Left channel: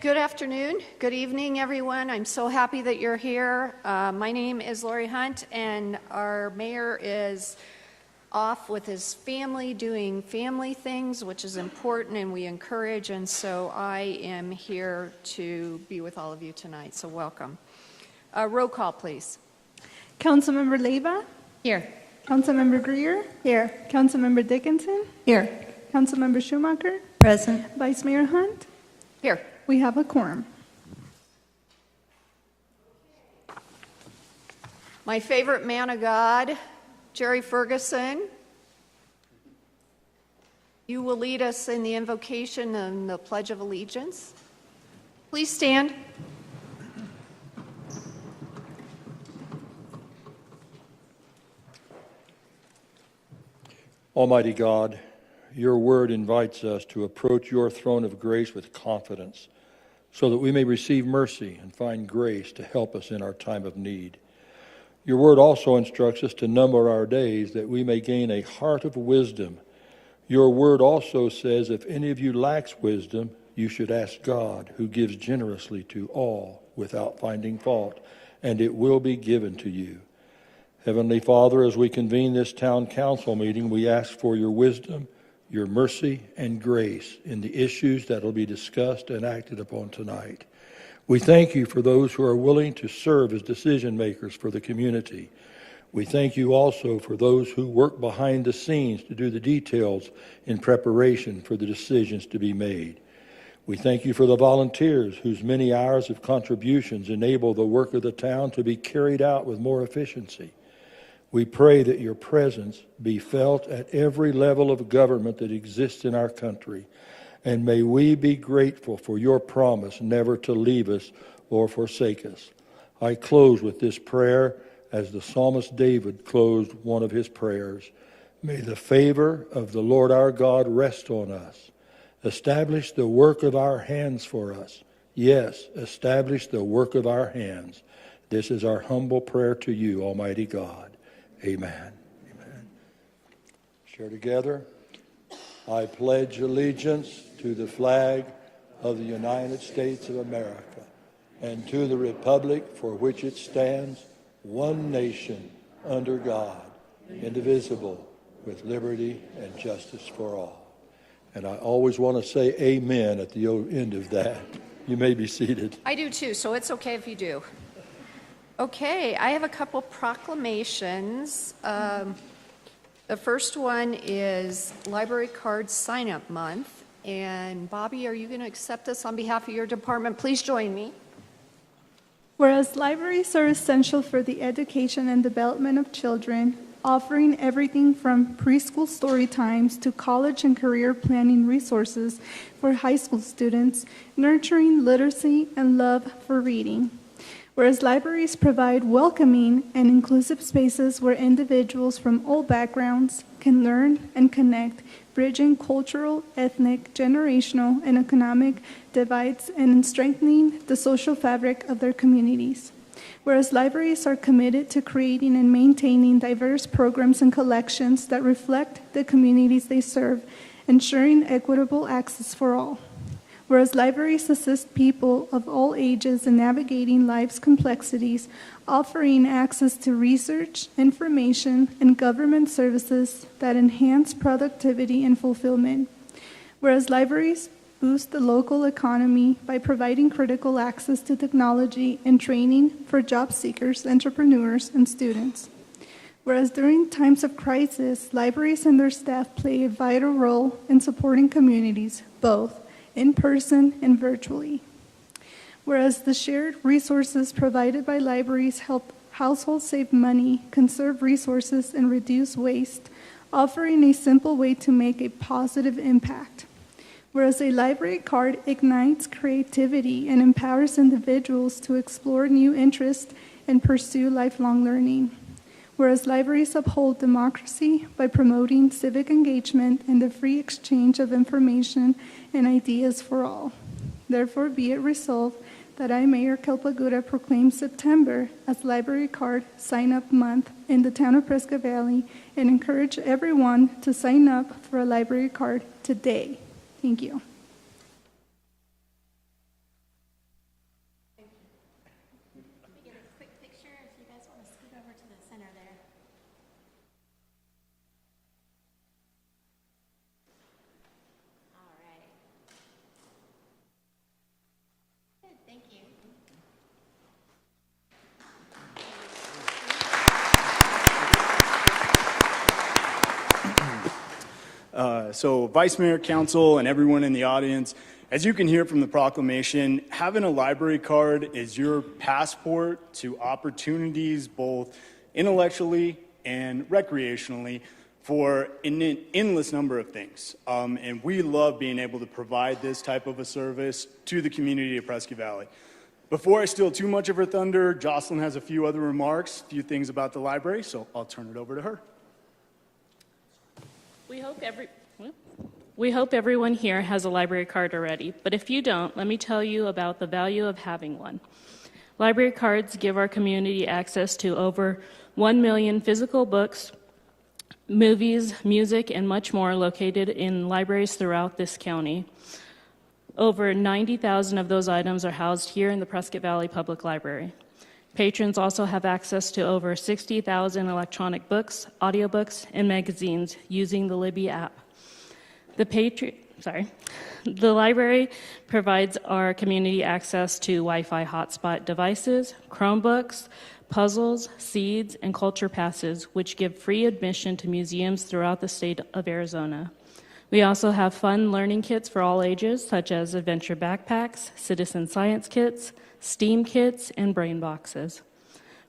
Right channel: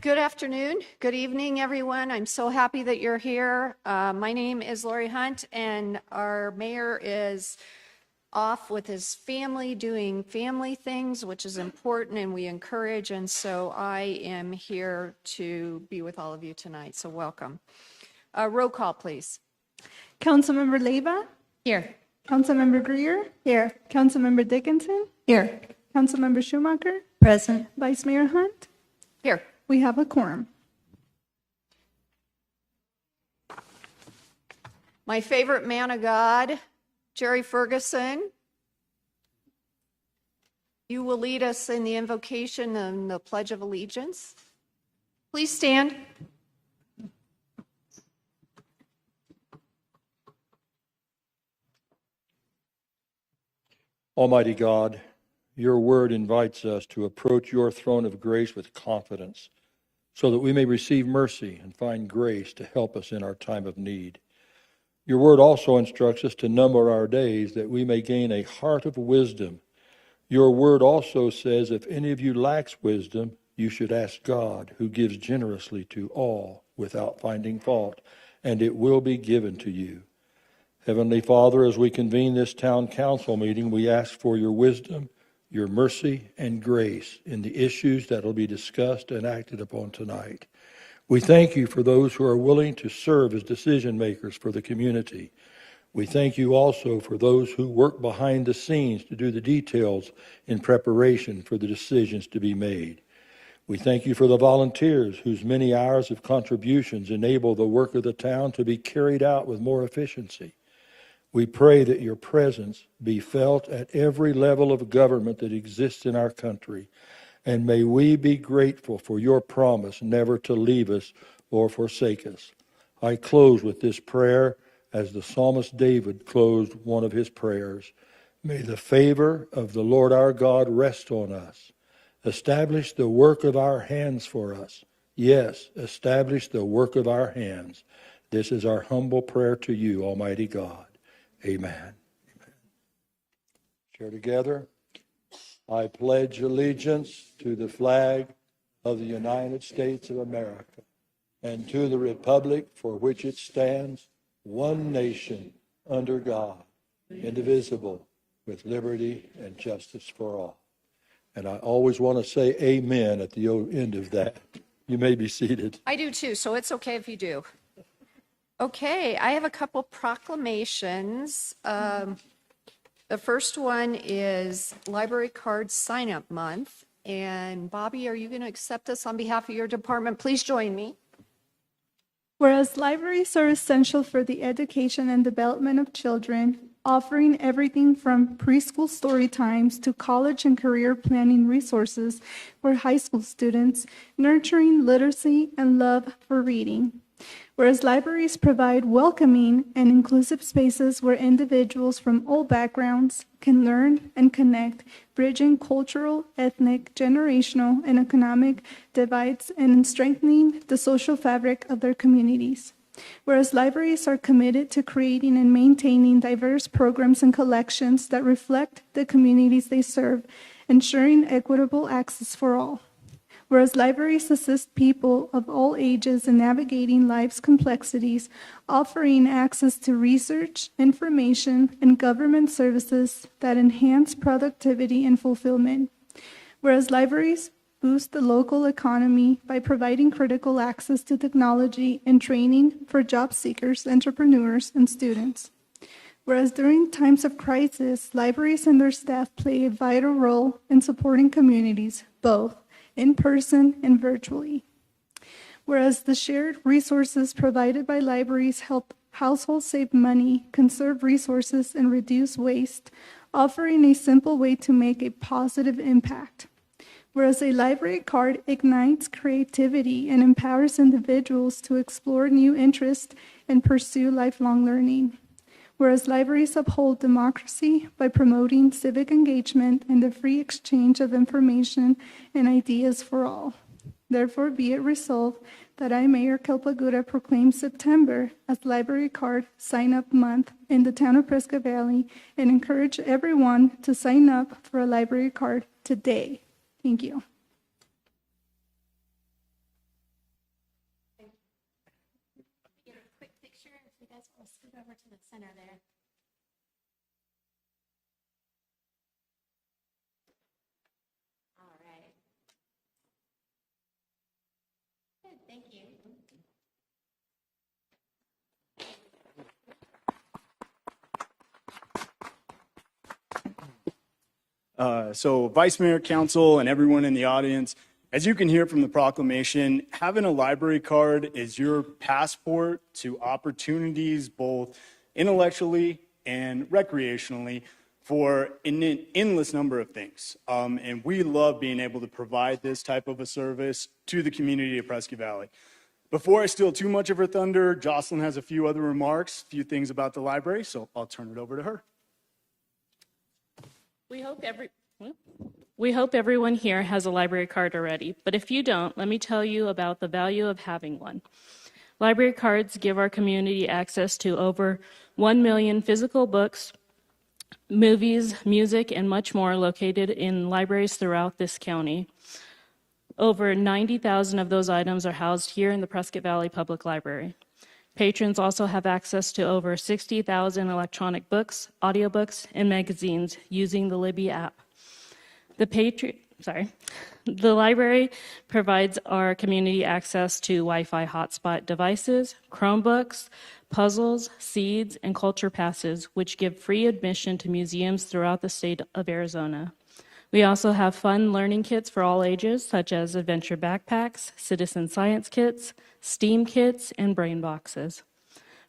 Good afternoon, good evening, everyone. I'm so happy that you're here. My name is Lori Hunt, and our mayor is off with his family doing family things, which is important and we encourage, and so I am here to be with all of you tonight, so welcome. Roll call, please. Councilmember Leyva? Here. Councilmember Greer? Here. Councilmember Dickinson? Here. Councilmember Schumacher? Present. Vice Mayor Hunt? Here. We have a quorum. My favorite man of God, Jerry Ferguson, you will lead us in the invocation and the Pledge of Allegiance. Please stand. Almighty God, your word invites us to approach your throne of grace with confidence so that we may receive mercy and find grace to help us in our time of need. Your word also instructs us to number our days that we may gain a heart of wisdom. Your word also says if any of you lacks wisdom, you should ask God, who gives generously to all without finding fault, and it will be given to you. Heavenly Father, as we convene this town council meeting, we ask for your wisdom, your mercy, and grace in the issues that will be discussed and acted upon tonight. We thank you for those who are willing to serve as decision makers for the community. We thank you also for those who work behind the scenes to do the details in preparation for the decisions to be made. We thank you for the volunteers whose many hours of contributions enable the work of the town to be carried out with more efficiency. We pray that your presence be felt at every level of government that exists in our country, and may we be grateful for your promise never to leave us or forsake us. I close with this prayer as the psalmist David closed one of his prayers. May the favor of the Lord our God rest on us. Establish the work of our hands for us. Yes, establish the work of our hands. This is our humble prayer to you, Almighty God. Amen. Amen. Share together. I pledge allegiance to the flag of the United States of America and to the republic for which it stands, one nation, under God, indivisible, with liberty and justice for all. And I always want to say amen at the end of that. You may be seated. I do too, so it's okay if you do. Okay, I have a couple proclamations. The first one is Library Card Sign-Up Month. And Bobby, are you going to accept this on behalf of your department? Please join me. Whereas libraries are essential for the education and development of children, offering everything from preschool story times to college and career planning resources for high school students, nurturing literacy and love for reading. Whereas libraries provide welcoming and inclusive spaces where individuals from all backgrounds can learn and connect, bridging cultural, ethnic, generational, and economic divides and strengthening the social fabric of their communities. Whereas libraries are committed to creating and maintaining diverse programs and collections that reflect the communities they serve, ensuring equitable access for all. Whereas libraries assist people of all ages in navigating life's complexities, offering access to research, information, and government services that enhance productivity and fulfillment. Whereas libraries boost the local economy by providing critical access to technology and training for job seekers, entrepreneurs, and students. Whereas during times of crisis, libraries and their staff play a vital role in supporting communities, both in person and virtually. Whereas the shared resources provided by libraries help households save money, conserve resources, and reduce waste, offering a simple way to make a positive impact. Whereas a library card ignites creativity and empowers individuals to explore new interests and pursue lifelong learning. Whereas libraries uphold democracy by promoting civic engagement and the free exchange of information and ideas for all. Therefore, be it resolved that I, Mayor Kelpaguda, proclaim September as Library Card Sign-Up Month in the town of Prescott Valley and encourage everyone to sign up for a library card today. Thank you. center there. All right. Thank you. So Vice Mayor, Council, and everyone in the audience, as you can hear from the proclamation, having a library card is your passport to opportunities both intellectually and recreationally for an endless number of things. And we love being able to provide this type of a service to the community of Prescott Valley. Before I steal too much of her thunder, Jocelyn has a few other remarks, a few things about the library, so I'll turn it over to her. We hope everyone here has a library card already, but if you don't, let me tell you about the value of having one. Library cards give our community access to over 1 million physical books, movies, music, and much more located in libraries throughout this county. Over 90,000 of those items are housed here in the Prescott Valley Public Library. Patrons also have access to over 60,000 electronic books, audiobooks, and magazines using the Libby app. The library provides our community access to Wi-Fi hotspot devices, Chromebooks, puzzles, seeds, and culture passes, which give free admission to museums throughout the state of Arizona. We also have fun learning kits for all ages, such as adventure backpacks, citizen science kits, STEAM kits, and brain boxes.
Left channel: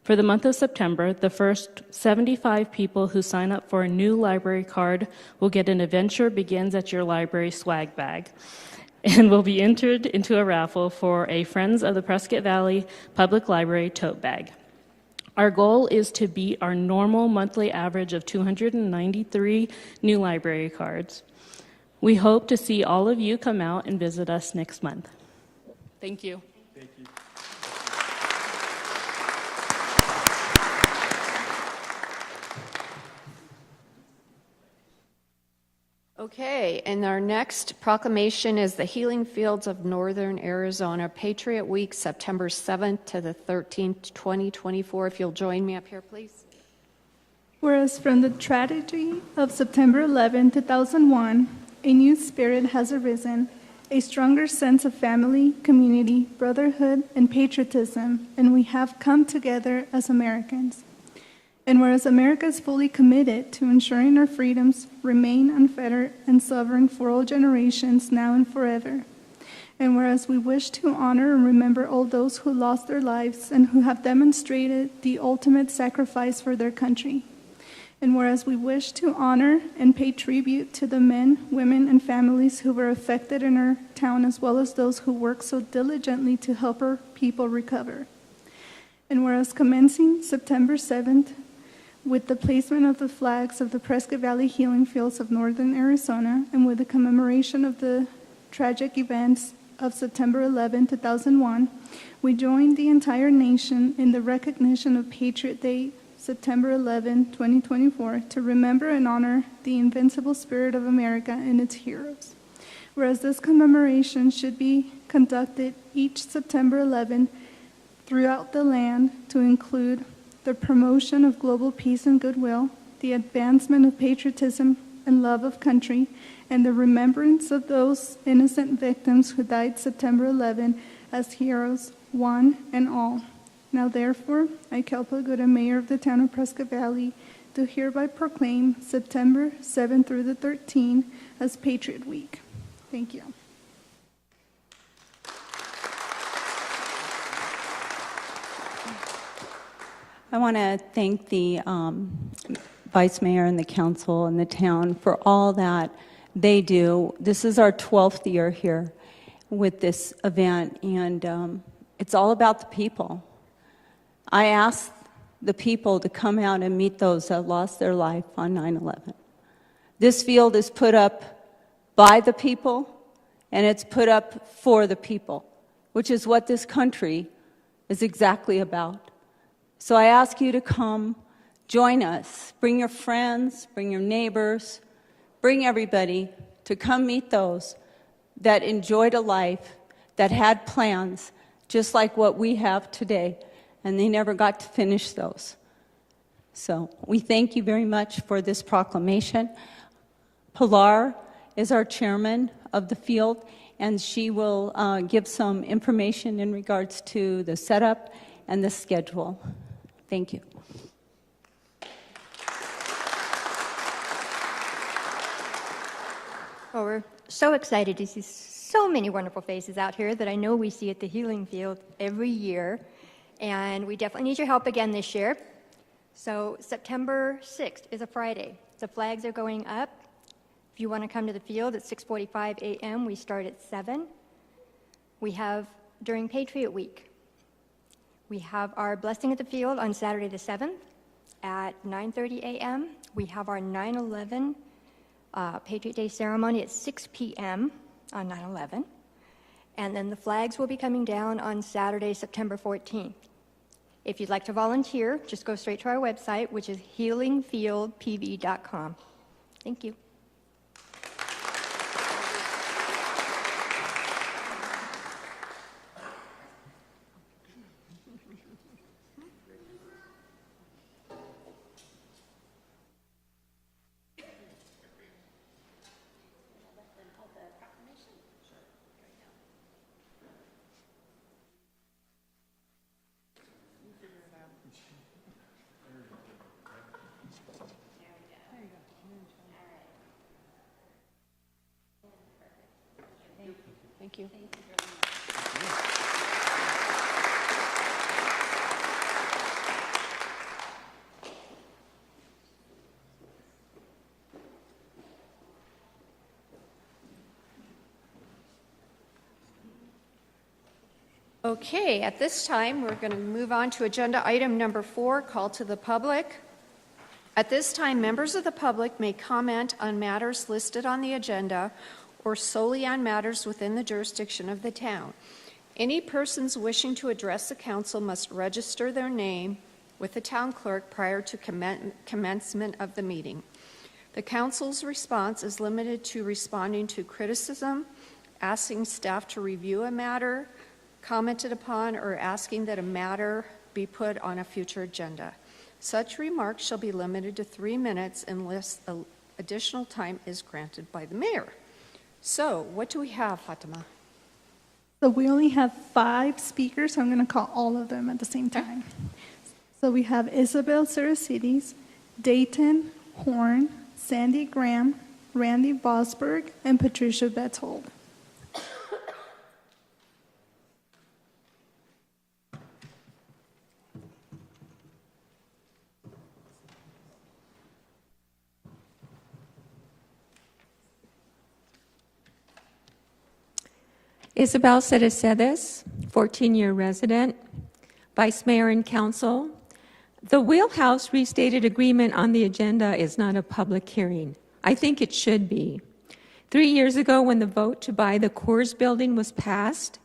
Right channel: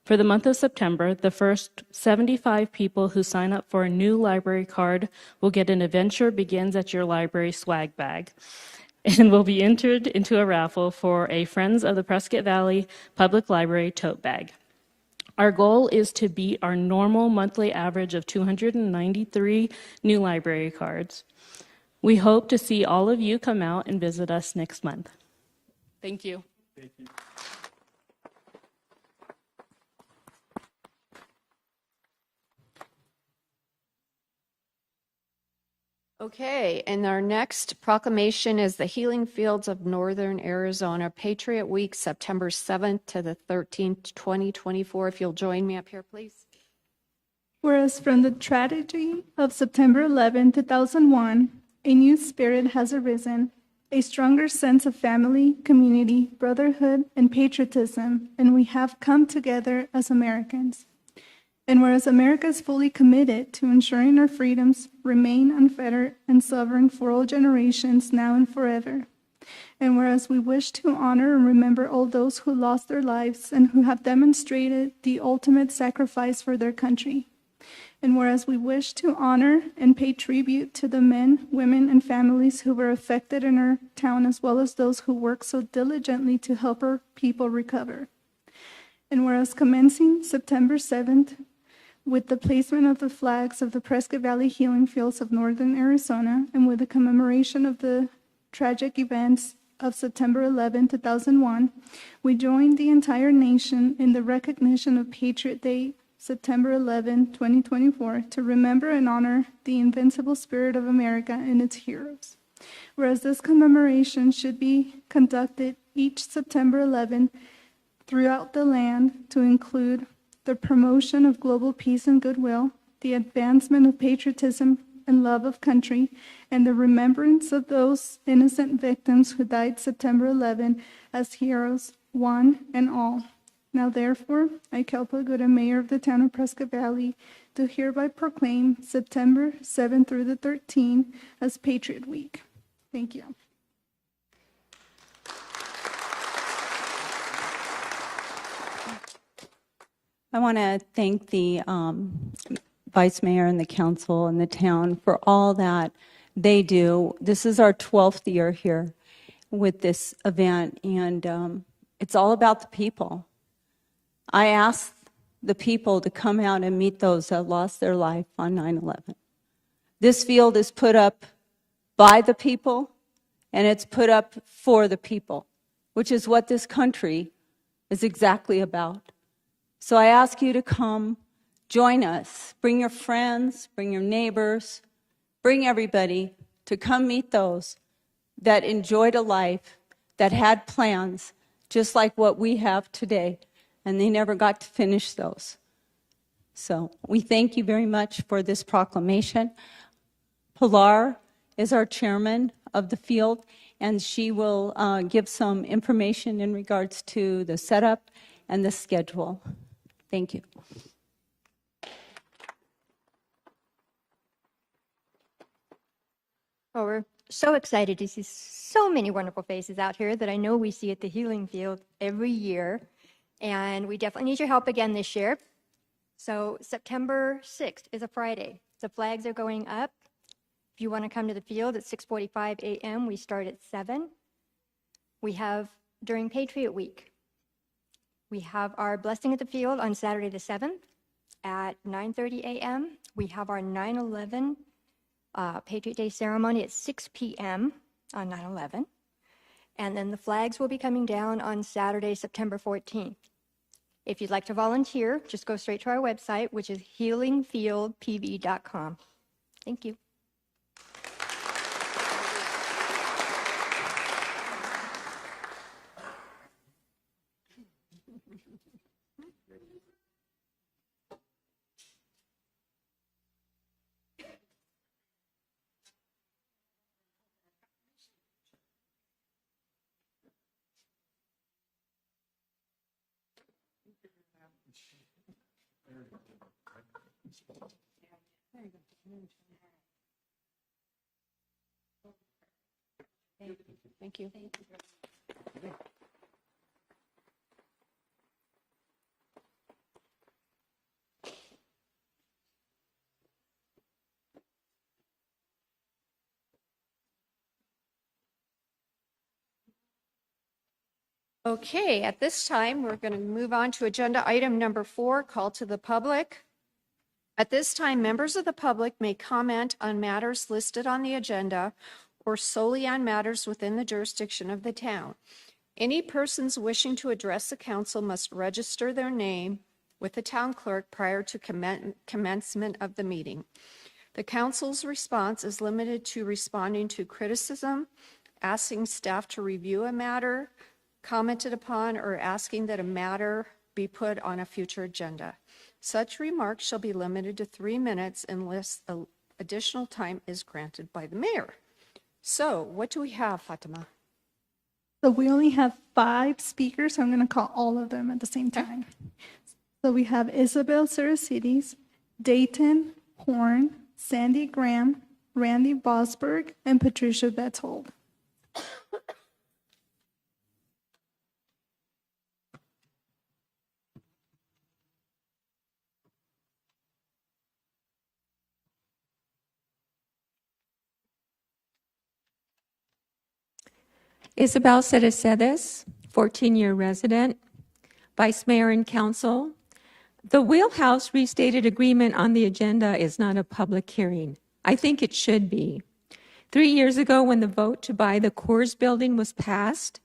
For the month of September, the first 75 people who sign up for a new library card will get an Adventure Begins at Your Library swag bag and will be entered into a raffle for a Friends of the Prescott Valley Public Library tote bag. Our goal is to beat our normal monthly average of 293 new library cards. We hope to see all of you come out and visit us next month. Thank you. Okay, and our next proclamation is the Healing Fields of Northern Arizona Patriot Week, September 7th to the 13th, 2024. If you'll join me up here, please. Whereas from the tragedy of September 11, 2001, a new spirit has arisen, a stronger sense of family, community, brotherhood, and patriotism, and we have come together as Americans. And whereas America is fully committed to ensuring our freedoms remain unfettered and sovereign for all generations now and forever. And whereas we wish to honor and remember all those who lost their lives and who have demonstrated the ultimate sacrifice for their country. And whereas we wish to honor and pay tribute to the men, women, and families who were affected in our town, as well as those who work so diligently to help our people recover. And whereas commencing September 7th, with the placement of the flags of the Prescott Valley Healing Fields of Northern Arizona, and with the commemoration of the tragic events of September 11, 2001, we joined the entire nation in the recognition of Patriot Day, September 11, 2024, to remember and honor the invincible spirit of America and its heroes. Whereas this commemoration should be conducted each September 11 throughout the land to include the promotion of global peace and goodwill, the advancement of patriotism and love of country, and the remembrance of those innocent victims who died September 11 as heroes, one and all. Now therefore, I, Kelpa Gooden, Mayor of the town of Prescott Valley, do hereby proclaim September 7 through the 13th as Patriot Week. Thank you. I want to thank the Vice Mayor and the council and the town for all that they do. This is our 12th year here with this event, and it's all about the people. I asked the people to come out and meet those that lost their life on 9/11. This field is put up by the people, and it's put up for the people, which is what this country is exactly about. So I ask you to come, join us. Bring your friends, bring your neighbors, bring everybody to come meet those that enjoyed a life, that had plans, just like what we have today, and they never got to finish those. So we thank you very much for this proclamation. Pilar is our chairman of the field, and she will give some information in regards to the setup and the schedule. Thank you. Well, we're so excited to see so many wonderful faces out here that I know we see at the Healing Field every year. And we definitely need your help again this year. So September 6th is a Friday. The flags are going up. If you want to come to the field at 6:45 a.m., we start at 7. We have during Patriot Week. We have our blessing at the field on Saturday the 7th at 9:30 a.m. We have our 9/11 Patriot Day ceremony at 6 p.m. on 9/11. And then the flags will be coming down on Saturday, September 14th. If you'd like to volunteer, just go straight to our website, which is healingfieldpv.com. Thank you. Thank you. Okay, at this time, we're going to move on to agenda item number 4, call to the public. At this time, members of the public may comment on matters listed on the agenda or solely on matters within the jurisdiction of the town. Any persons wishing to address the council must register their name with the town clerk prior to commencement of the meeting. The council's response is limited to responding to criticism, asking staff to review a matter commented upon, or asking that a matter be put on a future agenda. Such remarks shall be limited to 3 minutes unless additional time is granted by the mayor. So, what do we have, Fatima? So we only have 5 speakers, so I'm going to call all of them at the same time. So we have Isabel Sarasides, Dayton Horn, Sandy Graham, Randy Bosberg, and Patricia Betzold. Isabel Cerecedes, 14-year resident, Vice Mayor and Council. The Wheelhouse restated agreement on the agenda is not a public hearing. I think it should be. 3 years ago, when the vote to buy the Coors building was passed,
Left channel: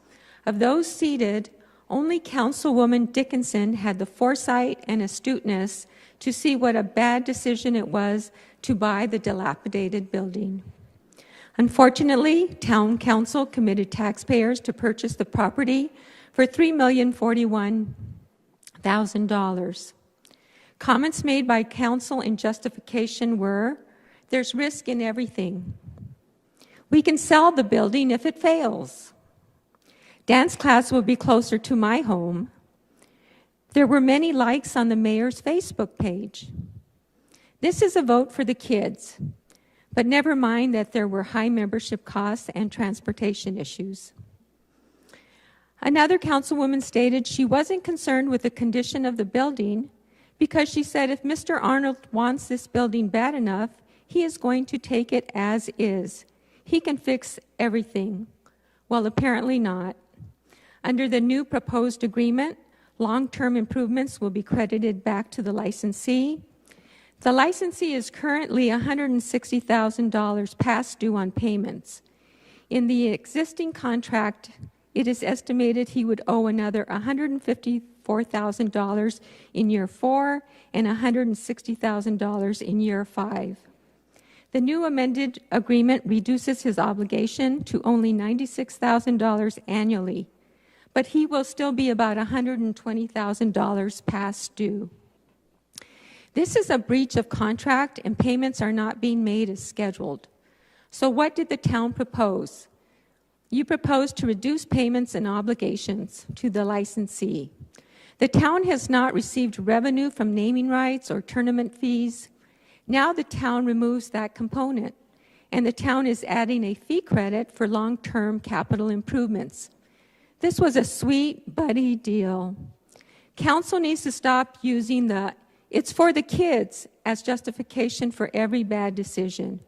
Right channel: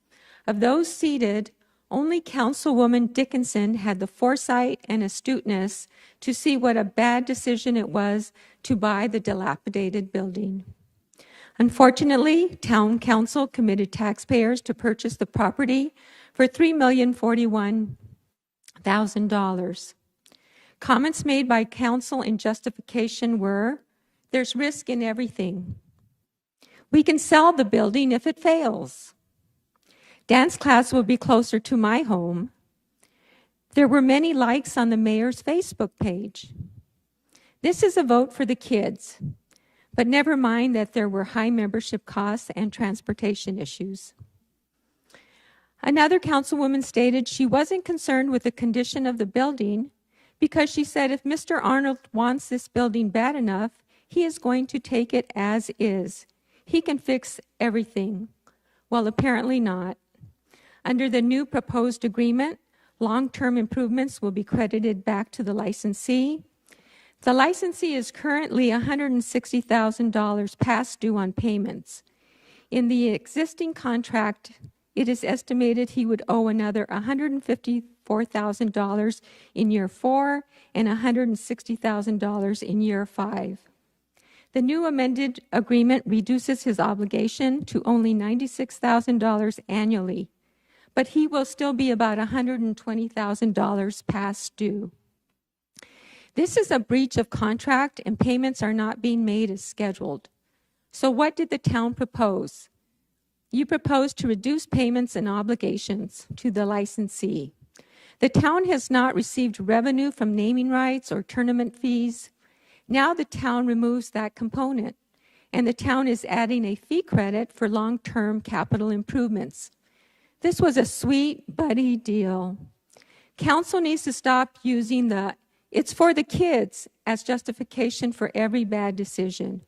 of those seated, only Councilwoman Dickinson had the foresight and astuteness to see what a bad decision it was to buy the dilapidated building. Unfortunately, Town Council committed taxpayers to purchase the property for $3,041,000. Comments made by Council in justification were, there's risk in everything. We can sell the building if it fails. Dance class will be closer to my home. There were many likes on the mayor's Facebook page. This is a vote for the kids. But never mind that there were high membership costs and transportation issues. Another councilwoman stated she wasn't concerned with the condition of the building because she said if Mr. Arnold wants this building bad enough, he is going to take it as is. He can fix everything. Well, apparently not. Under the new proposed agreement, long-term improvements will be credited back to the licensee. The licensee is currently $160,000 past due on payments. In the existing contract, it is estimated he would owe another $154,000 in year 4 and $160,000 in year 5. The new amended agreement reduces his obligation to only $96,000 annually, but he will still be about $120,000 past due. This is a breach of contract and payments are not being made as scheduled. So what did the town propose? You proposed to reduce payments and obligations to the licensee. The town has not received revenue from naming rights or tournament fees. Now the town removes that component, and the town is adding a fee credit for long-term capital improvements. This was a sweet buddy deal. Council needs to stop using the "it's for the kids" as justification for every bad decision.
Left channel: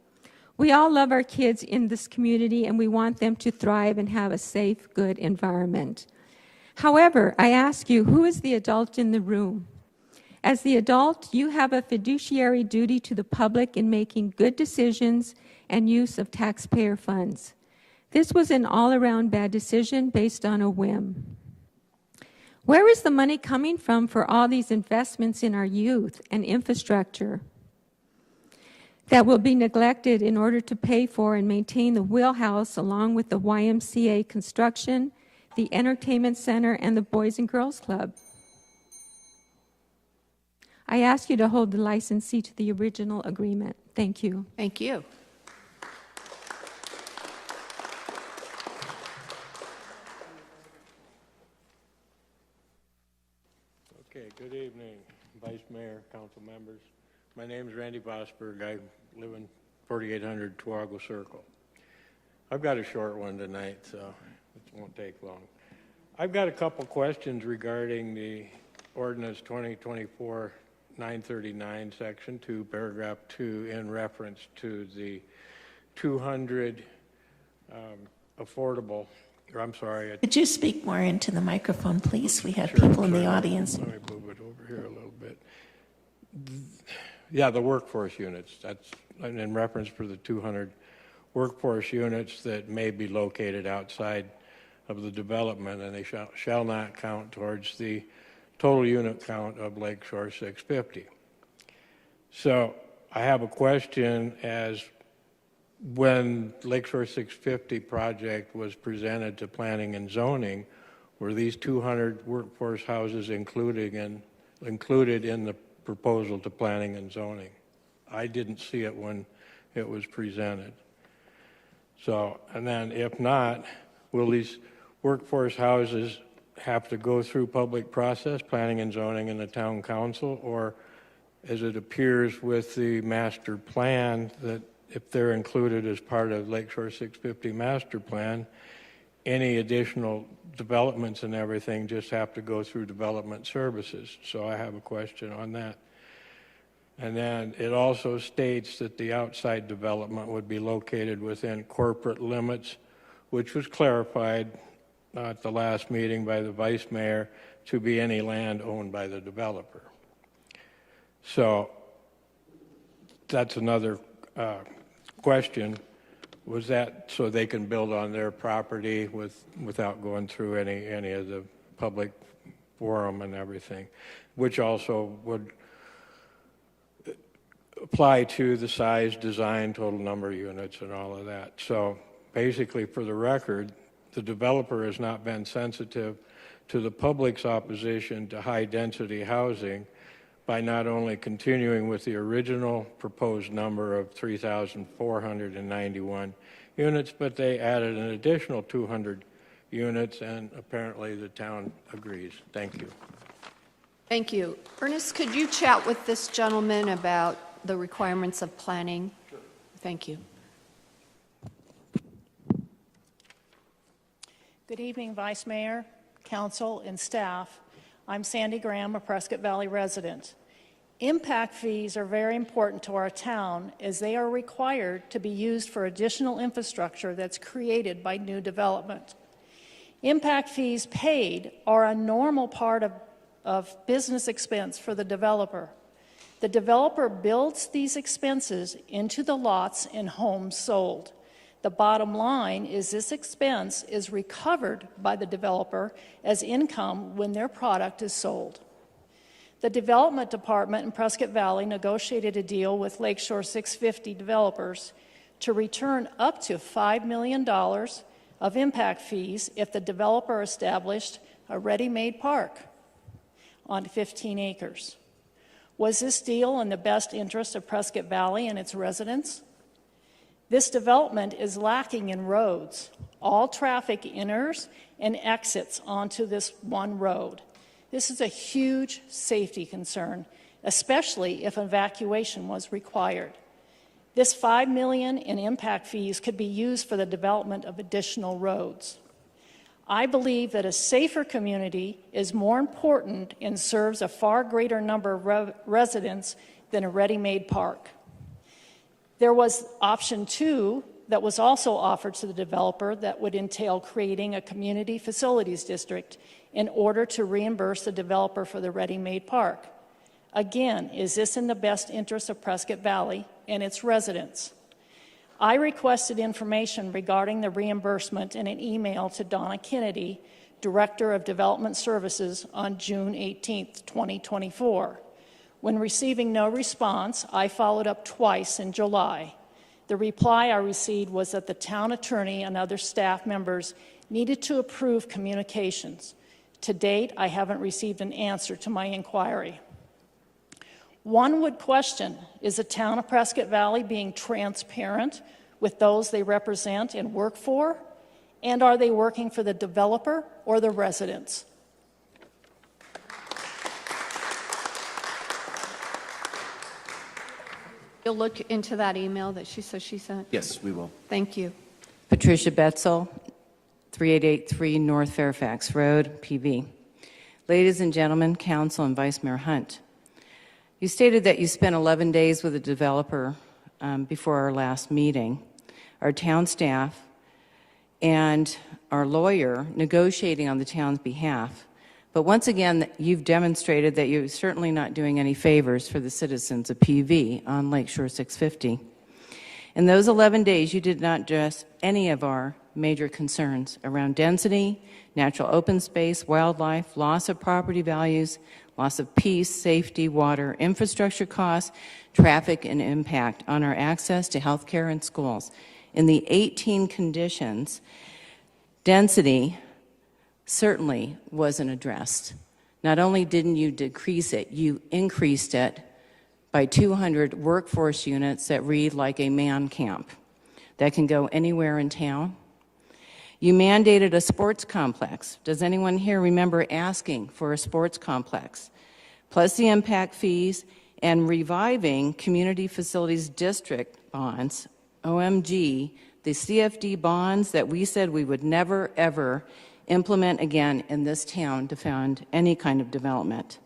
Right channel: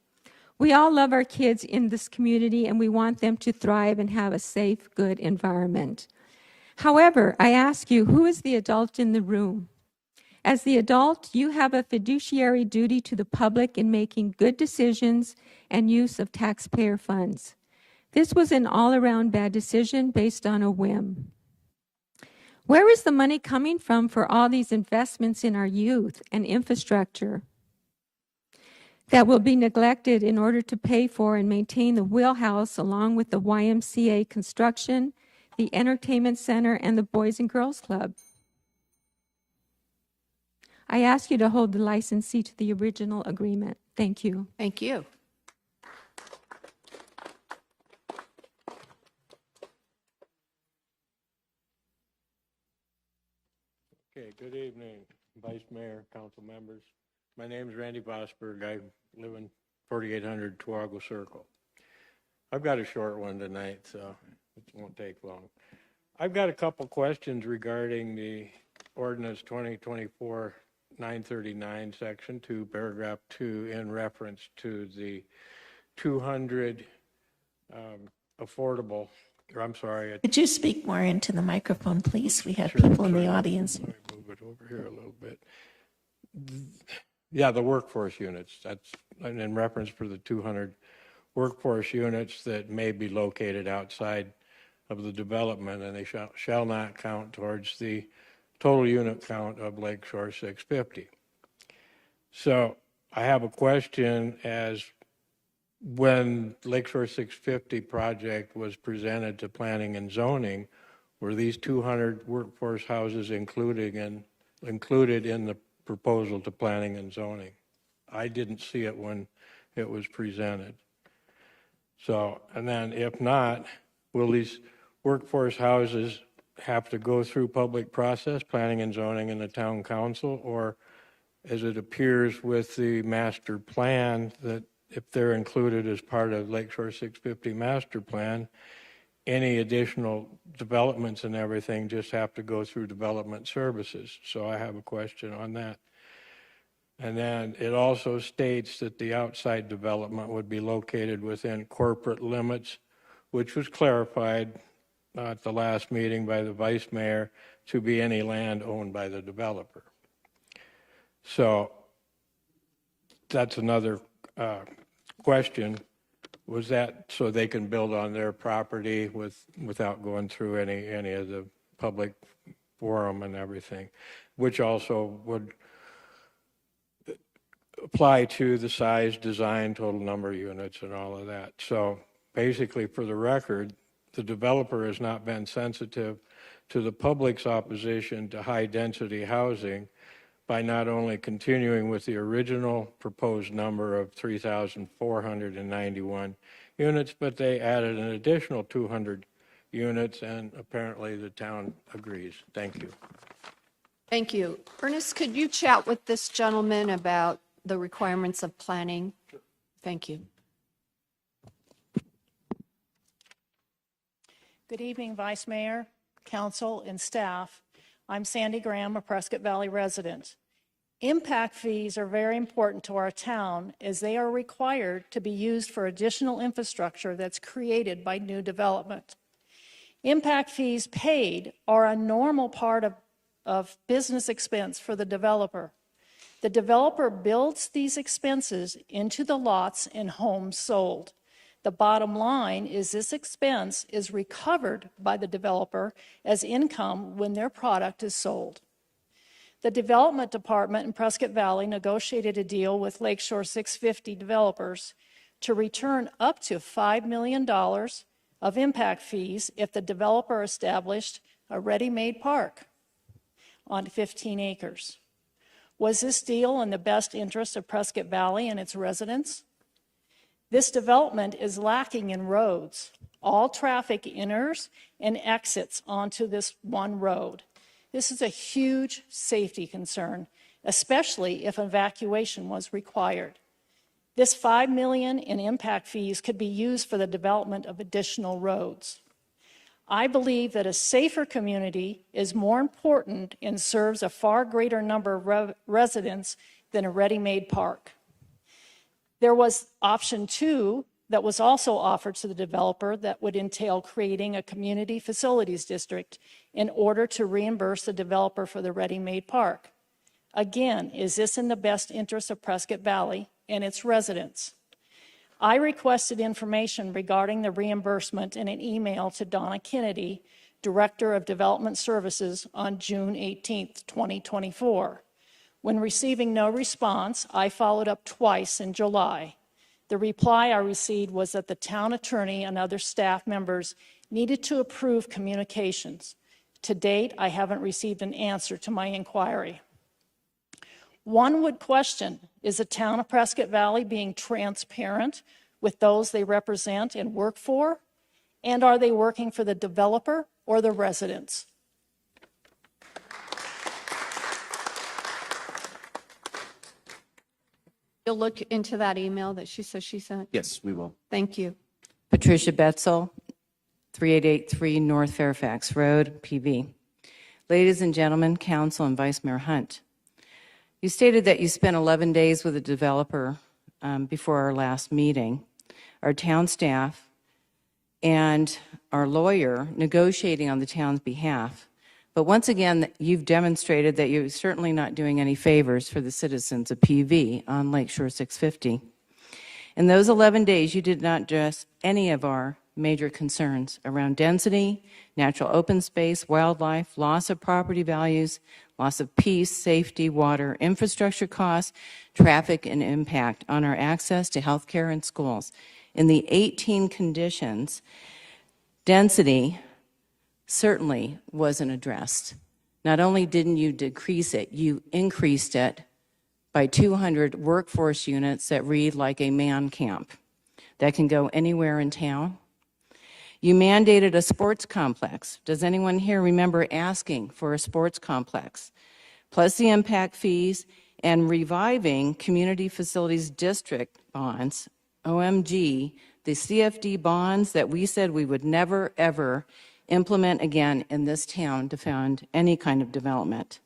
We all love our kids in this community, and we want them to thrive and have a safe, good environment. However, I ask you, who is the adult in the room? As the adult, you have a fiduciary duty to the public in making good decisions and use of taxpayer funds. This was an all-around bad decision based on a whim. Where is the money coming from for all these investments in our youth and infrastructure that will be neglected in order to pay for and maintain the wheelhouse along with the YMCA construction, the entertainment center, and the Boys and Girls Club? I ask you to hold the licensee to the original agreement. Thank you. Thank you. Okay, good evening, Vice Mayor, council members. My name is Randy Bosberg. I live in 4800 Tarago Circle. I've got a short one tonight, so it won't take long. I've got a couple questions regarding the ordinance 2024-939, section 2, paragraph 2, in reference to the 200 affordable, or I'm sorry. Could you speak more into the microphone, please? We have people in the audience. Let me move it over here a little bit. Yeah, the workforce units. That's in reference for the 200 workforce units that may be located outside of the development, and they shall not count towards the total unit count of Lakeshore 650. So I have a question as when Lakeshore 650 project was presented to planning and zoning, were these 200 workforce houses included in the proposal to planning and zoning? I didn't see it when it was presented. So, and then if not, will these workforce houses have to go through public process, planning and zoning, and the town council, or as it appears with the master plan, that if they're included as part of Lakeshore 650 master plan, any additional developments and everything just have to go through development services? So I have a question on that. And then it also states that the outside development would be located within corporate limits, which was clarified at the last meeting by the vice mayor to be any land owned by the developer. So that's another question. Was that so they can build on their property without going through any of the public forum and everything, which also would apply to the size, design, total number of units, and all of that. So basically, for the record, the developer has not been sensitive to the public's opposition to high-density housing by not only continuing with the original proposed number of 3,491 units, but they added an additional 200 units, and apparently the town agrees. Thank you. Thank you. Ernest, could you chat with this gentleman about the requirements of planning? Sure. Thank you. Good evening, Vice Mayor, Council, and staff. I'm Sandy Graham, a Prescott Valley resident. Impact fees are very important to our town as they are required to be used for additional infrastructure that's created by new development. Impact fees paid are a normal part of business expense for the developer. The developer builds these expenses into the lots and homes sold. The bottom line is this expense is recovered by the developer as income when their product is sold. The Development Department in Prescott Valley negotiated a deal with Lakeshore 650 developers to return up to $5 million of impact fees if the developer established a ready-made park on 15 acres. Was this deal in the best interest of Prescott Valley and its residents? This development is lacking in roads. All traffic enters and exits onto this one road. This is a huge safety concern, especially if evacuation was required. This $5 million in impact fees could be used for the development of additional roads. I believe that a safer community is more important and serves a far greater number of residents than a ready-made park. There was option 2 that was also offered to the developer that would entail creating a community facilities district in order to reimburse the developer for the ready-made park. Again, is this in the best interest of Prescott Valley and its residents? I requested information regarding the reimbursement in an email to Donna Kennedy, Director of Development Services, on June 18, 2024. When receiving no response, I followed up twice in July. The reply I received was that the town attorney and other staff members needed to approve communications. To date, I haven't received an answer to my inquiry. One would question, is the town of Prescott Valley being transparent with those they represent and work for? And are they working for the developer or the residents? You'll look into that email that she says she sent? Yes, we will. Thank you. Patricia Betzel, 3883 North Fairfax Road, PV. Ladies and gentlemen, Council and Vice Mayor Hunt, you stated that you spent 11 days with a developer before our last meeting. Our town staff and our lawyer negotiating on the town's behalf. But once again, you've demonstrated that you're certainly not doing any favors for the citizens of PV on Lakeshore 650. In those 11 days, you did not address any of our major concerns around density, natural open space, wildlife, loss of property values, loss of peace, safety, water, infrastructure costs, traffic, and impact on our access to health care and schools. In the 18 conditions, density certainly wasn't addressed. Not only didn't you decrease it, you increased it by 200 workforce units that read like a man camp that can go anywhere in town. You mandated a sports complex. Does anyone here remember asking for a sports complex? Plus the impact fees and reviving community facilities district bonds, OMG, the CFD bonds that we said we would never, ever implement again in this town to fund any kind of development.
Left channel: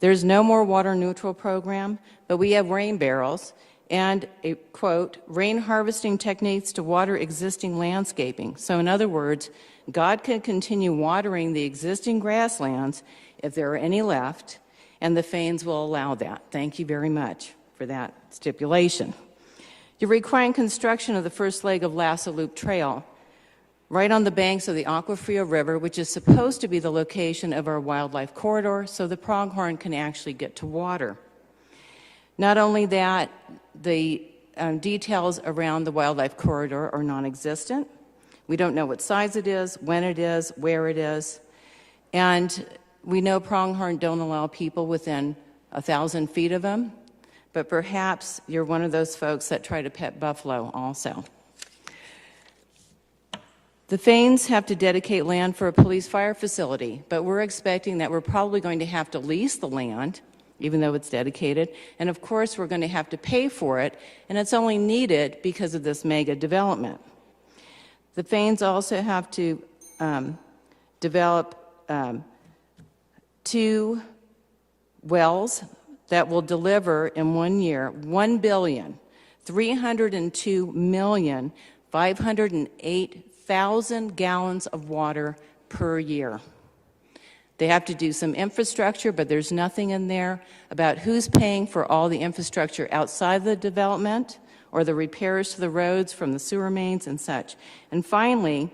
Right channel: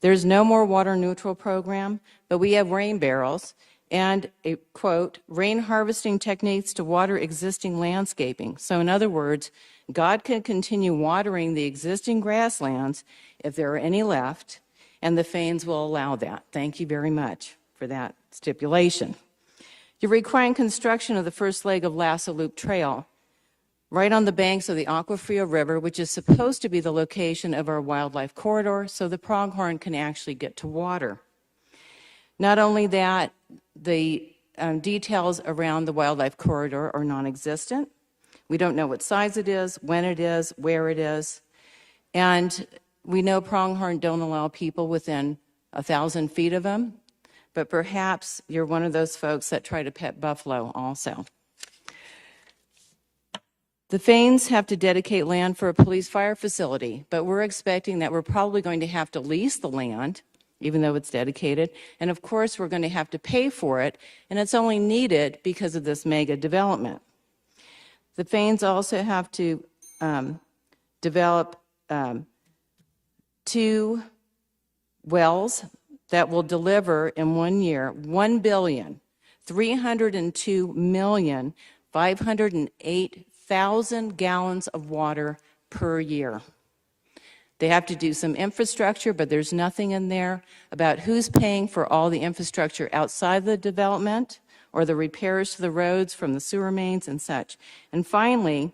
There's no more water neutral program, but we have rain barrels and a, quote, rain harvesting techniques to water existing landscaping. So in other words, God can continue watering the existing grasslands if there are any left, and the Fanes will allow that. Thank you very much for that stipulation. You're requiring construction of the first leg of Lasso Loop Trail right on the banks of the Agua Fria River, which is supposed to be the location of our wildlife corridor, so the pronghorn can actually get to water. Not only that, the details around the wildlife corridor are non-existent. We don't know what size it is, when it is, where it is, and we know pronghorn don't allow people within 1,000 feet of them, but perhaps you're one of those folks that try to pet buffalo also. The Fanes have to dedicate land for a police fire facility, but we're expecting that we're probably going to have to lease the land, even though it's dedicated, and of course we're going to have to pay for it, and it's only needed because of this mega development. The Fanes also have to develop 2 wells that will deliver in 1 year 1,302,508,000 gallons of water per year. They have to do some infrastructure, but there's nothing in there about who's paying for all the infrastructure outside the development or the repairs to the roads from the sewer mains and such. And finally,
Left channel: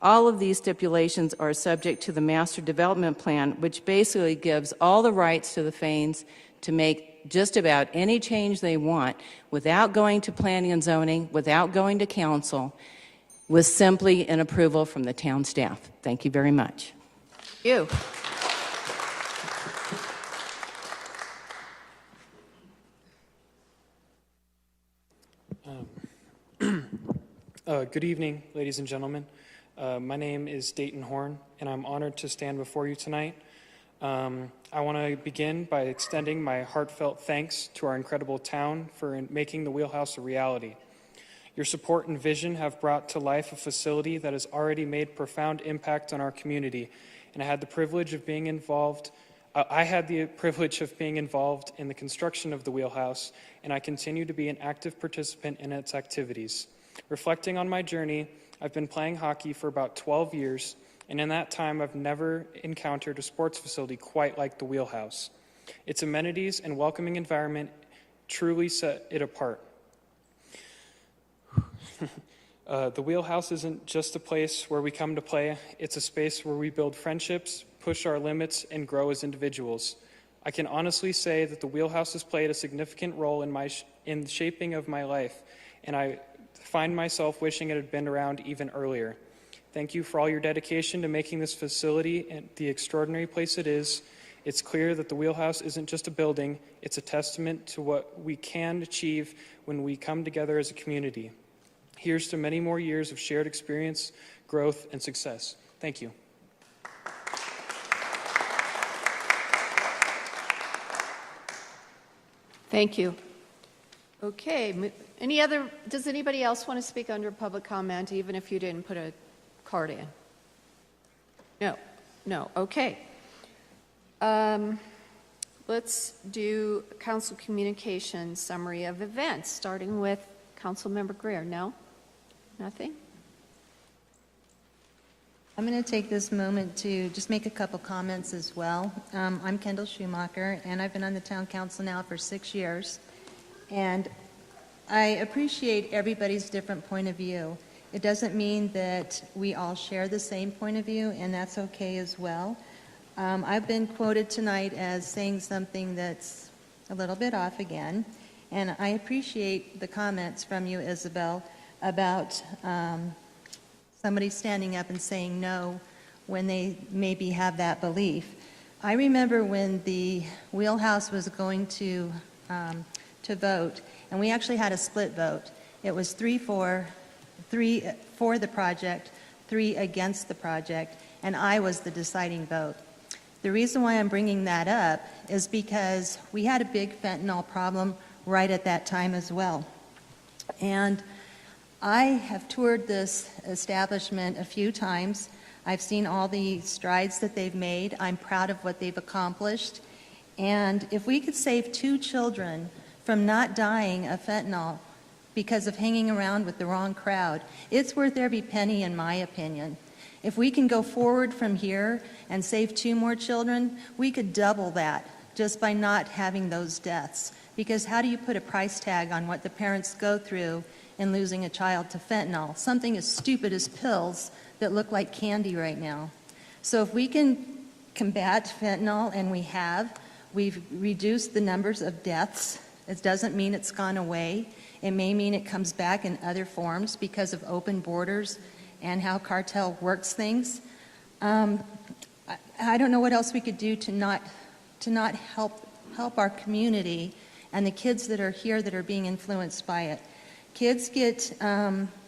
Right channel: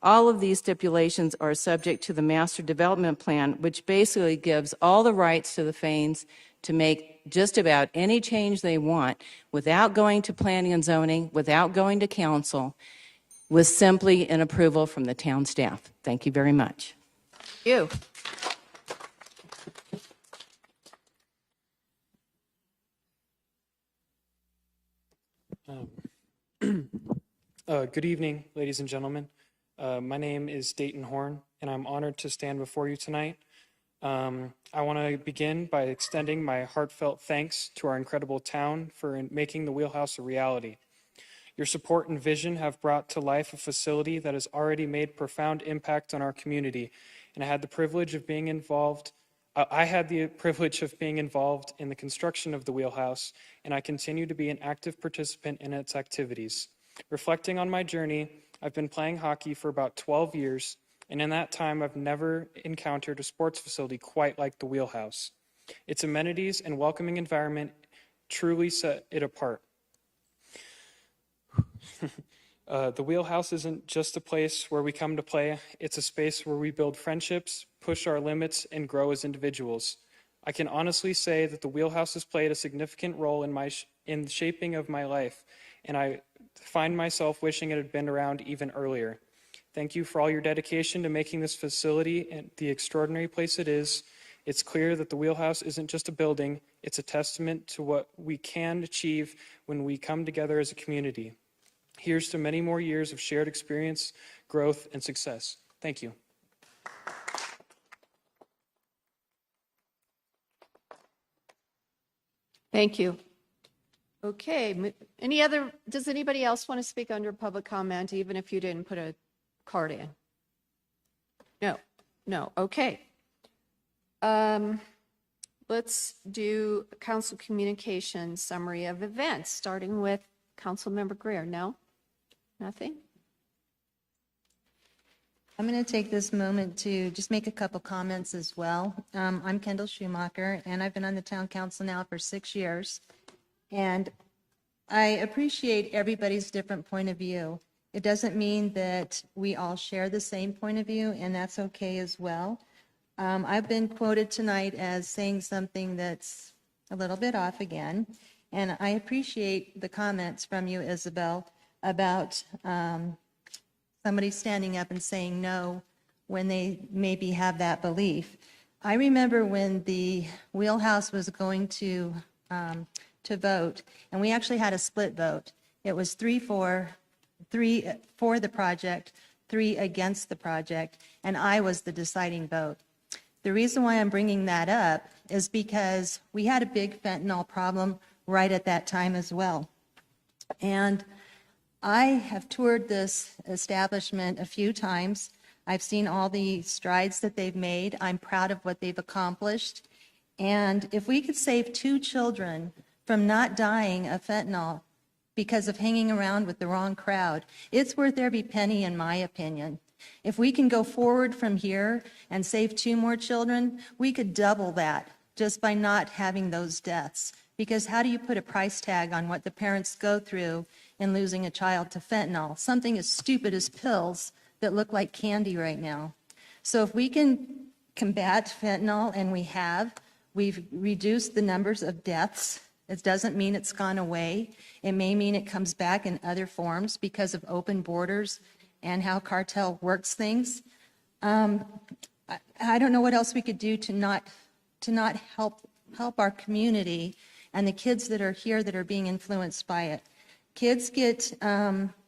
all of these stipulations are subject to the master development plan, which basically gives all the rights to the Fanes to make just about any change they want without going to planning and zoning, without going to council, with simply an approval from the town staff. Thank you very much. You. Good evening, ladies and gentlemen. My name is Dayton Horn, and I'm honored to stand before you tonight. I want to begin by extending my heartfelt thanks to our incredible town for making the Wheelhouse a reality. Your support and vision have brought to life a facility that has already made profound impact on our community, and I had the privilege of being involved in the construction of the Wheelhouse, and I continue to be an active participant in its activities. Reflecting on my journey, I've been playing hockey for about 12 years, and in that time I've never encountered a sports facility quite like the Wheelhouse. Its amenities and welcoming environment truly set it apart. The Wheelhouse isn't just a place where we come to play, it's a space where we build friendships, push our limits, and grow as individuals. I can honestly say that the Wheelhouse has played a significant role in the shaping of my life, and I find myself wishing it had been around even earlier. Thank you for all your dedication to making this facility the extraordinary place it is. It's clear that the Wheelhouse isn't just a building, it's a testament to what we can achieve when we come together as a community. Here's to many more years of shared experience, growth, and success. Thank you. Thank you. Okay, does anybody else want to speak under public comment, even if you didn't put a card in? No, okay. Let's do council communications summary of events, starting with Councilmember Greer. No? Nothing? I'm going to take this moment to just make a couple comments as well. I'm Kendall Schumacher, and I've been on the town council now for 6 years. And I appreciate everybody's different point of view. It doesn't mean that we all share the same point of view, and that's okay as well. I've been quoted tonight as saying something that's a little bit off again, and I appreciate the comments from you, Isabel, about somebody standing up and saying no when they maybe have that belief. I remember when the Wheelhouse was going to vote, and we actually had a split vote. It was 3 for the project, 3 against the project, and I was the deciding vote. The reason why I'm bringing that up is because we had a big fentanyl problem right at that time as well. And I have toured this establishment a few times. I've seen all the strides that they've made. I'm proud of what they've accomplished. And if we could save 2 children from not dying of fentanyl because of hanging around with the wrong crowd, it's worth every penny in my opinion. If we can go forward from here and save 2 more children, we could double that just by not having those deaths. Because how do you put a price tag on what the parents go through in losing a child to fentanyl? Something as stupid as pills that look like candy right now. So if we can combat fentanyl, and we've reduced the numbers of deaths. It doesn't mean it's gone away. It may mean it comes back in other forms because of open borders and how cartel works things. I don't know what else we could do to not help our community and the kids that are here that are being influenced by it. Kids get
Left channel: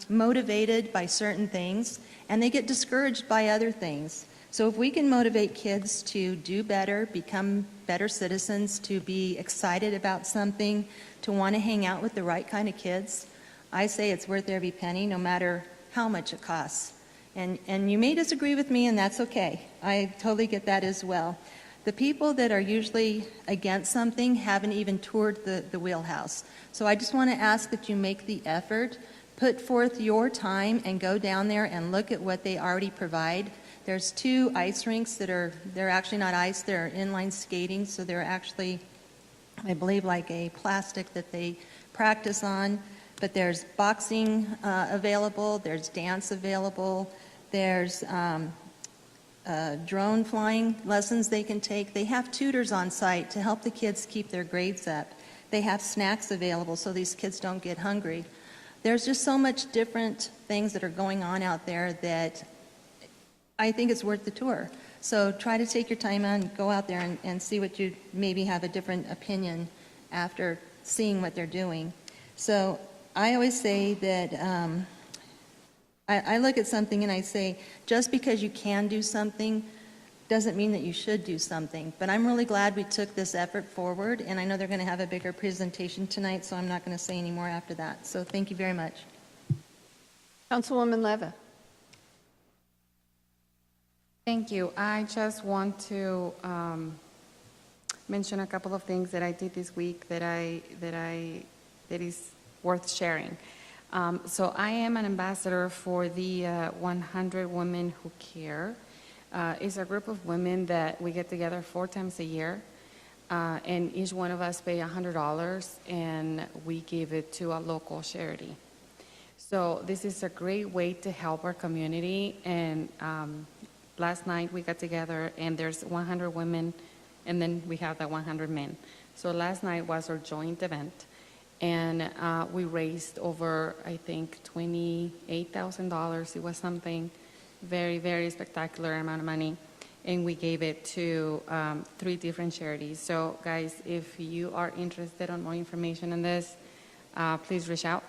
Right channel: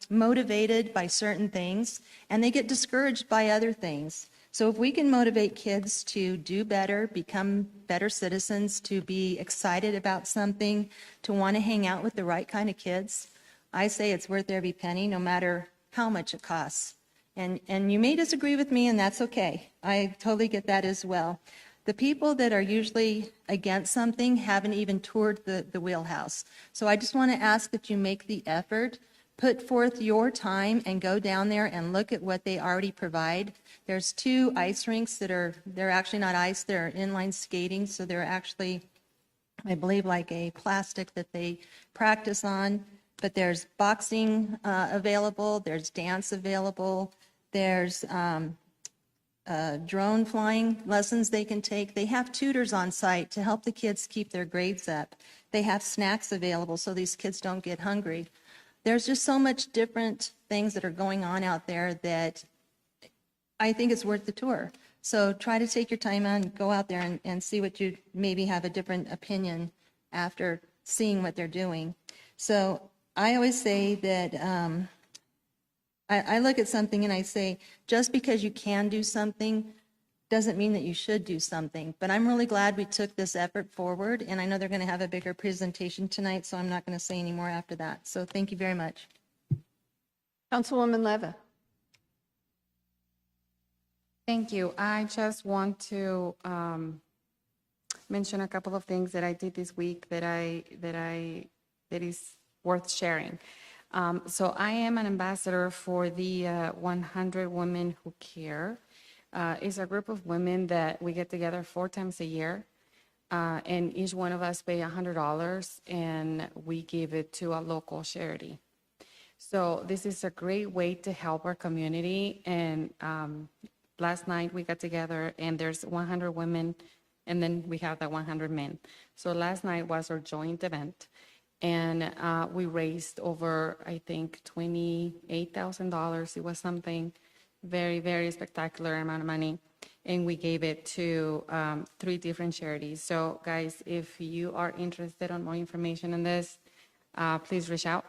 motivated by certain things, and they get discouraged by other things. So if we can motivate kids to do better, become better citizens, to be excited about something, to want to hang out with the right kind of kids, I say it's worth every penny, no matter how much it costs. And you may disagree with me, and that's okay. I totally get that as well. The people that are usually against something haven't even toured the Wheelhouse. So I just want to ask that you make the effort, put forth your time, and go down there and look at what they already provide. There's 2 ice rinks they're actually not ice, they're inline skating, so they're actually, I believe, like a plastic that they practice on. But there's boxing available, there's dance available, there's drone flying lessons they can take. They have tutors on site to help the kids keep their grades up. They have snacks available so these kids don't get hungry. There's just so much different things that are going on out there that I think it's worth the tour. So try to take your time and go out there and see what you maybe have a different opinion after seeing what they're doing. So I always say that I look at something and I say, just because you can do something doesn't mean that you should do something. But I'm really glad we took this effort forward, and I know they're going to have a bigger presentation tonight, so I'm not going to say any more after that. So thank you very much. Councilwoman Leva. Thank you. I just want to mention a couple of things that I did this week that is worth sharing. So I am an ambassador for the 100 Women Who Care. It's a group of women that we get together 4 times a year, and each one of us pay $100, and we give it to a local charity. So this is a great way to help our community, and last night we got together, and there's 100 women, and then we have the 100 men. So last night was our joint event. And we raised over, I think, $28,000. It was something very, very spectacular amount of money. And we gave it to 3 different charities. So, guys, if you are interested on more information on this, please reach out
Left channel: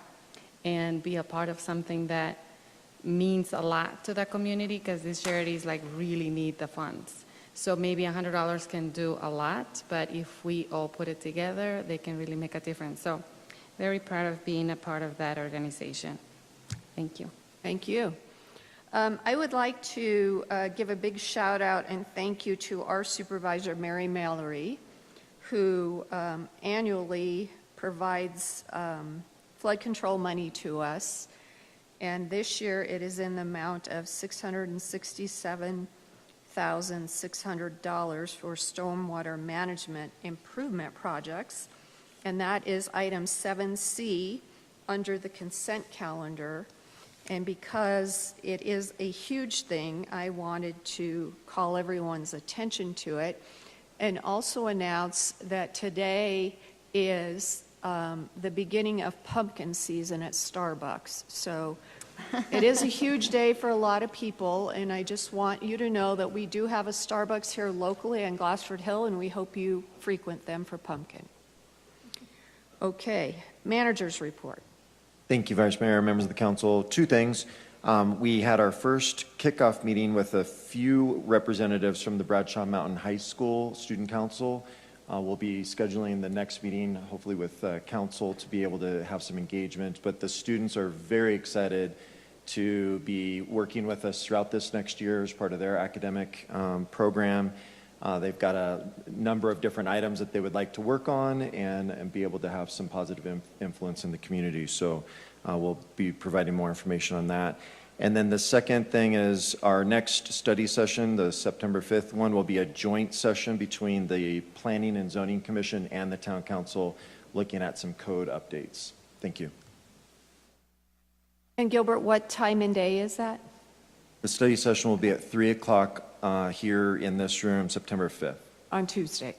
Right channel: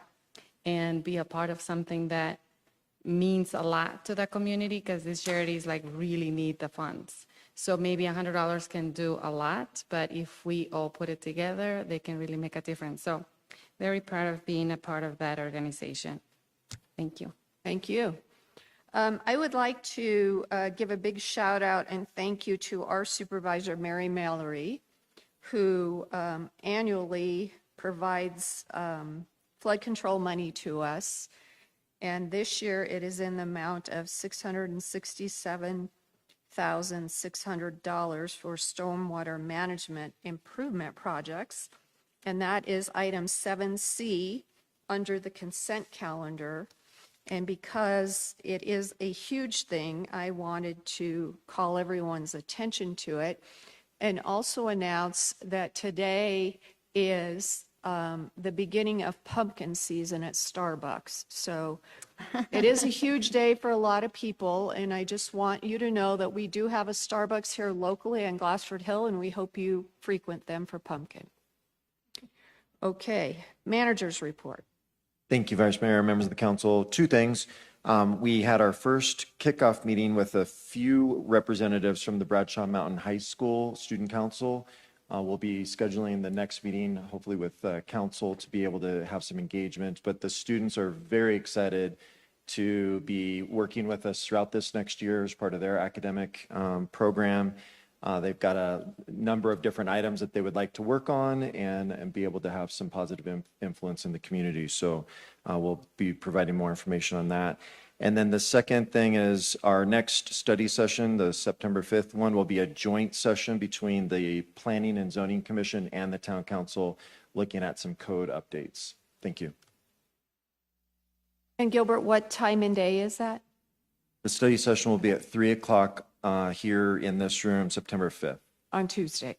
and be a part of something that means a lot to the community, because these charities really need the funds. So maybe $100 can do a lot, but if we all put it together, they can really make a difference. So very proud of being a part of that organization. Thank you. Thank you. I would like to give a big shout out and thank you to our supervisor, Mary Mallory, who annually provides flood control money to us. And this year it is in the amount of $667,600 for stormwater management improvement projects. And that is item 7C under the consent calendar. And because it is a huge thing, I wanted to call everyone's attention to it and also announce that today is the beginning of pumpkin season at Starbucks. So it is a huge day for a lot of people, and I just want you to know that we do have a Starbucks here locally on Glassford Hill, and we hope you frequent them for pumpkin. Okay, manager's report. Thank you, Vice Mayor, members of the council. 2 things. We had our first kickoff meeting with a few representatives from the Bradshaw Mountain High School Student Council. We'll be scheduling the next meeting, hopefully with council, to be able to have some engagement. But the students are very excited to be working with us throughout this next year as part of their academic program. They've got a number of different items that they would like to work on and be able to have some positive influence in the community. So we'll be providing more information on that. And then the second thing is our next study session, the September 5th one, will be a joint session between the Planning and Zoning Commission and the Town Council, looking at some code updates. Thank you. And Gilbert, what time and day is that? The study session will be at 3 o'clock here in this room, September 5th. On Tuesday.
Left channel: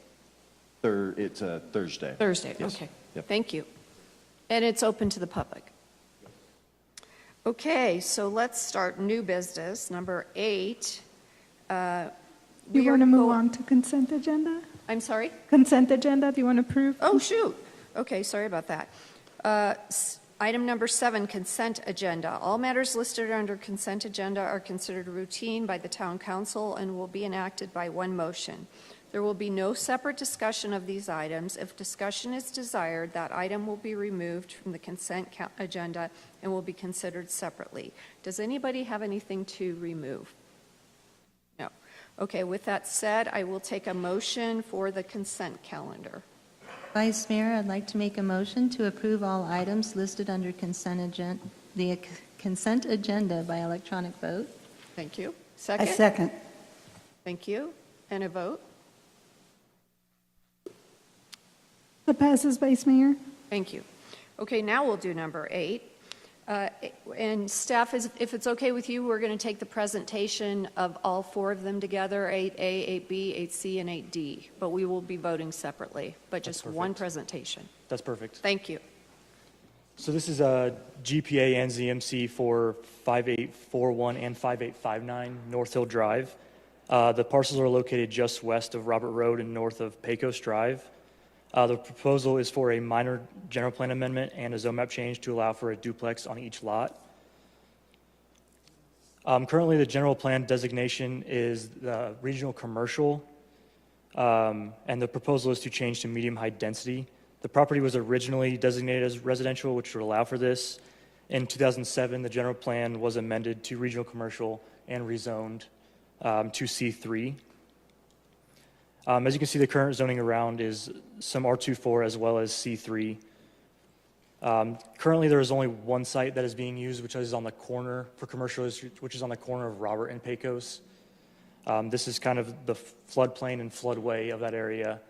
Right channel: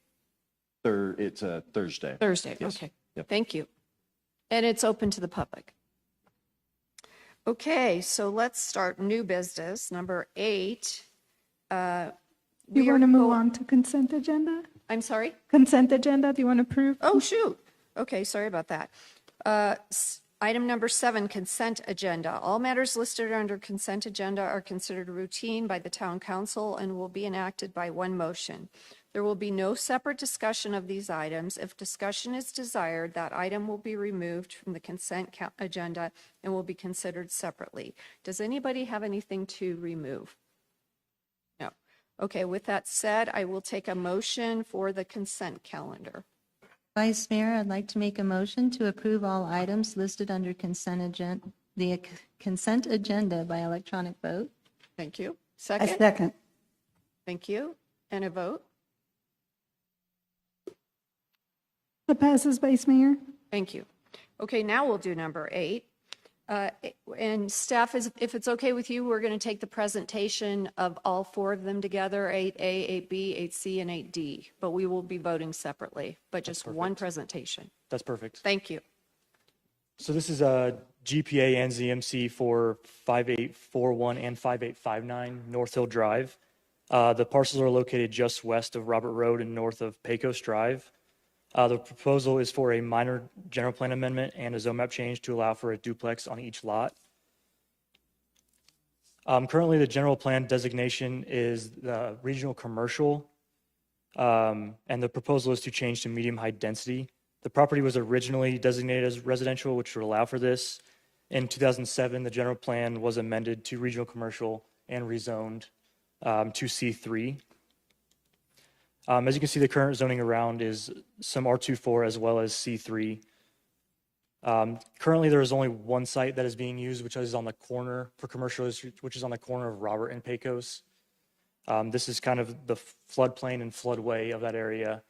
It's a Thursday. Thursday, Yes. okay. Yep. Thank you. And it's open to the public. Okay, so let's start new business, number 8. You want to move on to consent agenda? I'm sorry? Consent agenda, if you want to approve. Oh, shoot. Okay, sorry about that. Item number 7, consent agenda. All matters listed under consent agenda are considered routine by the town council and will be enacted by one motion. There will be no separate discussion of these items. If discussion is desired, that item will be removed from the consent agenda and will be considered separately. Does anybody have anything to remove? No. Okay, with that said, I will take a motion for the consent calendar. Vice Mayor, I'd like to make a motion to approve all items listed under the consent agenda by electronic vote. Thank you. Second? A second. Thank you. And a vote? That passes, Vice Mayor. Thank you. Okay, now we'll do number 8. And staff, if it's okay with you, we're going to take the presentation of all 4 of them together, 8A, 8B, 8C, and 8D. But we will be voting separately, but just one presentation. That's perfect. Thank you. So this is a GPA and ZMC for 5841 and 5859 North Hill Drive. The parcels are located just west of Robert Road and north of Pecos Drive. The proposal is for a minor general plan amendment and a zone map change to allow for a duplex on each lot. Currently, the general plan designation is regional commercial, and the proposal is to change to medium-high density. The property was originally designated as residential, which would allow for this. In 2007, the general plan was amended to regional commercial and rezoned to C3. As you can see, the current zoning around is some R24 as well as C3. Currently, there is only one site that is being used, which is on the corner for commercial, which is on the corner of Robert and Pecos. This is kind of the floodplain and floodway of that area,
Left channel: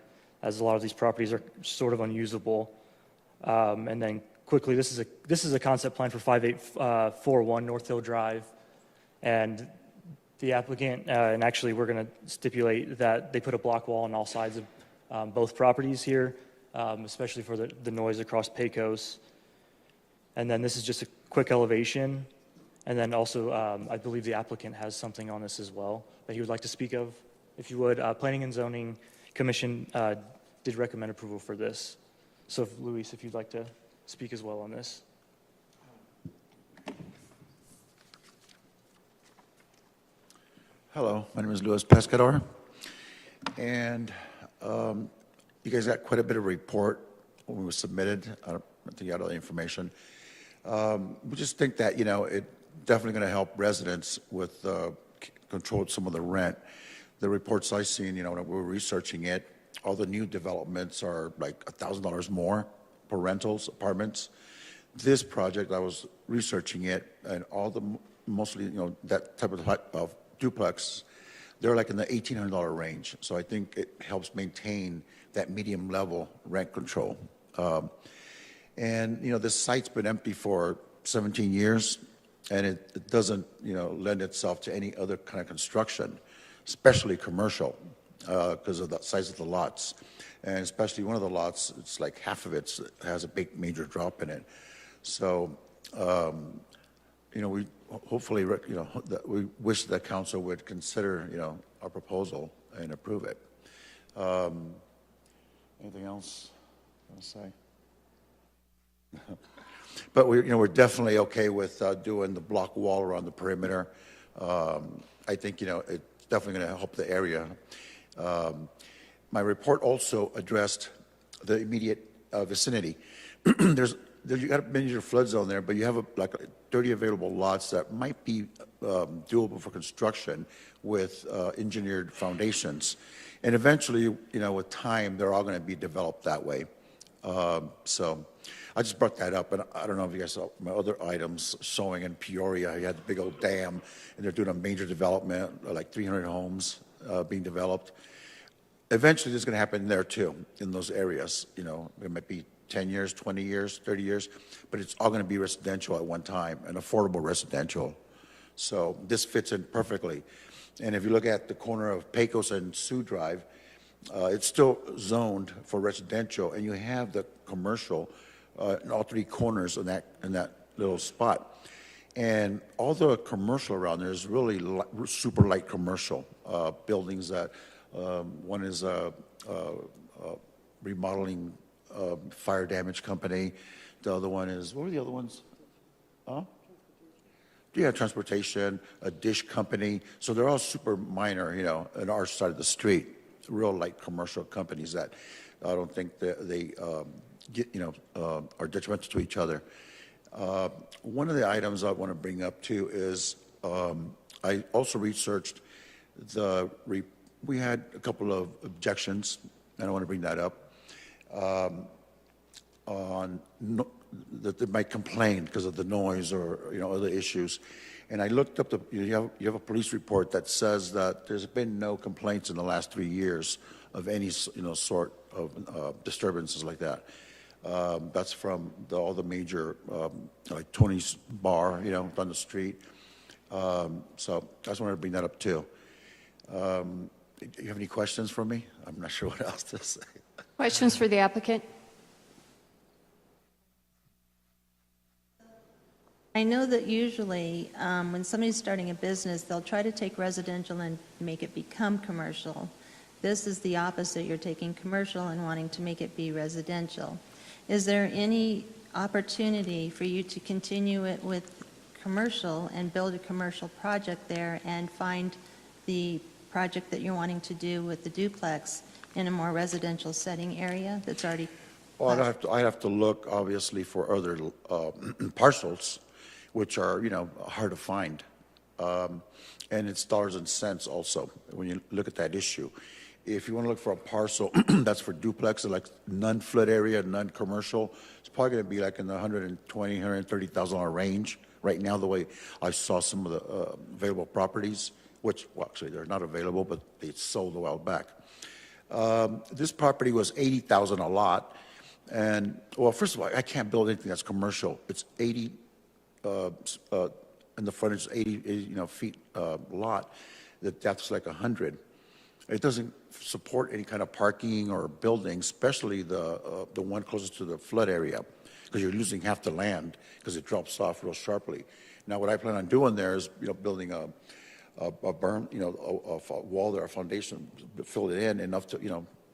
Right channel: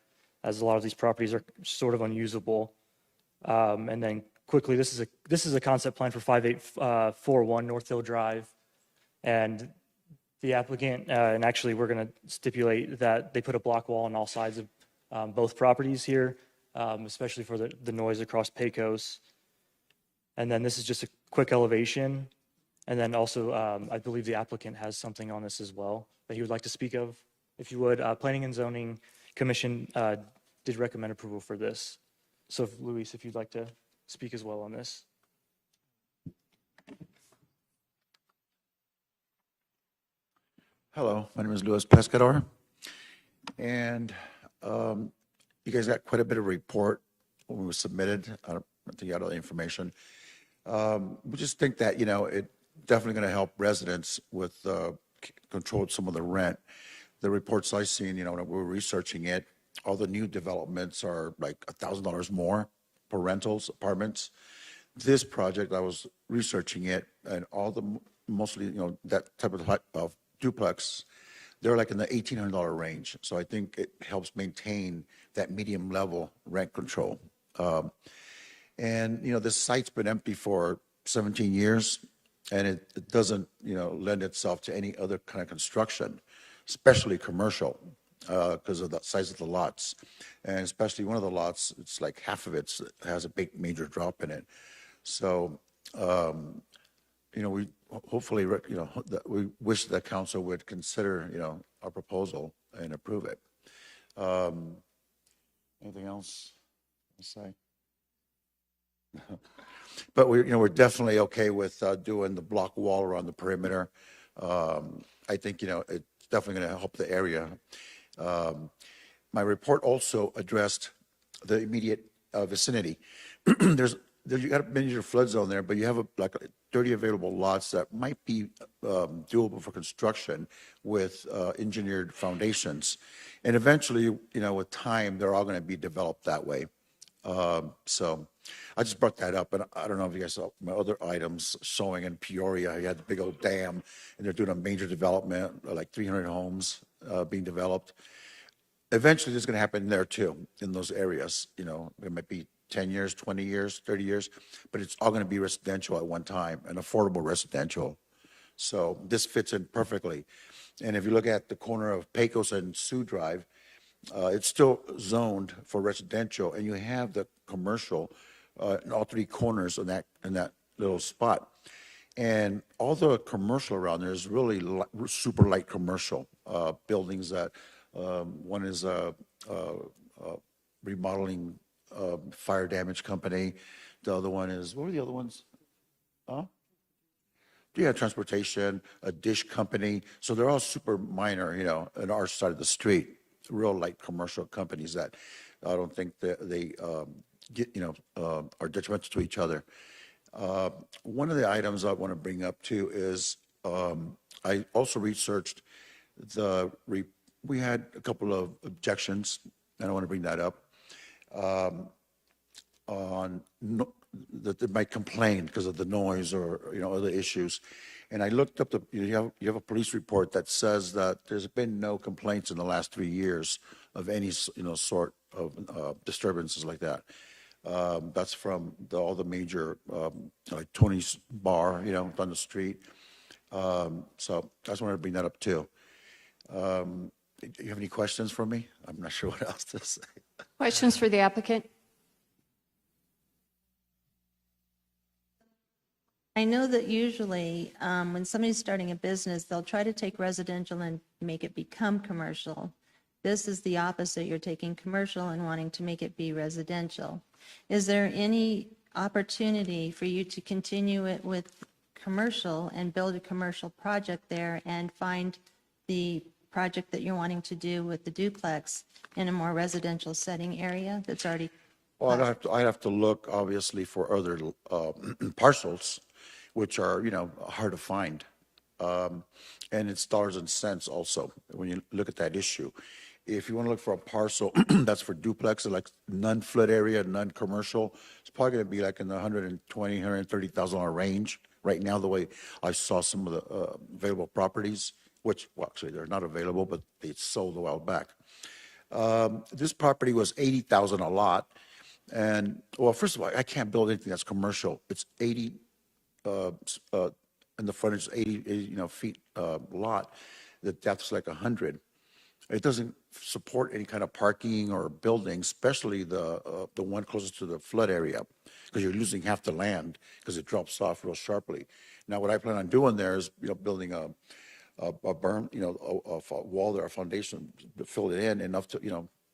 as a lot of these properties are sort of unusable. And then quickly, this is a concept plan for 5841 North Hill Drive, and the applicant, and actually we're going to stipulate that they put a block wall on all sides of both properties here, especially for the noise across Pecos. And then this is just a quick elevation. And then also, I believe the applicant has something on this as well that he would like to speak of. If you would, Planning and Zoning Commission did recommend approval for this. So Luis, if you'd like to speak as well on this. Hello, my name is Luis Pescador, and you guys got quite a bit of report when it was submitted. I don't think you got all the information. We just think that, it's definitely going to help residents with control some of the rent. The reports I've seen, when we're researching it, all the new developments are like $1,000 more for rentals, apartments. This project, I was researching it, and all the mostly, that type of duplex, they're like in the $1,800 range. So I think it helps maintain that medium level rent control. And this site's been empty for 17 years, and it doesn't, lend itself to any other kind of construction, especially commercial, because of the size of the lots. And especially one of the lots, it's like half of it has a big major drop in it. So, we hopefully, we wish that council would consider, our proposal and approve it. Anything else you want to say? But we're definitely okay with doing the block wall around the perimeter. I think, it's definitely going to help the area. My report also addressed the immediate vicinity. You got a major flood zone there, but you have like 30 available lots that might be doable for construction with engineered foundations. And eventually, with time, they're all going to be developed that way. So I just brought that up, and I don't know if you guys saw my other items showing in Peoria. You had the big old dam, and they're doing a major development, like 300 homes being developed. Eventually, this is going to happen there too, in those areas. It might be 10 years, 20 years, 30 years, but it's all going to be residential at one time, and affordable residential. So this fits in perfectly. And if you look at the corner of Pecos and Sioux Drive, it's still zoned for residential, and you have the commercial in all three corners in that little spot. And all the commercial around there is really super light commercial buildings that one is a remodeling fire damage company. The other one is, what are the other ones? Yeah, transportation, a dish company. So they're all super minor, on our side of the street. Real light commercial companies that I don't think that they get, are detrimental to each other. One of the items I want to bring up too is I also researched we had a couple of objections, and I want to bring that up, that they might complain because of the noise or, other issues. And I looked up you have a police report that says that there's been no complaints in the last 3 years of any, sort of disturbances like that. That's from all the major, like Tony's Bar, down the street. So I just wanted to bring that up too. Do you have any questions for me? I'm not sure what else to say. Questions for the applicant? I know that usually when somebody's starting a business, they'll try to take residential and make it become commercial. This is the opposite. You're taking commercial and wanting to make it be residential. Is there any opportunity for you to continue it with commercial and build a commercial project there and find the project that you're wanting to do with the duplex in a more residential setting area that's already? Well, I'd have to look, obviously, for other parcels, which are, hard to find. And it's dollars and cents also, when you look at that issue. If you want to look for a parcel that's for duplex, like non-flood area, non-commercial, it's probably going to be like in the $120,000, $130,000 range right now, the way I saw some of the available properties, which, well, actually, they're not available, but they sold a while back. This property was $80,000 a lot. And, well, first of all, I can't build anything that's commercial. It's 80, and the frontage is 80 feet lot. The depth's like 100. It doesn't support any kind of parking or building, especially the one closest to the flood area, because you're losing half the land because it drops off real sharply. Now, what I plan on doing there is, building a berm, a wall there, a foundation, fill it in enough to,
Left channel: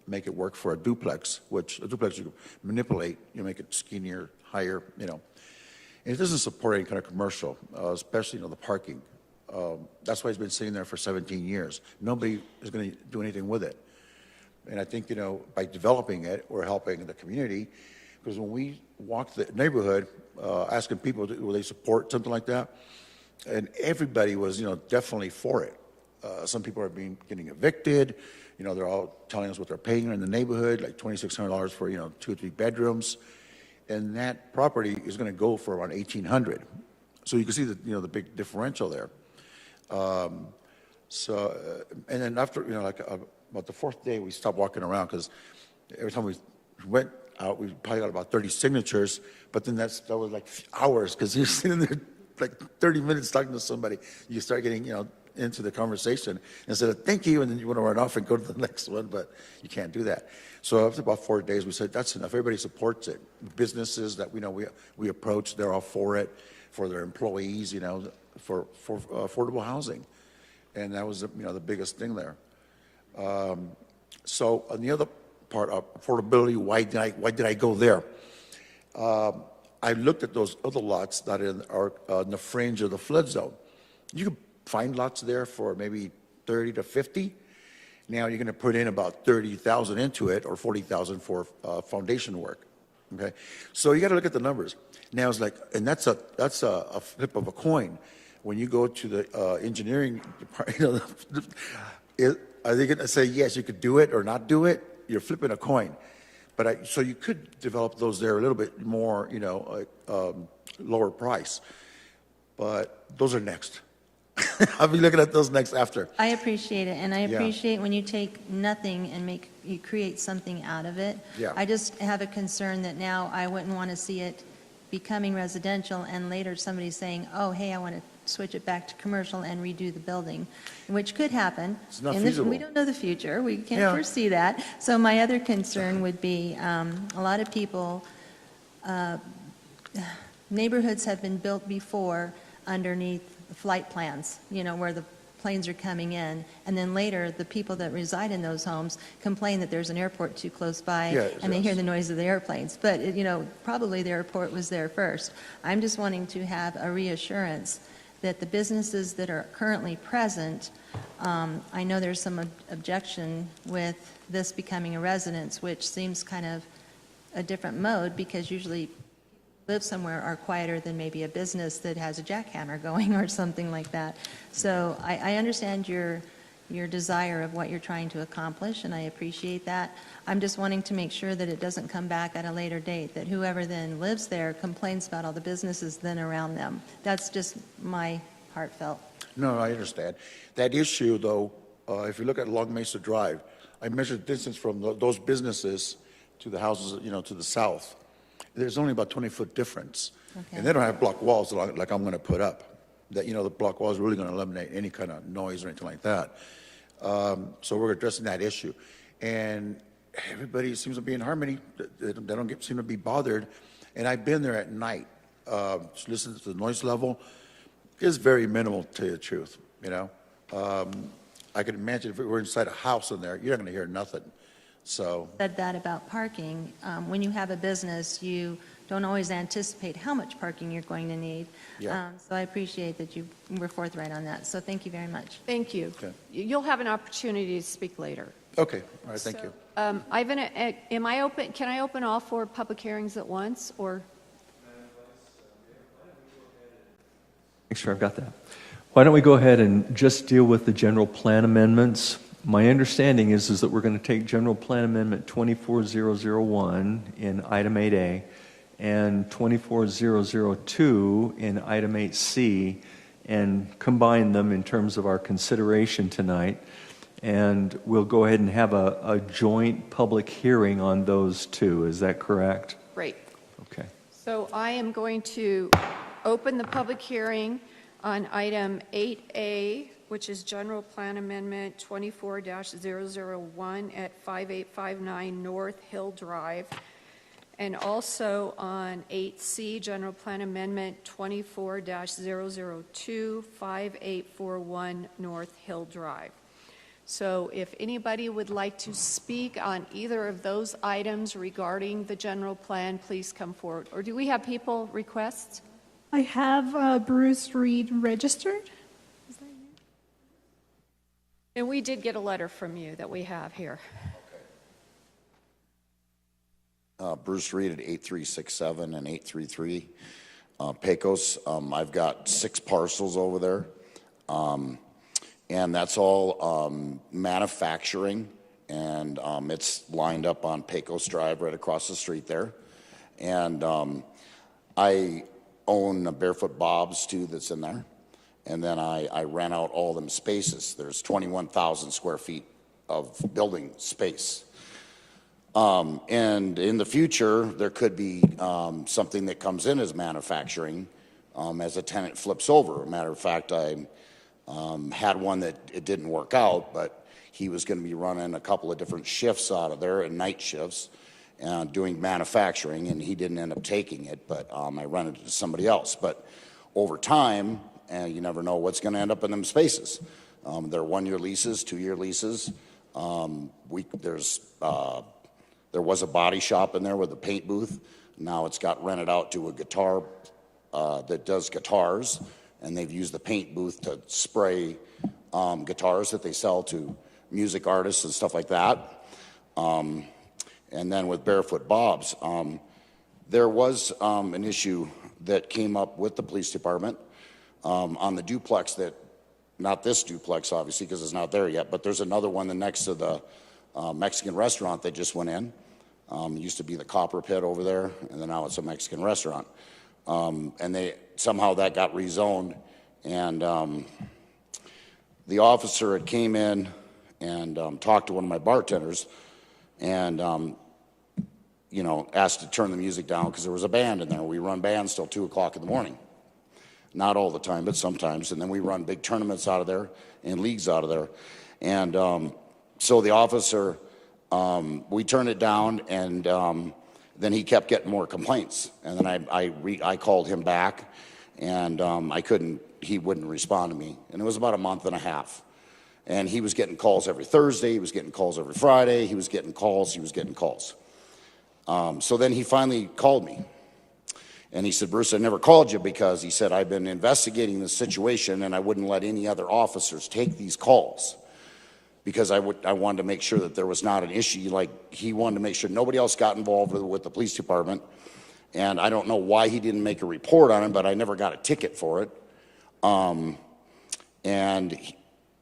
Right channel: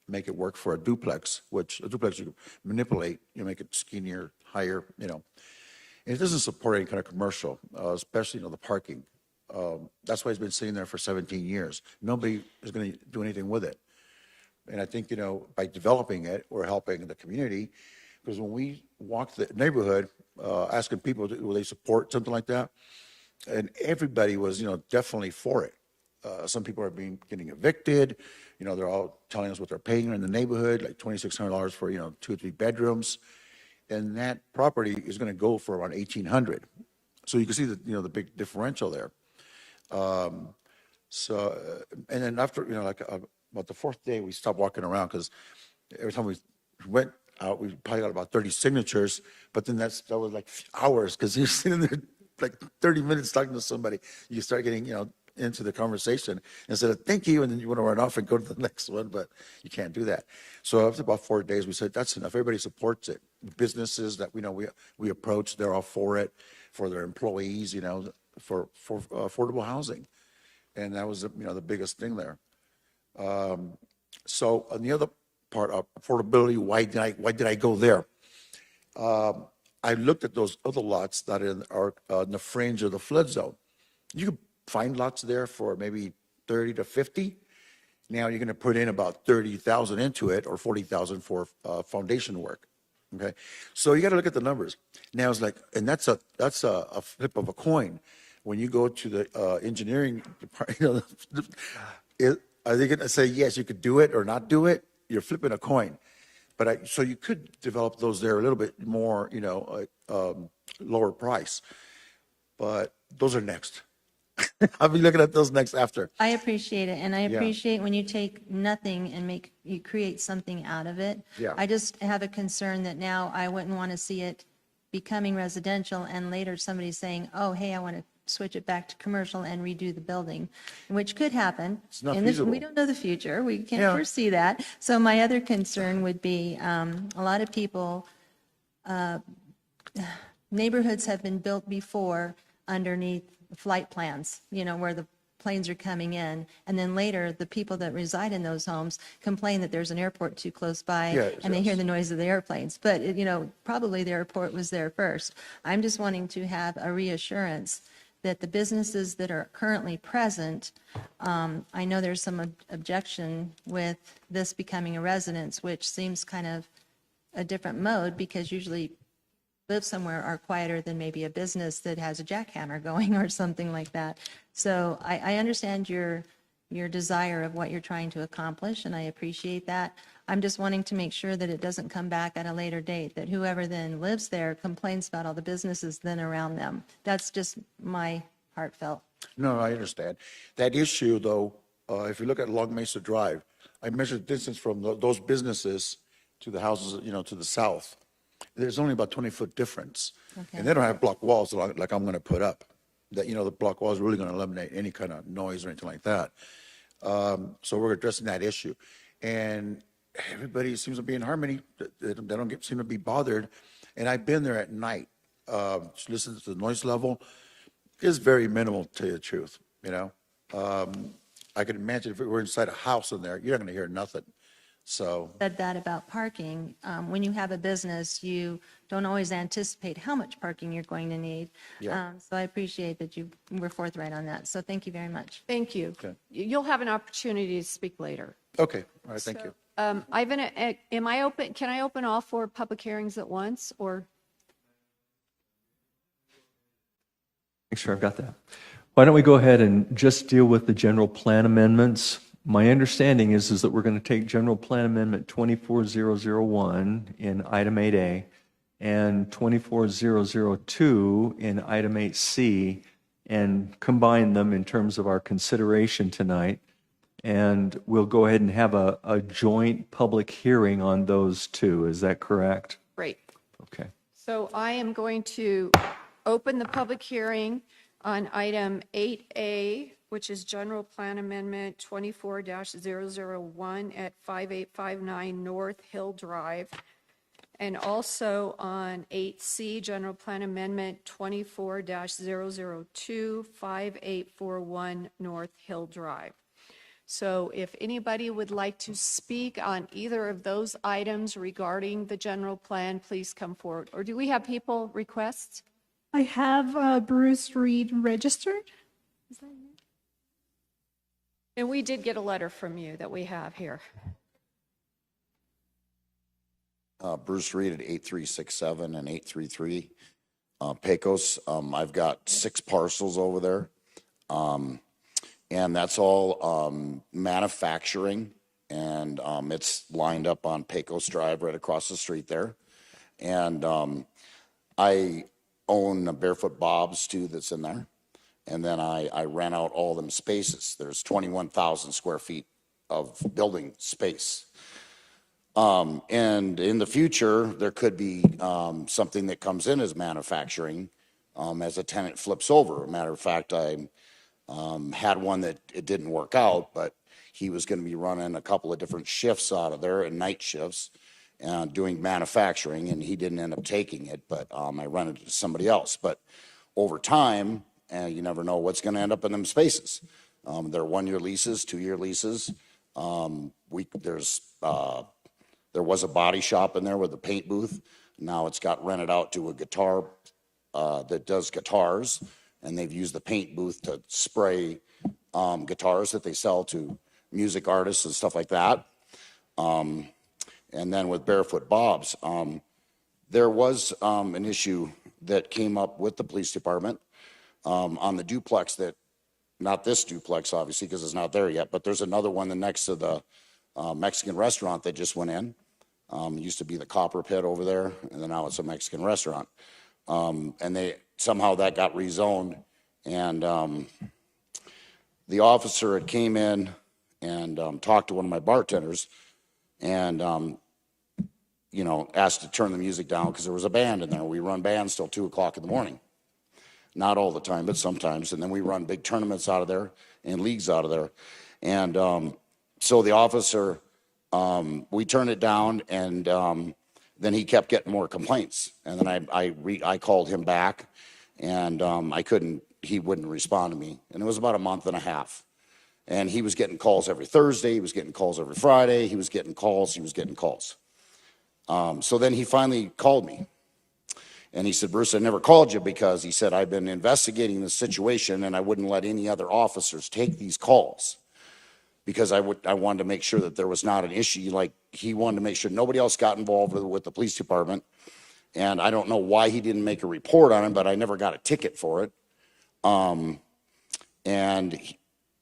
make it work for a duplex, which a duplex you manipulate, you make it skinnier, higher, And it doesn't support any kind of commercial, especially, the parking. That's why it's been sitting there for 17 years. Nobody is going to do anything with it. And I think, by developing it, we're helping the community, because when we walk the neighborhood, asking people, will they support something like that? And everybody was, definitely for it. Some people are getting evicted. They're all telling us what they're paying in the neighborhood, like $2,600 for, 2 or 3 bedrooms. And that property is going to go for around $1,800. So you can see the big differential there. And then after, about the 4th day, we stopped walking around, because every time we went out, we probably got about 30 signatures, but then that was like hours, because you're sitting there like 30 minutes talking to somebody. You start getting, into the conversation and said, thank you, and then you want to run off and go to the next one, but you can't do that. So after about 4 days, we said, that's enough. Everybody supports it. Businesses that we approach, they're all for it, for their employees, for affordable housing. And that was, the biggest thing there. So on the other part of affordability, why did I go there? I looked at those other lots that are in the fringe of the flood zone. You could find lots there for maybe 30 to 50. Now you're going to put in about 30,000 into it, or 40,000 for foundation work. Okay, so you got to look at the numbers. Now it's like, and that's a flip of a coin. When you go to the engineering department, are they going to say yes, you could do it or not do it? You're flipping a coin. But so you could develop those there a little bit more, lower price. But those are next. I'll be looking at those next after. I appreciate it, and I appreciate when you take nothing and you create something out of it. Yeah. I just have a concern that now I wouldn't want to see it becoming residential, and later somebody saying, oh, hey, I want to switch it back to commercial and redo the building, which could happen. It's not feasible. We don't know the future. We can't Yeah. foresee that. So my other concern would be a lot of people, neighborhoods have been built before underneath flight plans, where the planes are coming in, and then later the people that reside in those homes complain that there's an airport too close by, and they hear the noise of the airplanes. But, probably the airport was there first. I'm just wanting to have a reassurance that the businesses that are currently present, I know there's some objection with this becoming a residence, which seems kind of a different mode, because usually live somewhere are quieter than maybe a business that has a jackhammer going or something like that. So I understand your desire of what you're trying to accomplish, and I appreciate that. I'm just wanting to make sure that it doesn't come back at a later date, that whoever then lives there complains about all the businesses then around them. That's just my heartfelt. No, I understand. That issue, though, if you look at Long Mesa Drive, I measured distance from those businesses to the houses, to the south. There's only about 20-foot difference. Okay. And they don't have block walls like I'm going to put up. That, the block wall is really going to eliminate any kind of noise or anything like that. So we're addressing that issue. And everybody seems to be in harmony. They don't seem to be bothered. And I've been there at night, just listening to the noise level. It's very minimal, to tell you the truth, I can imagine if we were inside a house in there, you're not going to hear nothing. So Said that about parking. When you have a business, you don't always anticipate how much parking you're going to need. Yeah. So I appreciate that you were forthright on that. So thank you very much. Thank you. Okay. You'll have an opportunity to speak later. Okay, all right, thank you. Ivan, am I open, can I open all 4 public hearings at once, or? Make sure I've got that. Why don't we go ahead and just deal with the general plan amendments? My understanding is that we're going to take General Plan Amendment 24001 in item 8A and 24002 in item 8C and combine them in terms of our consideration tonight. And we'll go ahead and have a joint public hearing on those two. Is that correct? Great. Okay. So I am going to open the public hearing on item 8A, which is General Plan Amendment 24-001 at 5859 North Hill Drive, and also on 8C, General Plan Amendment 24-002, 5841 North Hill Drive. So if anybody would like to speak on either of those items regarding the general plan, please come forward. Or do we have people request? I have Bruce Reed registered. And we did get a letter from you that we have here. Bruce Reed at 8367 and 833 Pecos. I've got 6 parcels over there. And that's all manufacturing, and it's lined up on Pecos Drive right across the street there. And I own Barefoot Bob's too that's in there. And then I rent out all them spaces. There's 21,000 square feet of building space. And in the future, there could be something that comes in as manufacturing as a tenant flips over. As a matter of fact, I had one that it didn't work out, but he was going to be running a couple of different shifts out of there, and night shifts, doing manufacturing, and he didn't end up taking it, but I rented it to somebody else. But over time, you never know what's going to end up in them spaces. They're 1-year leases, 2-year leases. There was a body shop in there with a paint booth. Now it's got rented out to a guitar that does guitars, and they've used the paint booth to spray guitars that they sell to music artists and stuff like that. And then with Barefoot Bob's, there was an issue that came up with the police department on the duplex that, not this duplex obviously because it's not there yet, but there's another one next to the Mexican restaurant they just went in. It used to be the Copper Pit over there, and then now it's a Mexican restaurant. And somehow that got rezoned, and the officer had came in and talked to one of my bartenders, and asked to turn the music down because there was a band in there. We run bands till 2 o'clock in the morning. Not all the time, but sometimes. And then we run big tournaments out of there and leagues out of there. And so the officer, we turned it down, and then he kept getting more complaints. And then I called him back, and he wouldn't respond to me. And it was about a month and a half. And he was getting calls every Thursday. He was getting calls every Friday. He was getting calls. So then he finally called me. And he said, Bruce, I never called you because he said, I've been investigating this situation and I wouldn't let any other officers take these calls because I wanted to make sure that there was not an issue. Like he wanted to make sure nobody else got involved with the police department. And I don't know why he didn't make a report on him, but I never got a ticket for it. And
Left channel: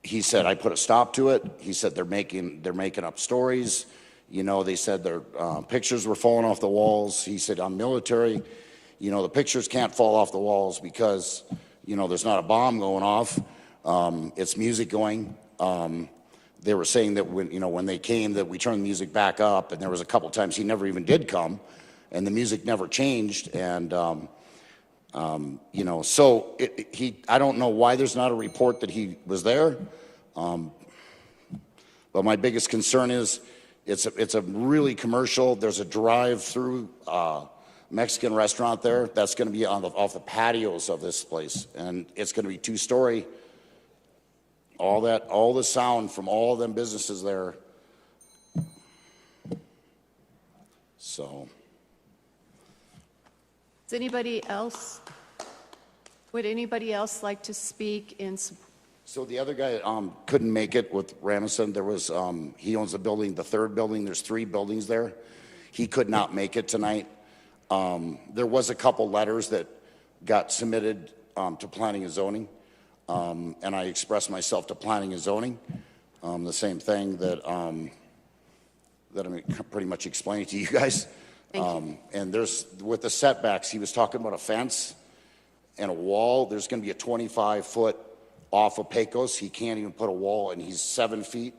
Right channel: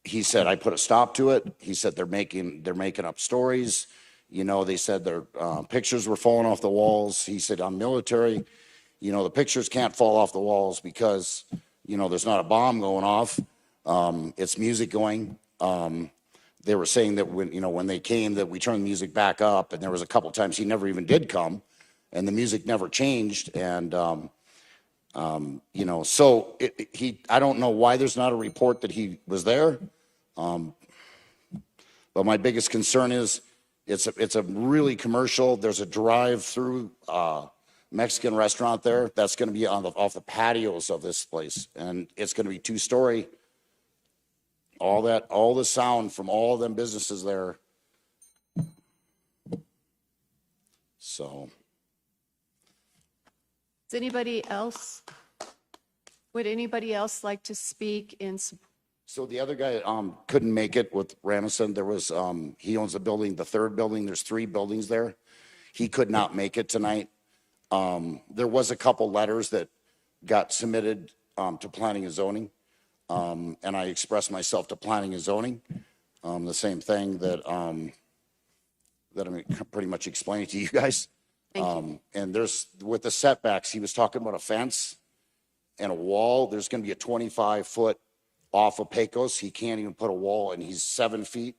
he said, I put a stop to it. He said, they're making up stories. They said their pictures were falling off the walls. He said, I'm military. The pictures can't fall off the walls because, there's not a bomb going off. It's music going. They were saying that when they came that we turned the music back up, and there was a couple times he never even did come, and the music never changed. And, so I don't know why there's not a report that he was there. But my biggest concern is it's a really commercial. There's a drive-through Mexican restaurant there that's going to be off the patios of this place, and it's going to be 2-story. All the sound from all of them businesses there. So Would anybody else like to speak in? So the other guy couldn't make it with Ramison. There was he owns a building, the third building. There's 3 buildings there. He could not make it tonight. There was a couple letters that got submitted to planning and zoning, and I expressed myself to planning and zoning. The same thing that I'm pretty much explaining to you guys. And there's with the setbacks, he was talking about a fence and a wall. There's going to be a 25-foot off of Pecos. He can't even put a wall, and he's 7 feet.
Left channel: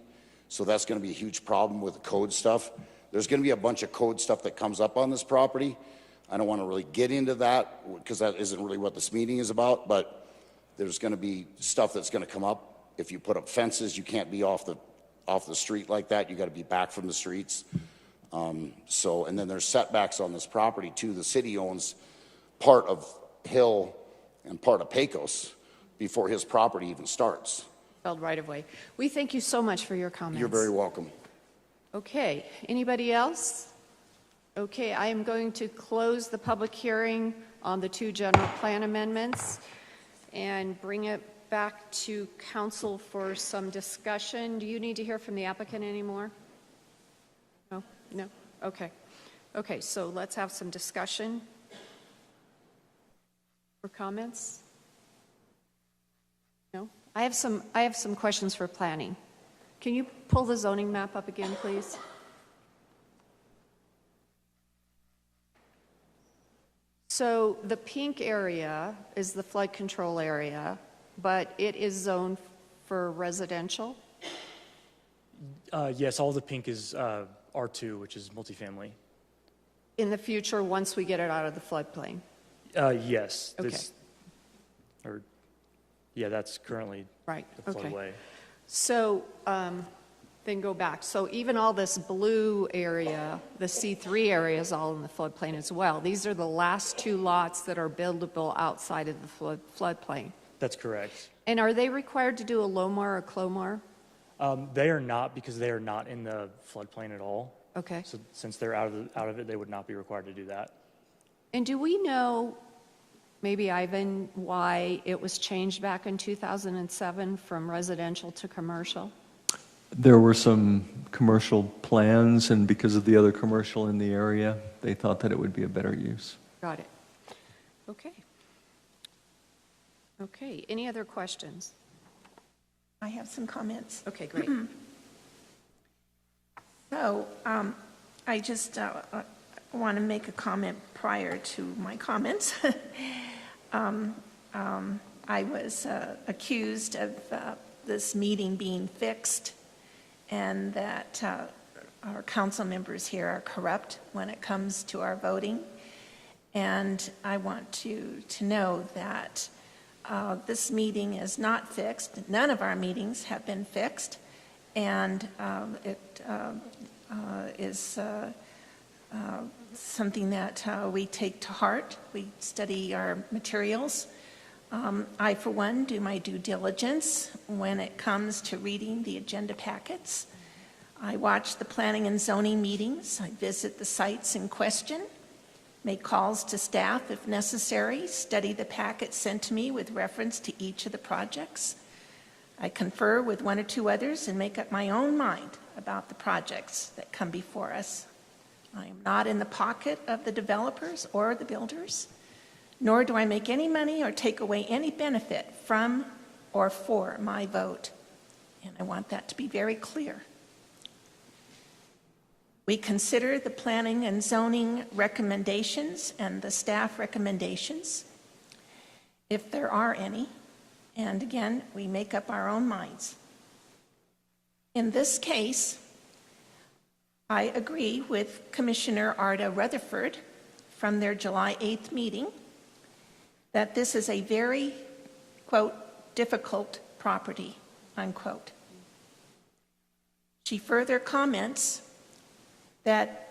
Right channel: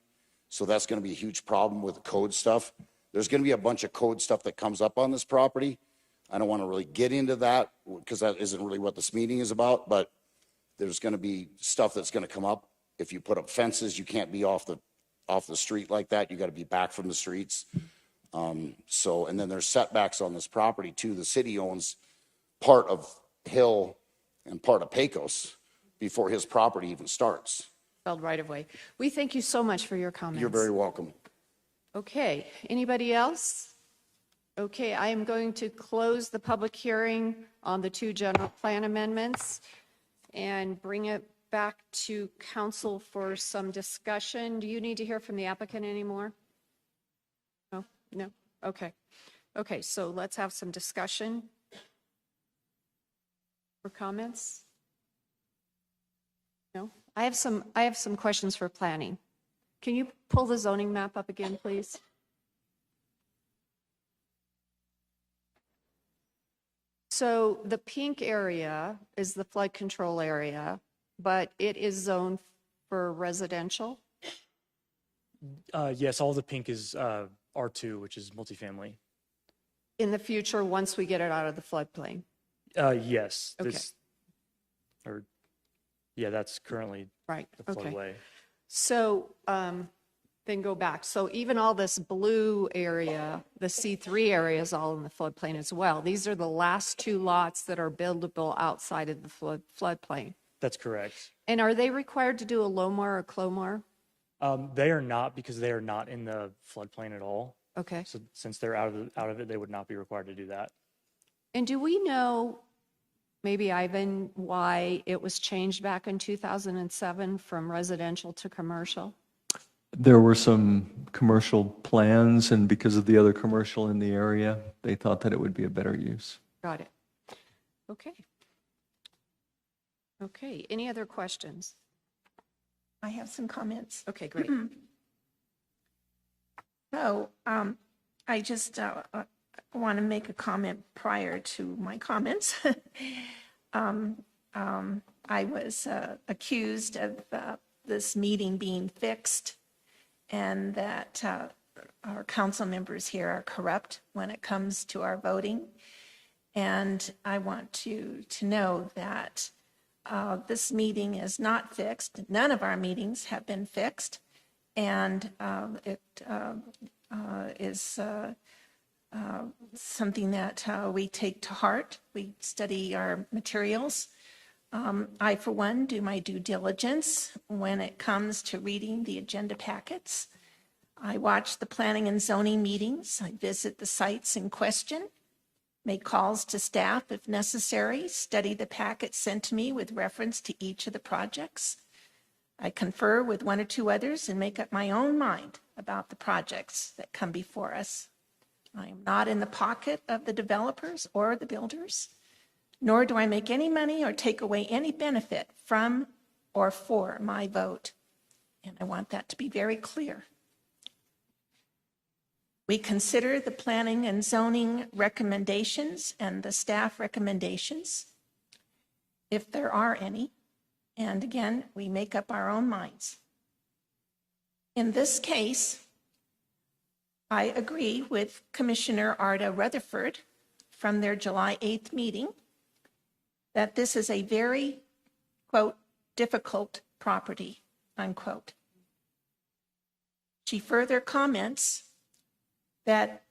So that's going to be a huge problem with the code stuff. There's going to be a bunch of code stuff that comes up on this property. I don't want to really get into that because that isn't really what this meeting is about, but there's going to be stuff that's going to come up. If you put up fences, you can't be off the street like that. You got to be back from the streets. And then there's setbacks on this property too. The city owns part of Hill and part of Pecos before his property even starts. Held right of way. We thank you so much for your comments. You're very welcome. Okay, anybody else? Okay, I am going to close the public hearing on the 2 general plan amendments and bring it back to council for some discussion. Do you need to hear from the applicant anymore? No? No? Okay. Okay, so let's have some discussion or comments. No? I have some questions for planning. Can you pull the zoning map up again, please? So the pink area is the flood control area, but it is zoned for residential? Yes, all the pink is R2, which is multifamily. In the future, once we get it out of the floodplain? Yes. Okay. That's currently right. a floodway. So then go back. So even all this blue area, the C3 area is all in the floodplain as well. These are the last 2 lots that are buildable outside of the floodplain. That's correct. And are they required to do a LOMAR or CLOMAR? They are not, because they are not in the floodplain at all. Okay. So since they're out of it, they would not be required to do that. And do we know, maybe Ivan, why it was changed back in 2007 from residential to commercial? There were some commercial plans, and because of the other commercial in the area, they thought that it would be a better use. Got it. Okay. Okay, any other questions? I have some comments. Okay, great. So I just want to make a comment prior to my comments. I was accused of this meeting being fixed, and that our council members here are corrupt when it comes to our voting. And I want you to know that this meeting is not fixed. None of our meetings have been fixed, and it is something that we take to heart. We study our materials. I, for one, do my due diligence when it comes to reading the agenda packets. I watch the planning and zoning meetings. I visit the sites in question, make calls to staff if necessary, study the packets sent to me with reference to each of the projects. I confer with 1 or 2 others and make up my own mind about the projects that come before us. I am not in the pocket of the developers or the builders, nor do I make any money or take away any benefit from or for my vote. And I want that to be very clear. We consider the planning and zoning recommendations and the staff recommendations, if there are any, and again, we make up our own minds. In this case, I agree with Commissioner Arda Rutherford from their July 8th meeting that this is a very, quote, difficult property, unquote. She further comments that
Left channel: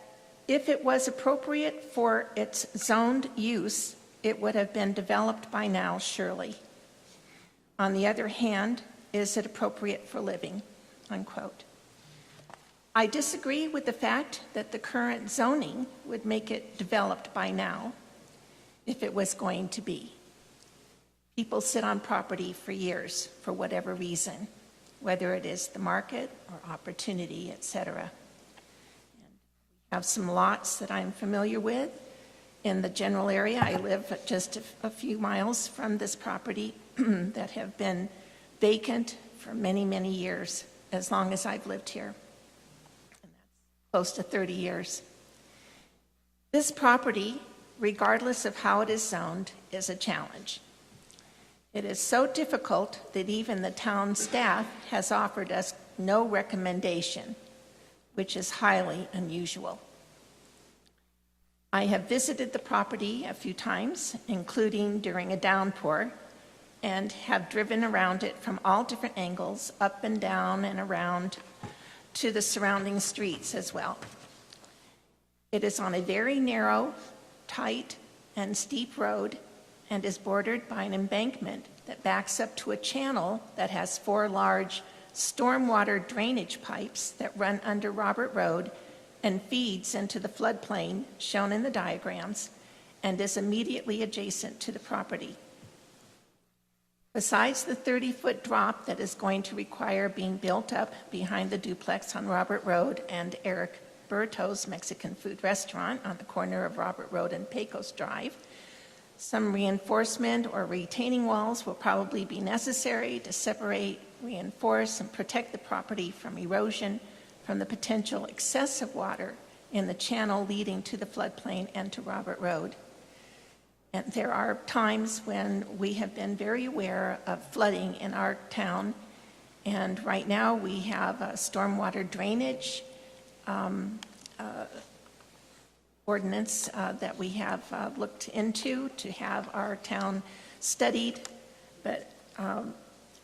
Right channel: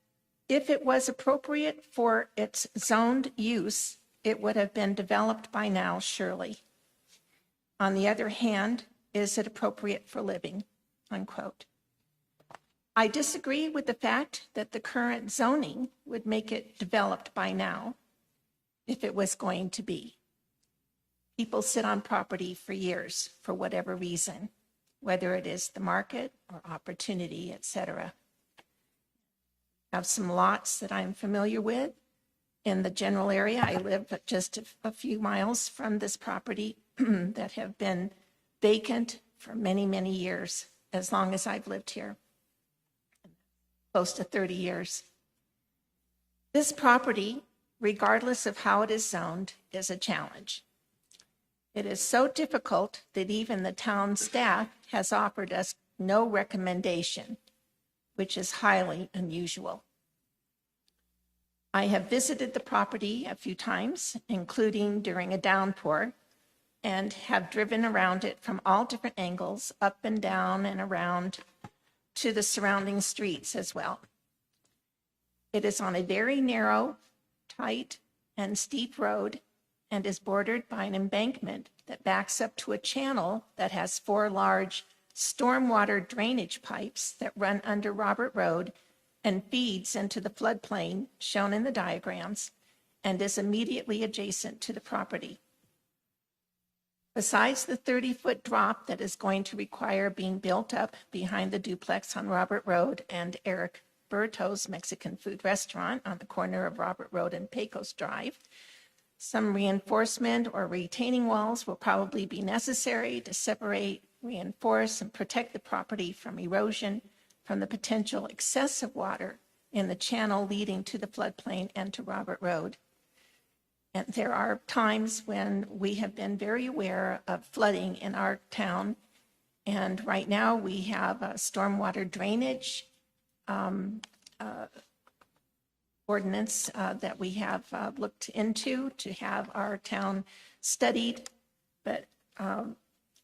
if it was appropriate for its zoned use, it would have been developed by now, surely. On the other hand, is it appropriate for living, unquote. I disagree with the fact that the current zoning would make it developed by now. if it was going to be. People sit on property for years for whatever reason, whether it is the market or opportunity, etc. I have some lots that I'm familiar with in the general area. I live just a few miles from this property that have been vacant for many, many years, as long as I've lived here, close to 30 years. This property, regardless of how it is zoned, is a challenge. It is so difficult that even the town staff has offered us no recommendation, which is highly unusual. I have visited the property a few times, including during a downpour, and have driven around it from all different angles, up and down and around to the surrounding streets as well. It is on a very narrow, tight, and steep road and is bordered by an embankment that backs up to a channel that has 4 large stormwater drainage pipes that run under Robert Road and feeds into the floodplain shown in the diagrams and is immediately adjacent to the property. Besides the 30-foot drop that is going to require being built up behind the duplex on Robert Road and Eric Berto's Mexican food restaurant on the corner of Robert Road and Pecos Drive, some reinforcement or retaining walls will probably be necessary to separate, reinforce, and protect the property from erosion from the potential excessive water in the channel leading to the floodplain and to Robert Road. And there are times when we have been very aware of flooding in our town, and right now we have a stormwater drainage ordinance that we have looked into to have our town studied, but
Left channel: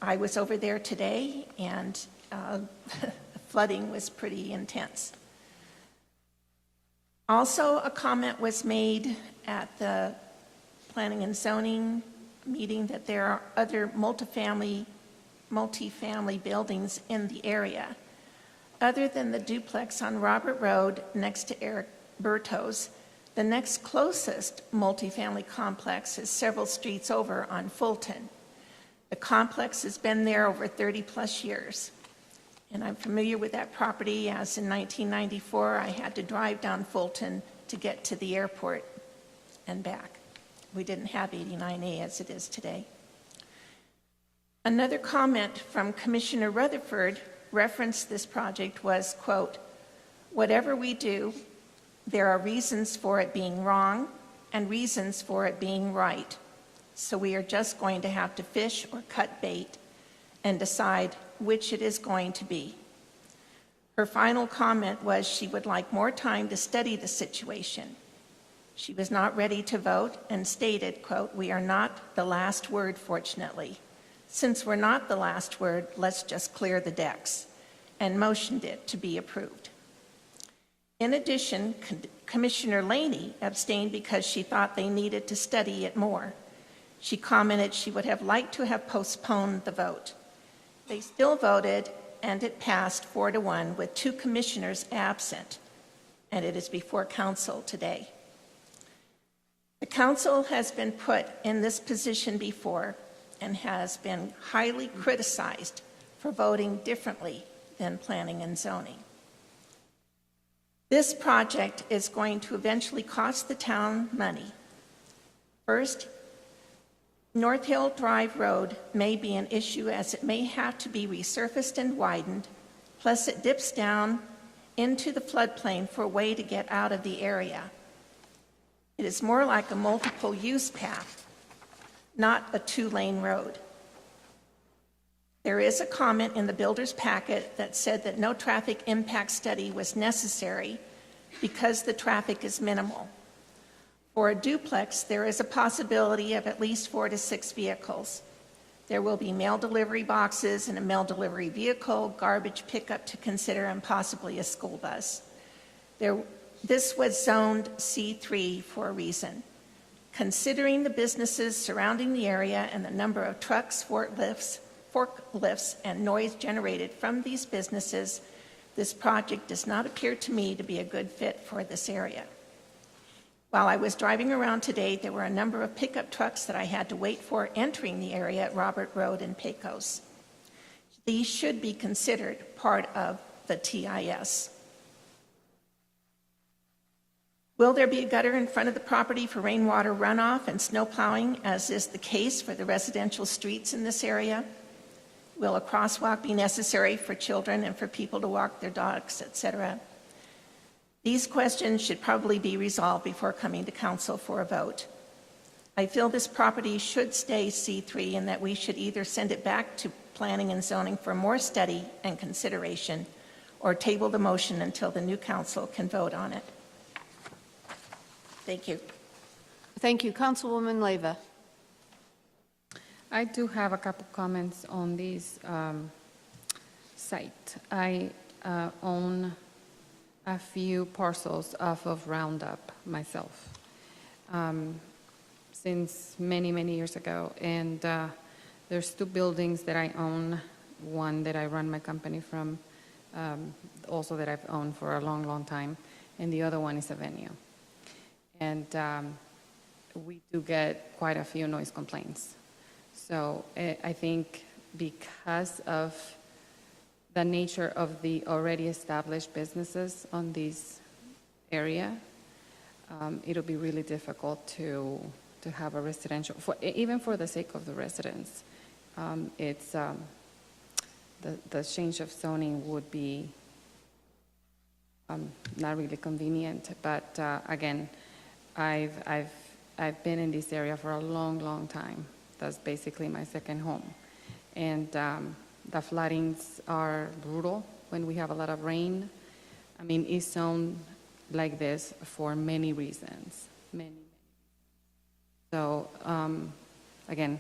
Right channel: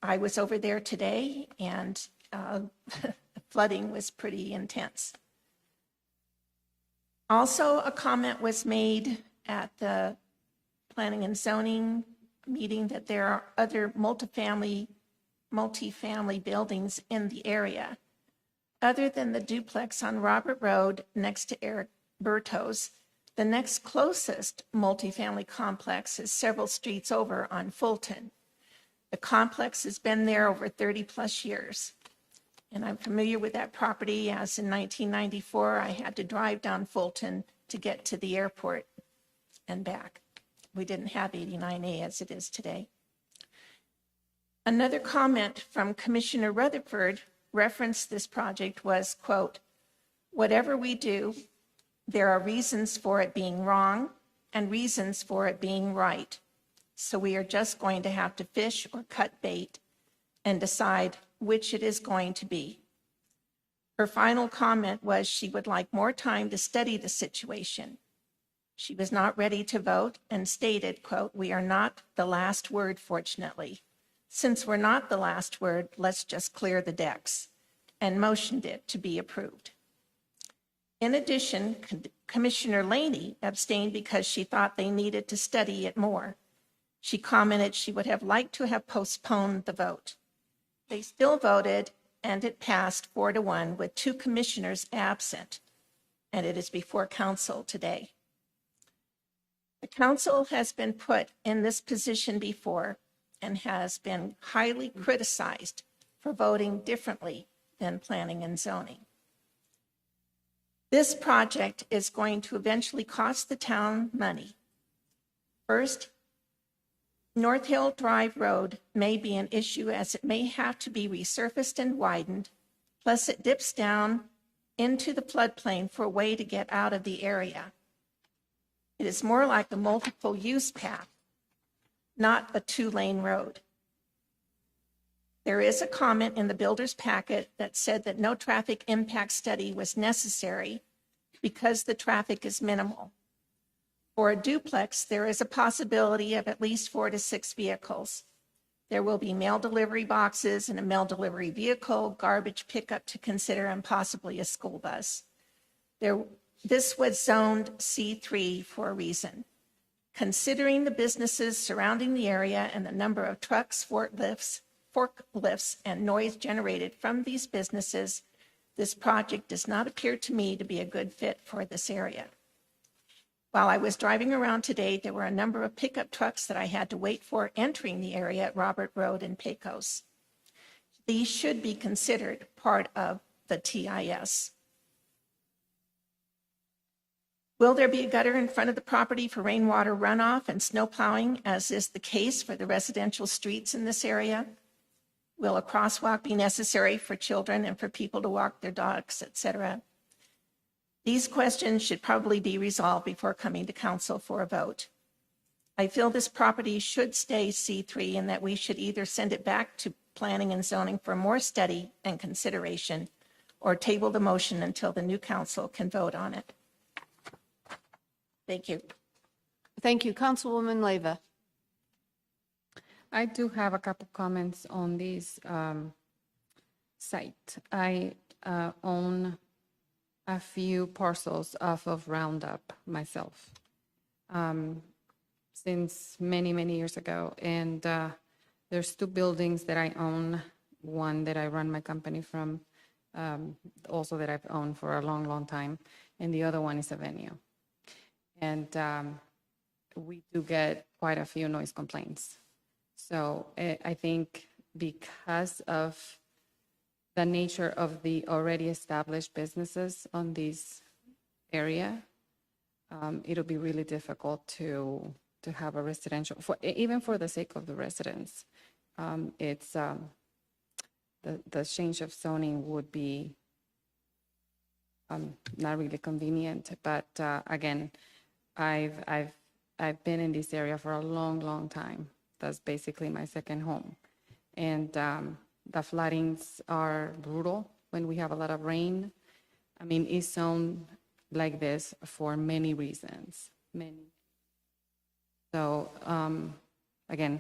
I was over there today, and the flooding was pretty intense. Also, a comment was made at the Planning and Zoning meeting that there are other multifamily buildings in the area. Other than the duplex on Robert Road next to Eric Berto's, the next closest multifamily complex is several streets over on Fulton. The complex has been there over 30 plus years. And I'm familiar with that property, as in 1994 I had to drive down Fulton to get to the airport and back. We didn't have 89A as it is today. Another comment from Commissioner Rutherford referenced this project was, quote, "Whatever we do, there are reasons for it being wrong and reasons for it being right. So we are just going to have to fish or cut bait and decide which it is going to be." Her final comment was she would like more time to study the situation. She was not ready to vote and stated, quote, "We are not the last word, fortunately. Since we're not the last word, let's just clear the decks," and motioned it to be approved. In addition, Commissioner Laney abstained because she thought they needed to study it more. She commented she would have liked to have postponed the vote. They still voted, and it passed 4-1 with 2 commissioners absent, and it is before council today. The council has been put in this position before and has been highly criticized for voting differently than planning and zoning. This project is going to eventually cost the town money. First, North Hill Drive Road may be an issue as it may have to be resurfaced and widened, plus it dips down into the floodplain for a way to get out of the area. It is more like a multiple use path, not a 2-lane road. There is a comment in the builder's packet that said that no traffic impact study was necessary because the traffic is minimal. For a duplex, there is a possibility of at least 4 to 6 vehicles. There will be mail delivery boxes and a mail delivery vehicle, garbage pickup to consider, and possibly a school bus. This was zoned C3 for a reason. Considering the businesses surrounding the area and the number of trucks, forklifts, and noise generated from these businesses, this project does not appear to me to be a good fit for this area. While I was driving around today, there were a number of pickup trucks that I had to wait for entering the area at Robert Road and Pecos. These should be considered part of the TIS. Will there be a gutter in front of the property for rainwater runoff and snow plowing, as is the case for the residential streets in this area? Will a crosswalk be necessary for children and for people to walk their dogs, etc.? These questions should probably be resolved before coming to council for a vote. I feel this property should stay C3 and that we should either send it back to planning and zoning for more study and consideration, or table the motion until the new council can vote on it. Thank you. Thank you. Councilwoman Leyva. I do have a couple comments on this site. I own a few parcels off of Roundup myself since many, many years ago. And there's two buildings that I own, one that I run my company from, also that I've owned for a long, long time, and the other one is a venue. And we do get quite a few noise complaints. So I think because of the nature of the already established businesses on this area, it'll be really difficult to have a residential, even for the sake of the residents. It's the change of zoning would be not really convenient. But again, I've been in this area for a long, long time. That's basically my second home. And the floodings are brutal when we have a lot of rain. I mean, it's zoned like this for many reasons. So, again,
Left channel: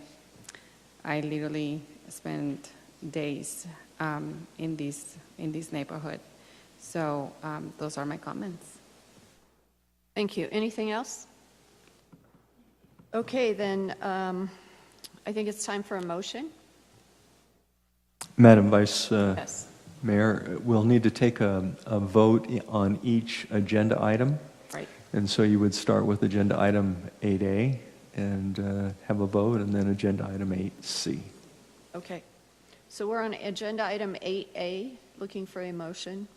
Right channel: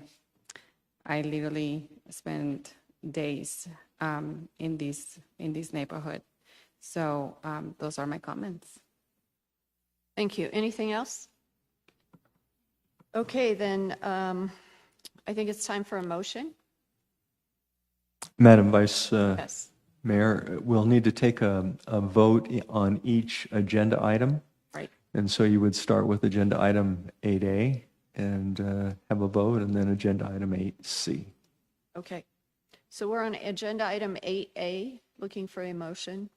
I literally spend days in this neighborhood. So those are my comments. Thank you. Anything else? Okay, then I think it's time for a motion. Madam Vice Yes. Mayor, we'll need to take a vote on each agenda item. Right. And so you would start with agenda item 8A and have a vote, and then agenda item 8C. Okay. So we're on agenda item 8A, looking for a motion.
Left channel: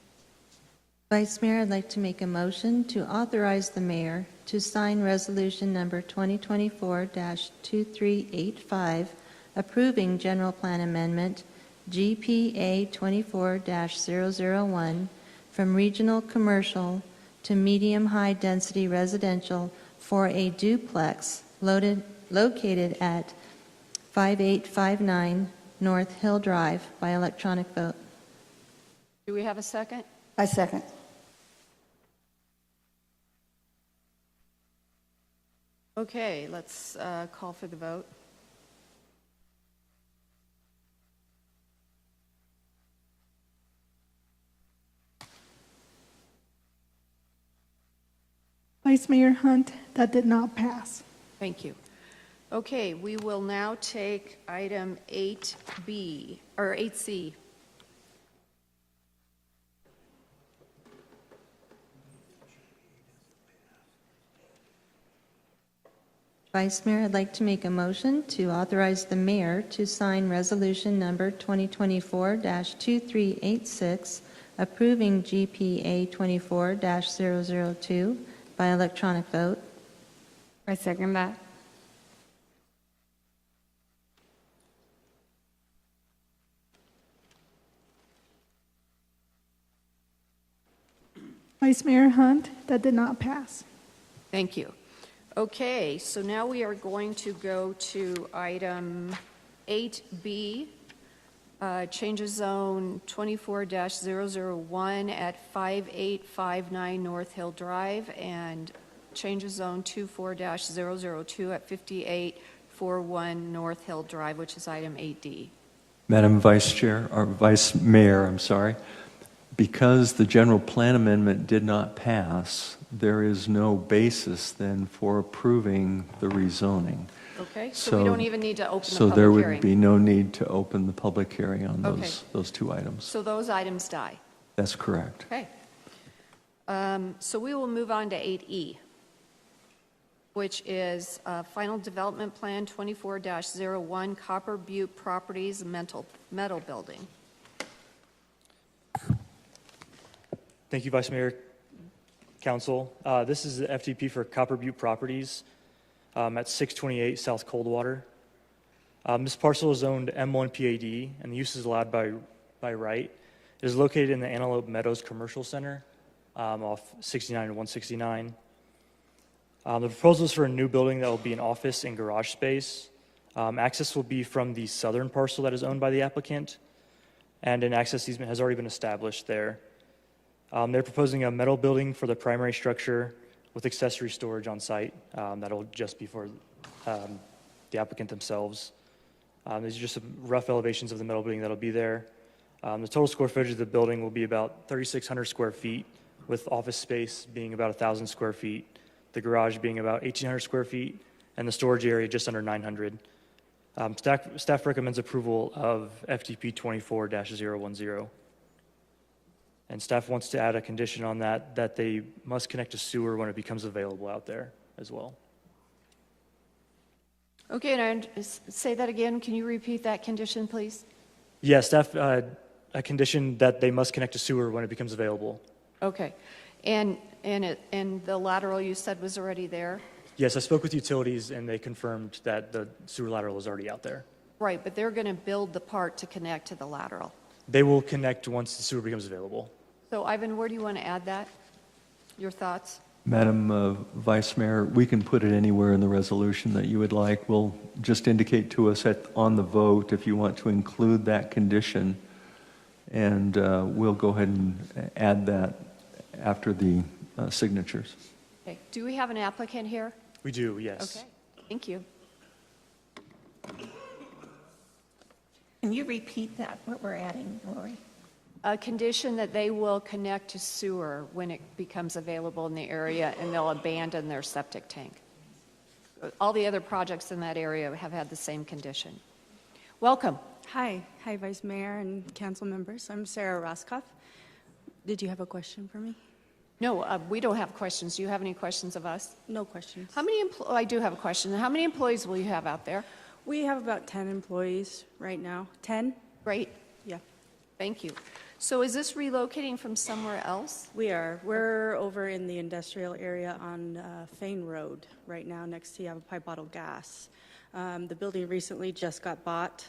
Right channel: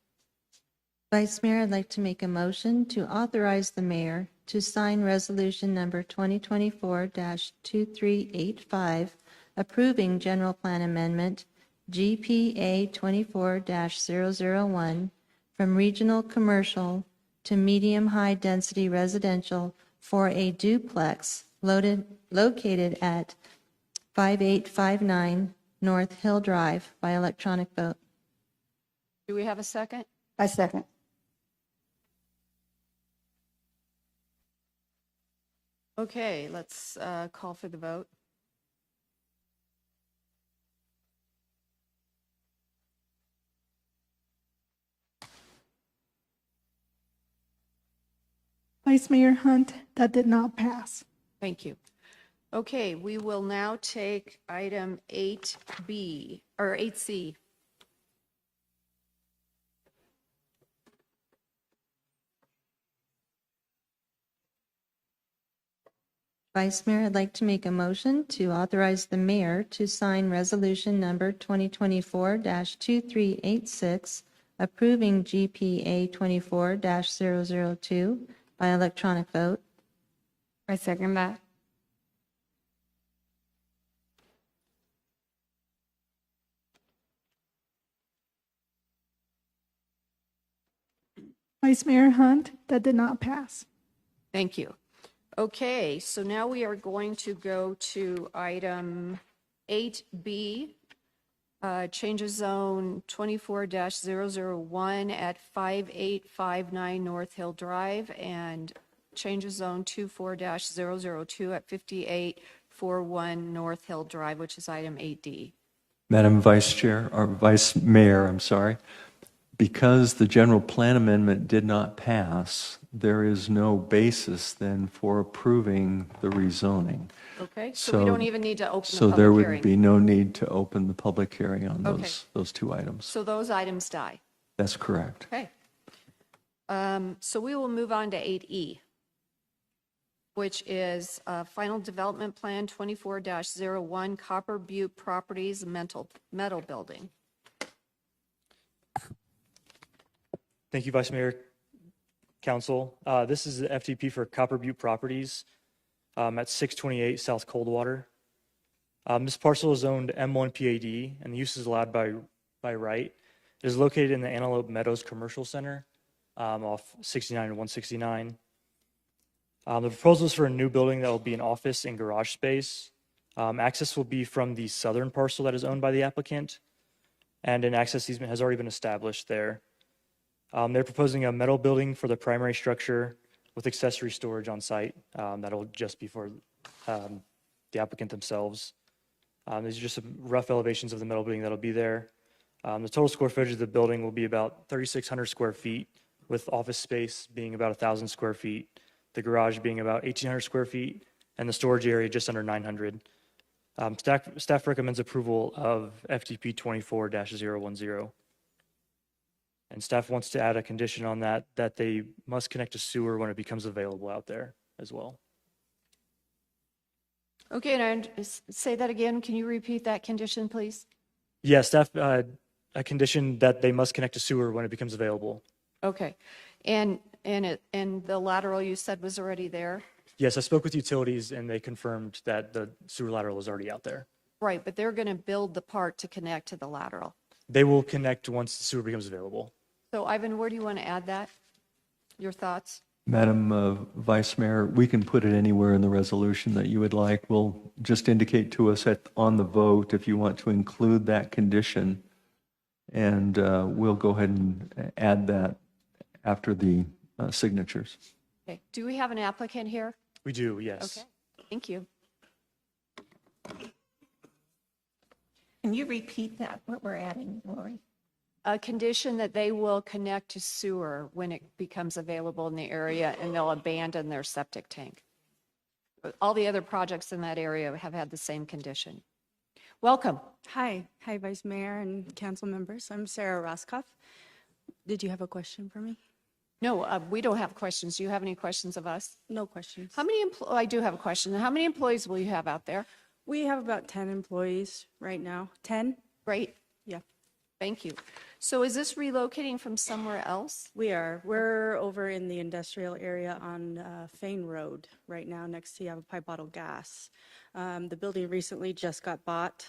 Vice Mayor, I'd like to make a motion to authorize the mayor to sign resolution number 2024-2385, approving general plan amendment GPA 24-001 from regional commercial to medium-high density residential for a duplex located at 5859 North Hill Drive by electronic vote. Do we have a second? I second. Okay, let's call for the vote. Vice Mayor Hunt, that did not pass. Thank you. Okay, we will now take item 8B, or 8C. Vice Mayor, I'd like to make a motion to authorize the mayor to sign resolution number 2024-2386, approving GPA 24-002 by electronic vote. I second that. Vice Mayor Hunt, that did not pass. Thank you. Okay, so now we are going to go to item 8B, changes zone 24-001 at 5859 North Hill Drive, and changes zone 24-002 at 5841 North Hill Drive, which is item 8D. Madam Vice Chair, or Vice Mayor, I'm sorry, because the general plan amendment did not pass, there is no basis then for approving the rezoning. Okay, so we don't even need to open the So public there would hearing. be no need to open the public hearing on Okay. those two items. So those items die. That's correct. Okay. So we will move on to 8E. which is Final Development Plan 24-01 Copper Butte Properties Metal Building. Thank you, Vice Mayor, Council. This is the FDP for Copper Butte Properties at 628 South Coldwater. This parcel is owned M1 PAD, and the use is allowed by right. It is located in the Antelope Meadows Commercial Center off 69 and 169. The proposal is for a new building that will be an office and garage space. Access will be from the southern parcel that is owned by the applicant, and an access easement has already been established there. They're proposing a metal building for the primary structure with accessory storage on site. That'll just be for the applicant themselves. These are just some rough elevations of the metal building that'll be there. The total square footage of the building will be about 3,600 square feet, with office space being about 1,000 square feet, the garage being about 1,800 square feet, and the storage area just under 900. Staff recommends approval of FDP 24-010. And staff wants to add a condition on that they must connect to sewer when it becomes available out there as well. Okay, and say that again. Can you repeat that condition, please? Yeah, staff, a condition that they must connect to sewer when it becomes available. Okay. And the lateral you said was already there? Yes, I spoke with utilities and they confirmed that the sewer lateral is already out there. Right, but they're going to build the part to connect to the lateral. They will connect once the sewer becomes available. So Ivan, where do you want to add that? Your thoughts? Madam Vice Mayor, we can put it anywhere in the resolution that you would like. We'll just indicate to us on the vote if you want to include that condition, and we'll go ahead and add that after the signatures. Okay. Do we have an applicant here? We do, yes. Okay. Thank you. Can you repeat that, what we're adding, Lori? A condition that they will connect to sewer when it becomes available in the area, and they'll abandon their septic tank. All the other projects in that area have had the same condition. Welcome. Hi, Vice Mayor and council members. I'm Sarah Roskoff. Did you have a question for me? No, we don't have questions. Do you have any questions of us? No questions. How many I do have a question. How many employees will you have out there? We have about 10 employees right now. 10? Great. Yeah. Thank you. So is this relocating from somewhere else? We are. We're over in the industrial area on Fane Road right now next to Yavapai Bottle Gas. The building recently just got bought,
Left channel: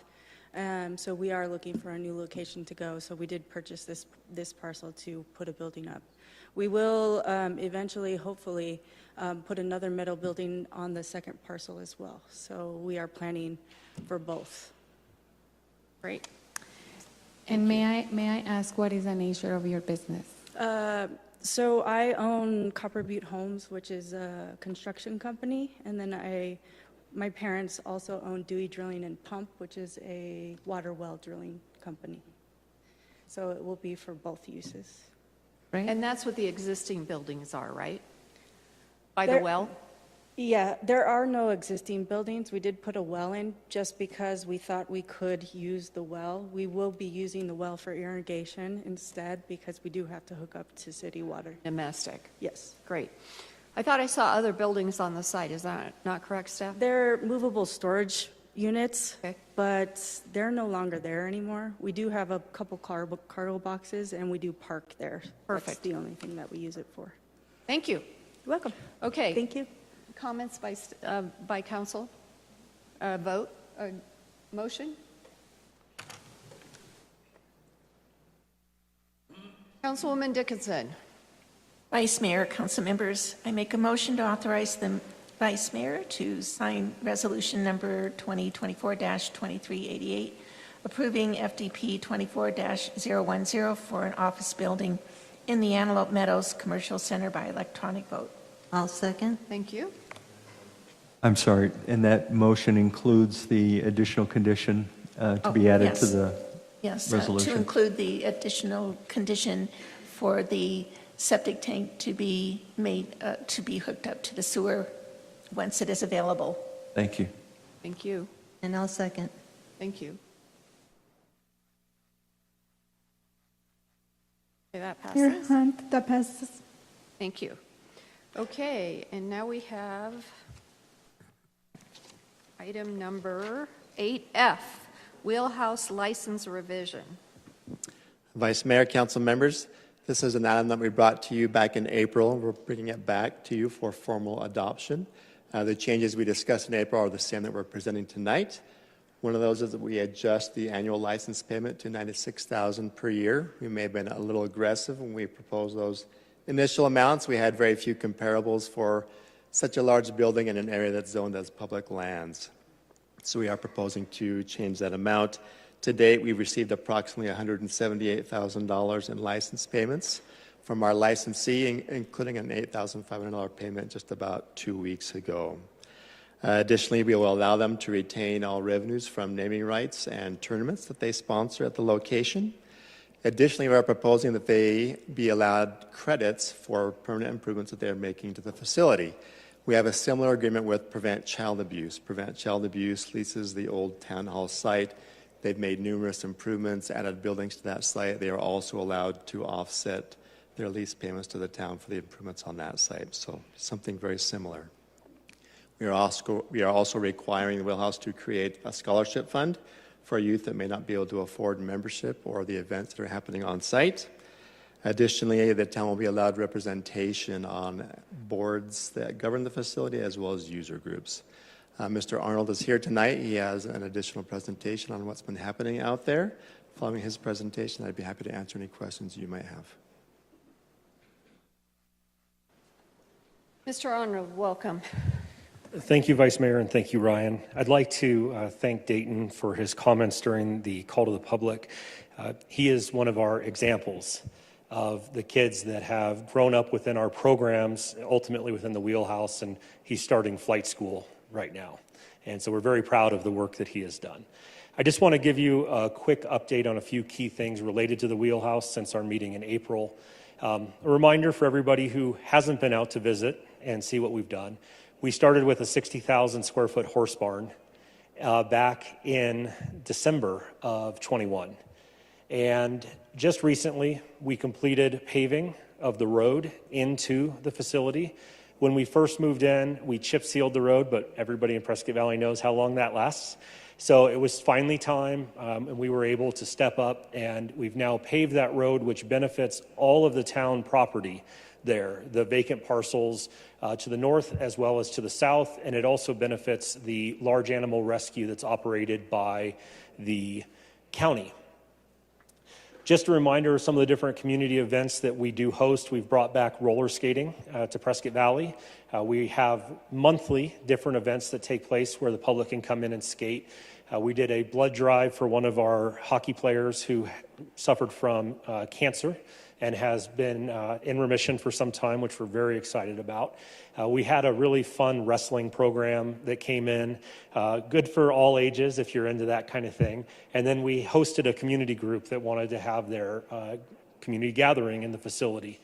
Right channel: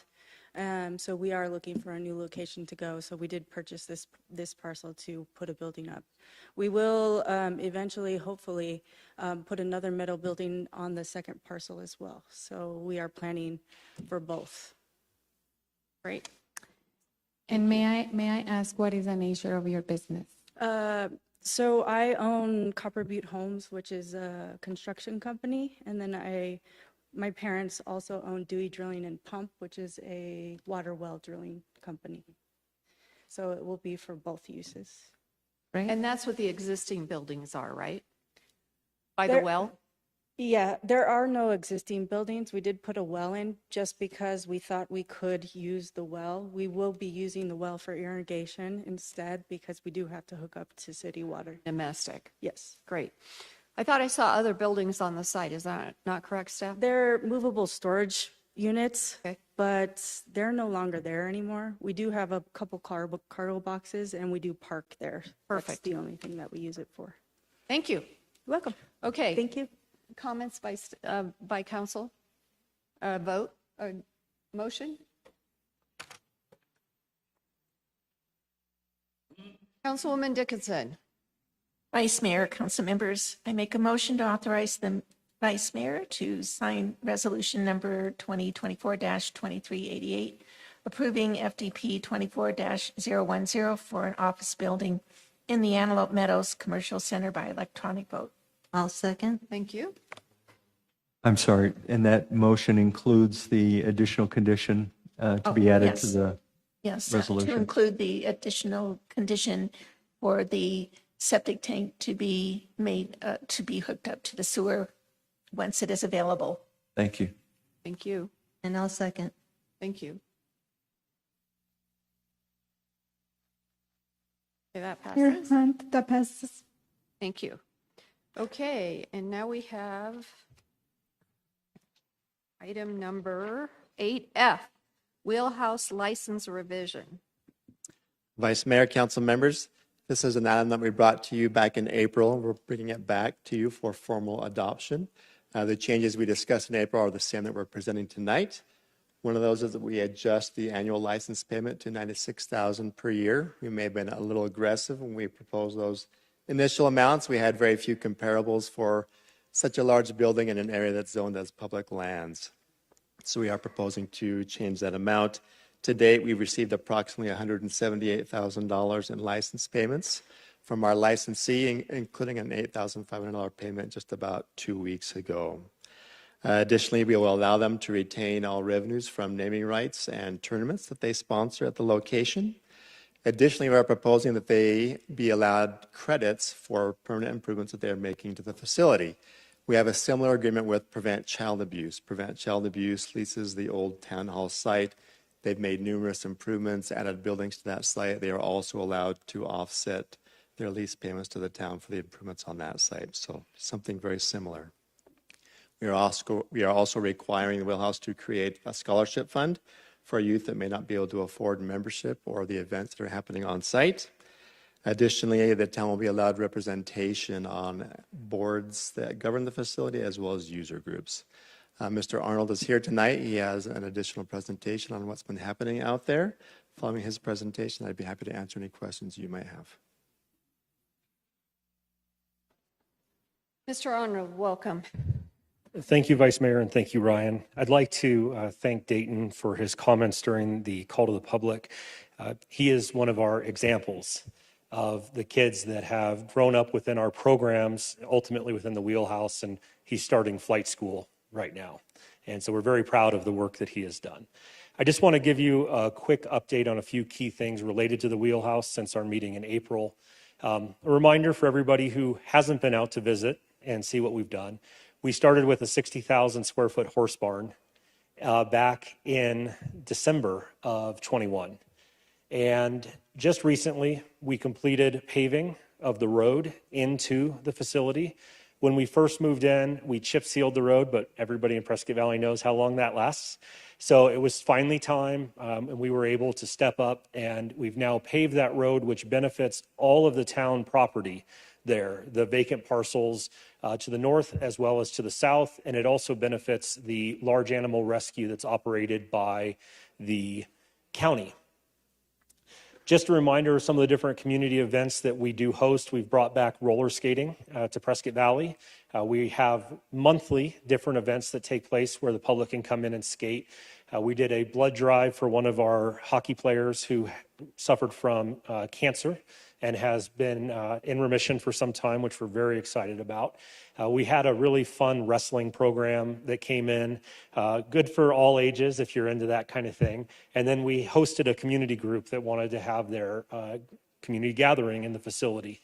so we are looking for a new location to go. So we did purchase this parcel to put a building up. We will eventually, hopefully, put another metal building on the second parcel as well. So we are planning for both. Great. And may I ask, what is the nature of your business? So I own Copper Butte Homes, which is a construction company, and then my parents also own Dewey Drilling and Pump, which is a water well drilling company. So it will be for both uses. Right. And that's what the existing buildings are, right? By the well? Yeah, there are no existing buildings. We did put a well in just because we thought we could use the well. We will be using the well for irrigation instead because we do have to hook up to city water. Domestic? Yes. Great. I thought I saw other buildings on the site. Is that not correct, Steph? They're movable storage units, but they're no longer there anymore. We do have a couple cargo boxes and we do park there. Perfect. That's the only thing that we use it for. Thank you. You're welcome. Okay. Thank you. Comments by council? Vote? Motion? Councilwoman Dickinson. Vice Mayor, council members, I make a motion to authorize the Vice Mayor to sign resolution number 2024-2388, approving FDP 24-010 for an office building in the Antelope Meadows Commercial Center by electronic vote. I'll second. Thank you. I'm sorry, and that motion includes the additional condition to be added to the resolution? To include the additional condition for the septic tank to be made, to be hooked up to the sewer once it is available. Thank you. Thank you. And I'll second. Thank you. Okay, that passes. Mayor Hunt, that passes. Thank you. Okay, and now we have Item number 8F, Wheelhouse License Revision. Vice Mayor, council members, this is an item that we brought to you back in April. We're bringing it back to you for formal adoption. The changes we discussed in April are the same that we're presenting tonight. One of those is that we adjust the annual license payment to $96,000 per year. We may have been a little aggressive when we proposed those initial amounts. We had very few comparables for such a large building in an area that's zoned as public lands. So we are proposing to change that amount. To date, we've received approximately $178,000 in license payments from our licensee, including an $8,500 payment just about 2 weeks ago. Additionally, we will allow them to retain all revenues from naming rights and tournaments that they sponsor at the location. Additionally, we are proposing that they be allowed credits for permanent improvements that they're making to the facility. We have a similar agreement with Prevent Child Abuse. Prevent Child Abuse leases the old town hall site. They've made numerous improvements, added buildings to that site. They are also allowed to offset their lease payments to the town for the improvements on that site. So something very similar. We are also requiring the Wheelhouse to create a scholarship fund for youth that may not be able to afford membership or the events that are happening on site. Additionally, the town will be allowed representation on boards that govern the facility as well as user groups. Mr. Arnold is here tonight. He has an additional presentation on what's been happening out there. Following his presentation, I'd be happy to answer any questions you might have. Mr. Arnold, welcome. Thank you, Vice Mayor, and thank you, Ryan. I'd like to thank Dayton for his comments during the call to the public. He is one of our examples of the kids that have grown up within our programs, ultimately within the Wheelhouse, and he's starting flight school right now. And so we're very proud of the work that he has done. I just want to give you a quick update on a few key things related to the Wheelhouse since our meeting in April. A reminder for everybody who hasn't been out to visit and see what we've done. We started with a 60,000 square foot horse barn back in December of 21. And just recently, we completed paving of the road into the facility. When we first moved in, we chip sealed the road, but everybody in Prescott Valley knows how long that lasts. So it was finally time, and we were able to step up, and we've now paved that road, which benefits all of the town property there, the vacant parcels to the north as well as to the south, and it also benefits the large animal rescue that's operated by the county. Just a reminder of some of the different community events that we do host. We've brought back roller skating to Prescott Valley. We have monthly different events that take place where the public can come in and skate. We did a blood drive for one of our hockey players who suffered from cancer and has been in remission for some time, which we're very excited about. We had a really fun wrestling program that came in, good for all ages if you're into that kind of thing. And then we hosted a community group that wanted to have their community gathering in the facility.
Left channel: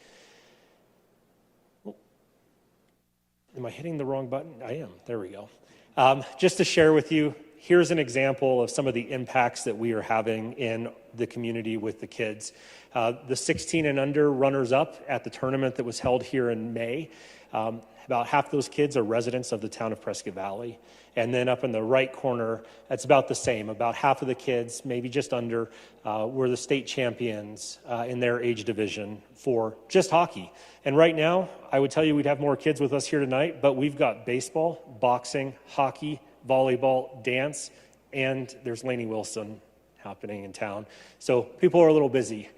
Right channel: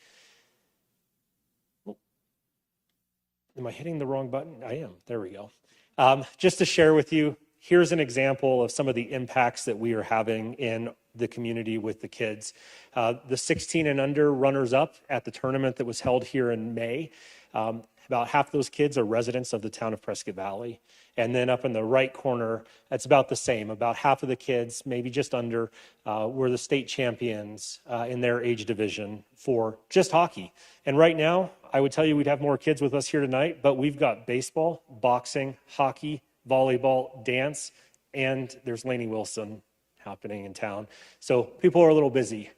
Am I hitting the wrong button? I am. There we go. Just to share with you, here's an example of some of the impacts that we are having in the community with the kids. The 16 and under runners-up at the tournament that was held here in May, about half those kids are residents of the town of Prescott Valley. And then up in the right corner, that's about the same. About half of the kids, maybe just under, were the state champions in their age division for just hockey. And right now, I would tell you we'd have more kids with us here tonight, but we've got baseball, boxing, hockey, volleyball, dance, and there's Lainey Wilson happening in town. So people are a little busy.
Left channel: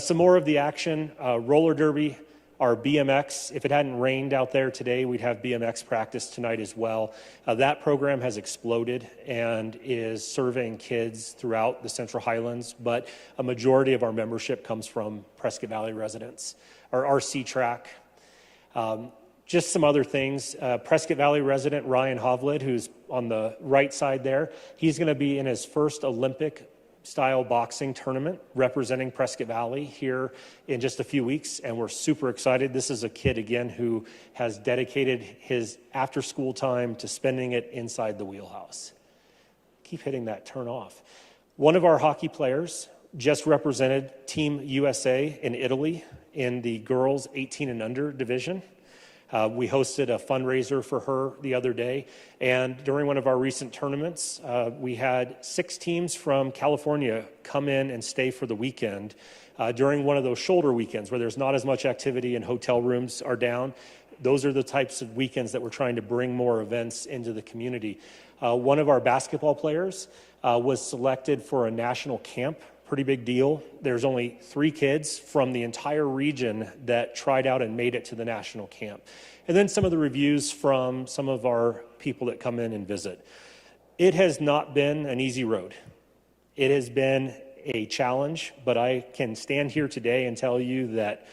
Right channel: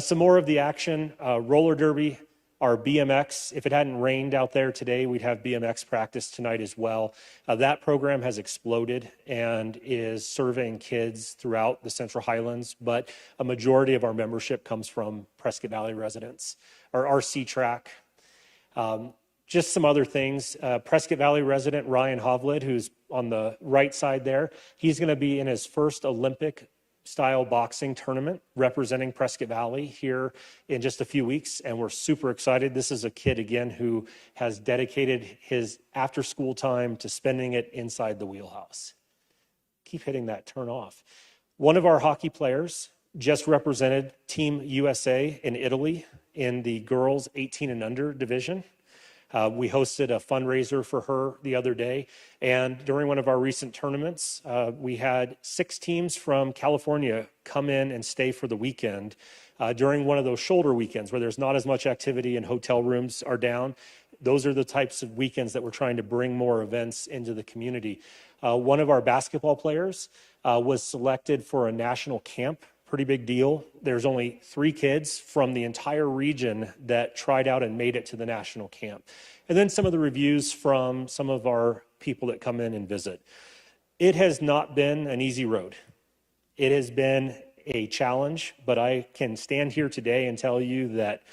Some more of the action, roller derby, our BMX. If it hadn't rained out there today, we'd have BMX practice tonight as well. That program has exploded and is serving kids throughout the Central Highlands, but a majority of our membership comes from Prescott Valley residents. Our RC track. Just some other things. Prescott Valley resident Ryan Hovlid, who's on the right side there, he's going to be in his first Olympic-style boxing tournament representing Prescott Valley here in just a few weeks, and we're super excited. This is a kid, again, who has dedicated his after-school time to spending it inside the Wheelhouse. Keep hitting that turn off. One of our hockey players just represented Team USA in Italy in the girls 18 and under division. We hosted a fundraiser for her the other day, and during one of our recent tournaments, we had 6 teams from California come in and stay for the weekend during one of those shoulder weekends where there's not as much activity and hotel rooms are down. Those are the types of weekends that we're trying to bring more events into the community. One of our basketball players was selected for a national camp. Pretty big deal. There's only 3 kids from the entire region that tried out and made it to the national camp. And then some of the reviews from some of our people that come in and visit. It has not been an easy road. It has been a challenge, but I can stand here today and tell you that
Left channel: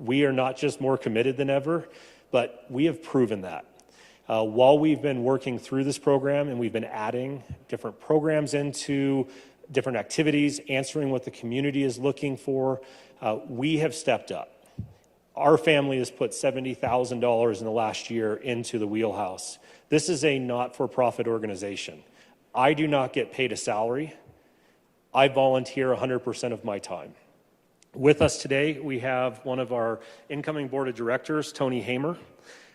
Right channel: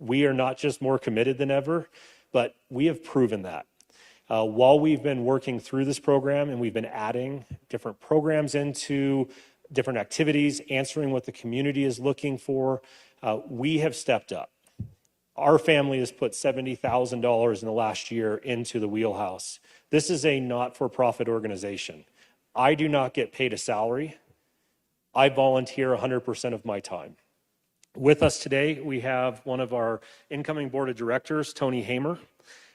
we are not just more committed than ever, but we have proven that. While we've been working through this program and we've been adding different programs into different activities, answering what the community is looking for, we have stepped up. Our family has put $70,000 in the last year into the Wheelhouse. This is a not-for-profit organization. I do not get paid a salary. I volunteer 100% of my time. With us today, we have one of our incoming board of directors, Tony Hamer,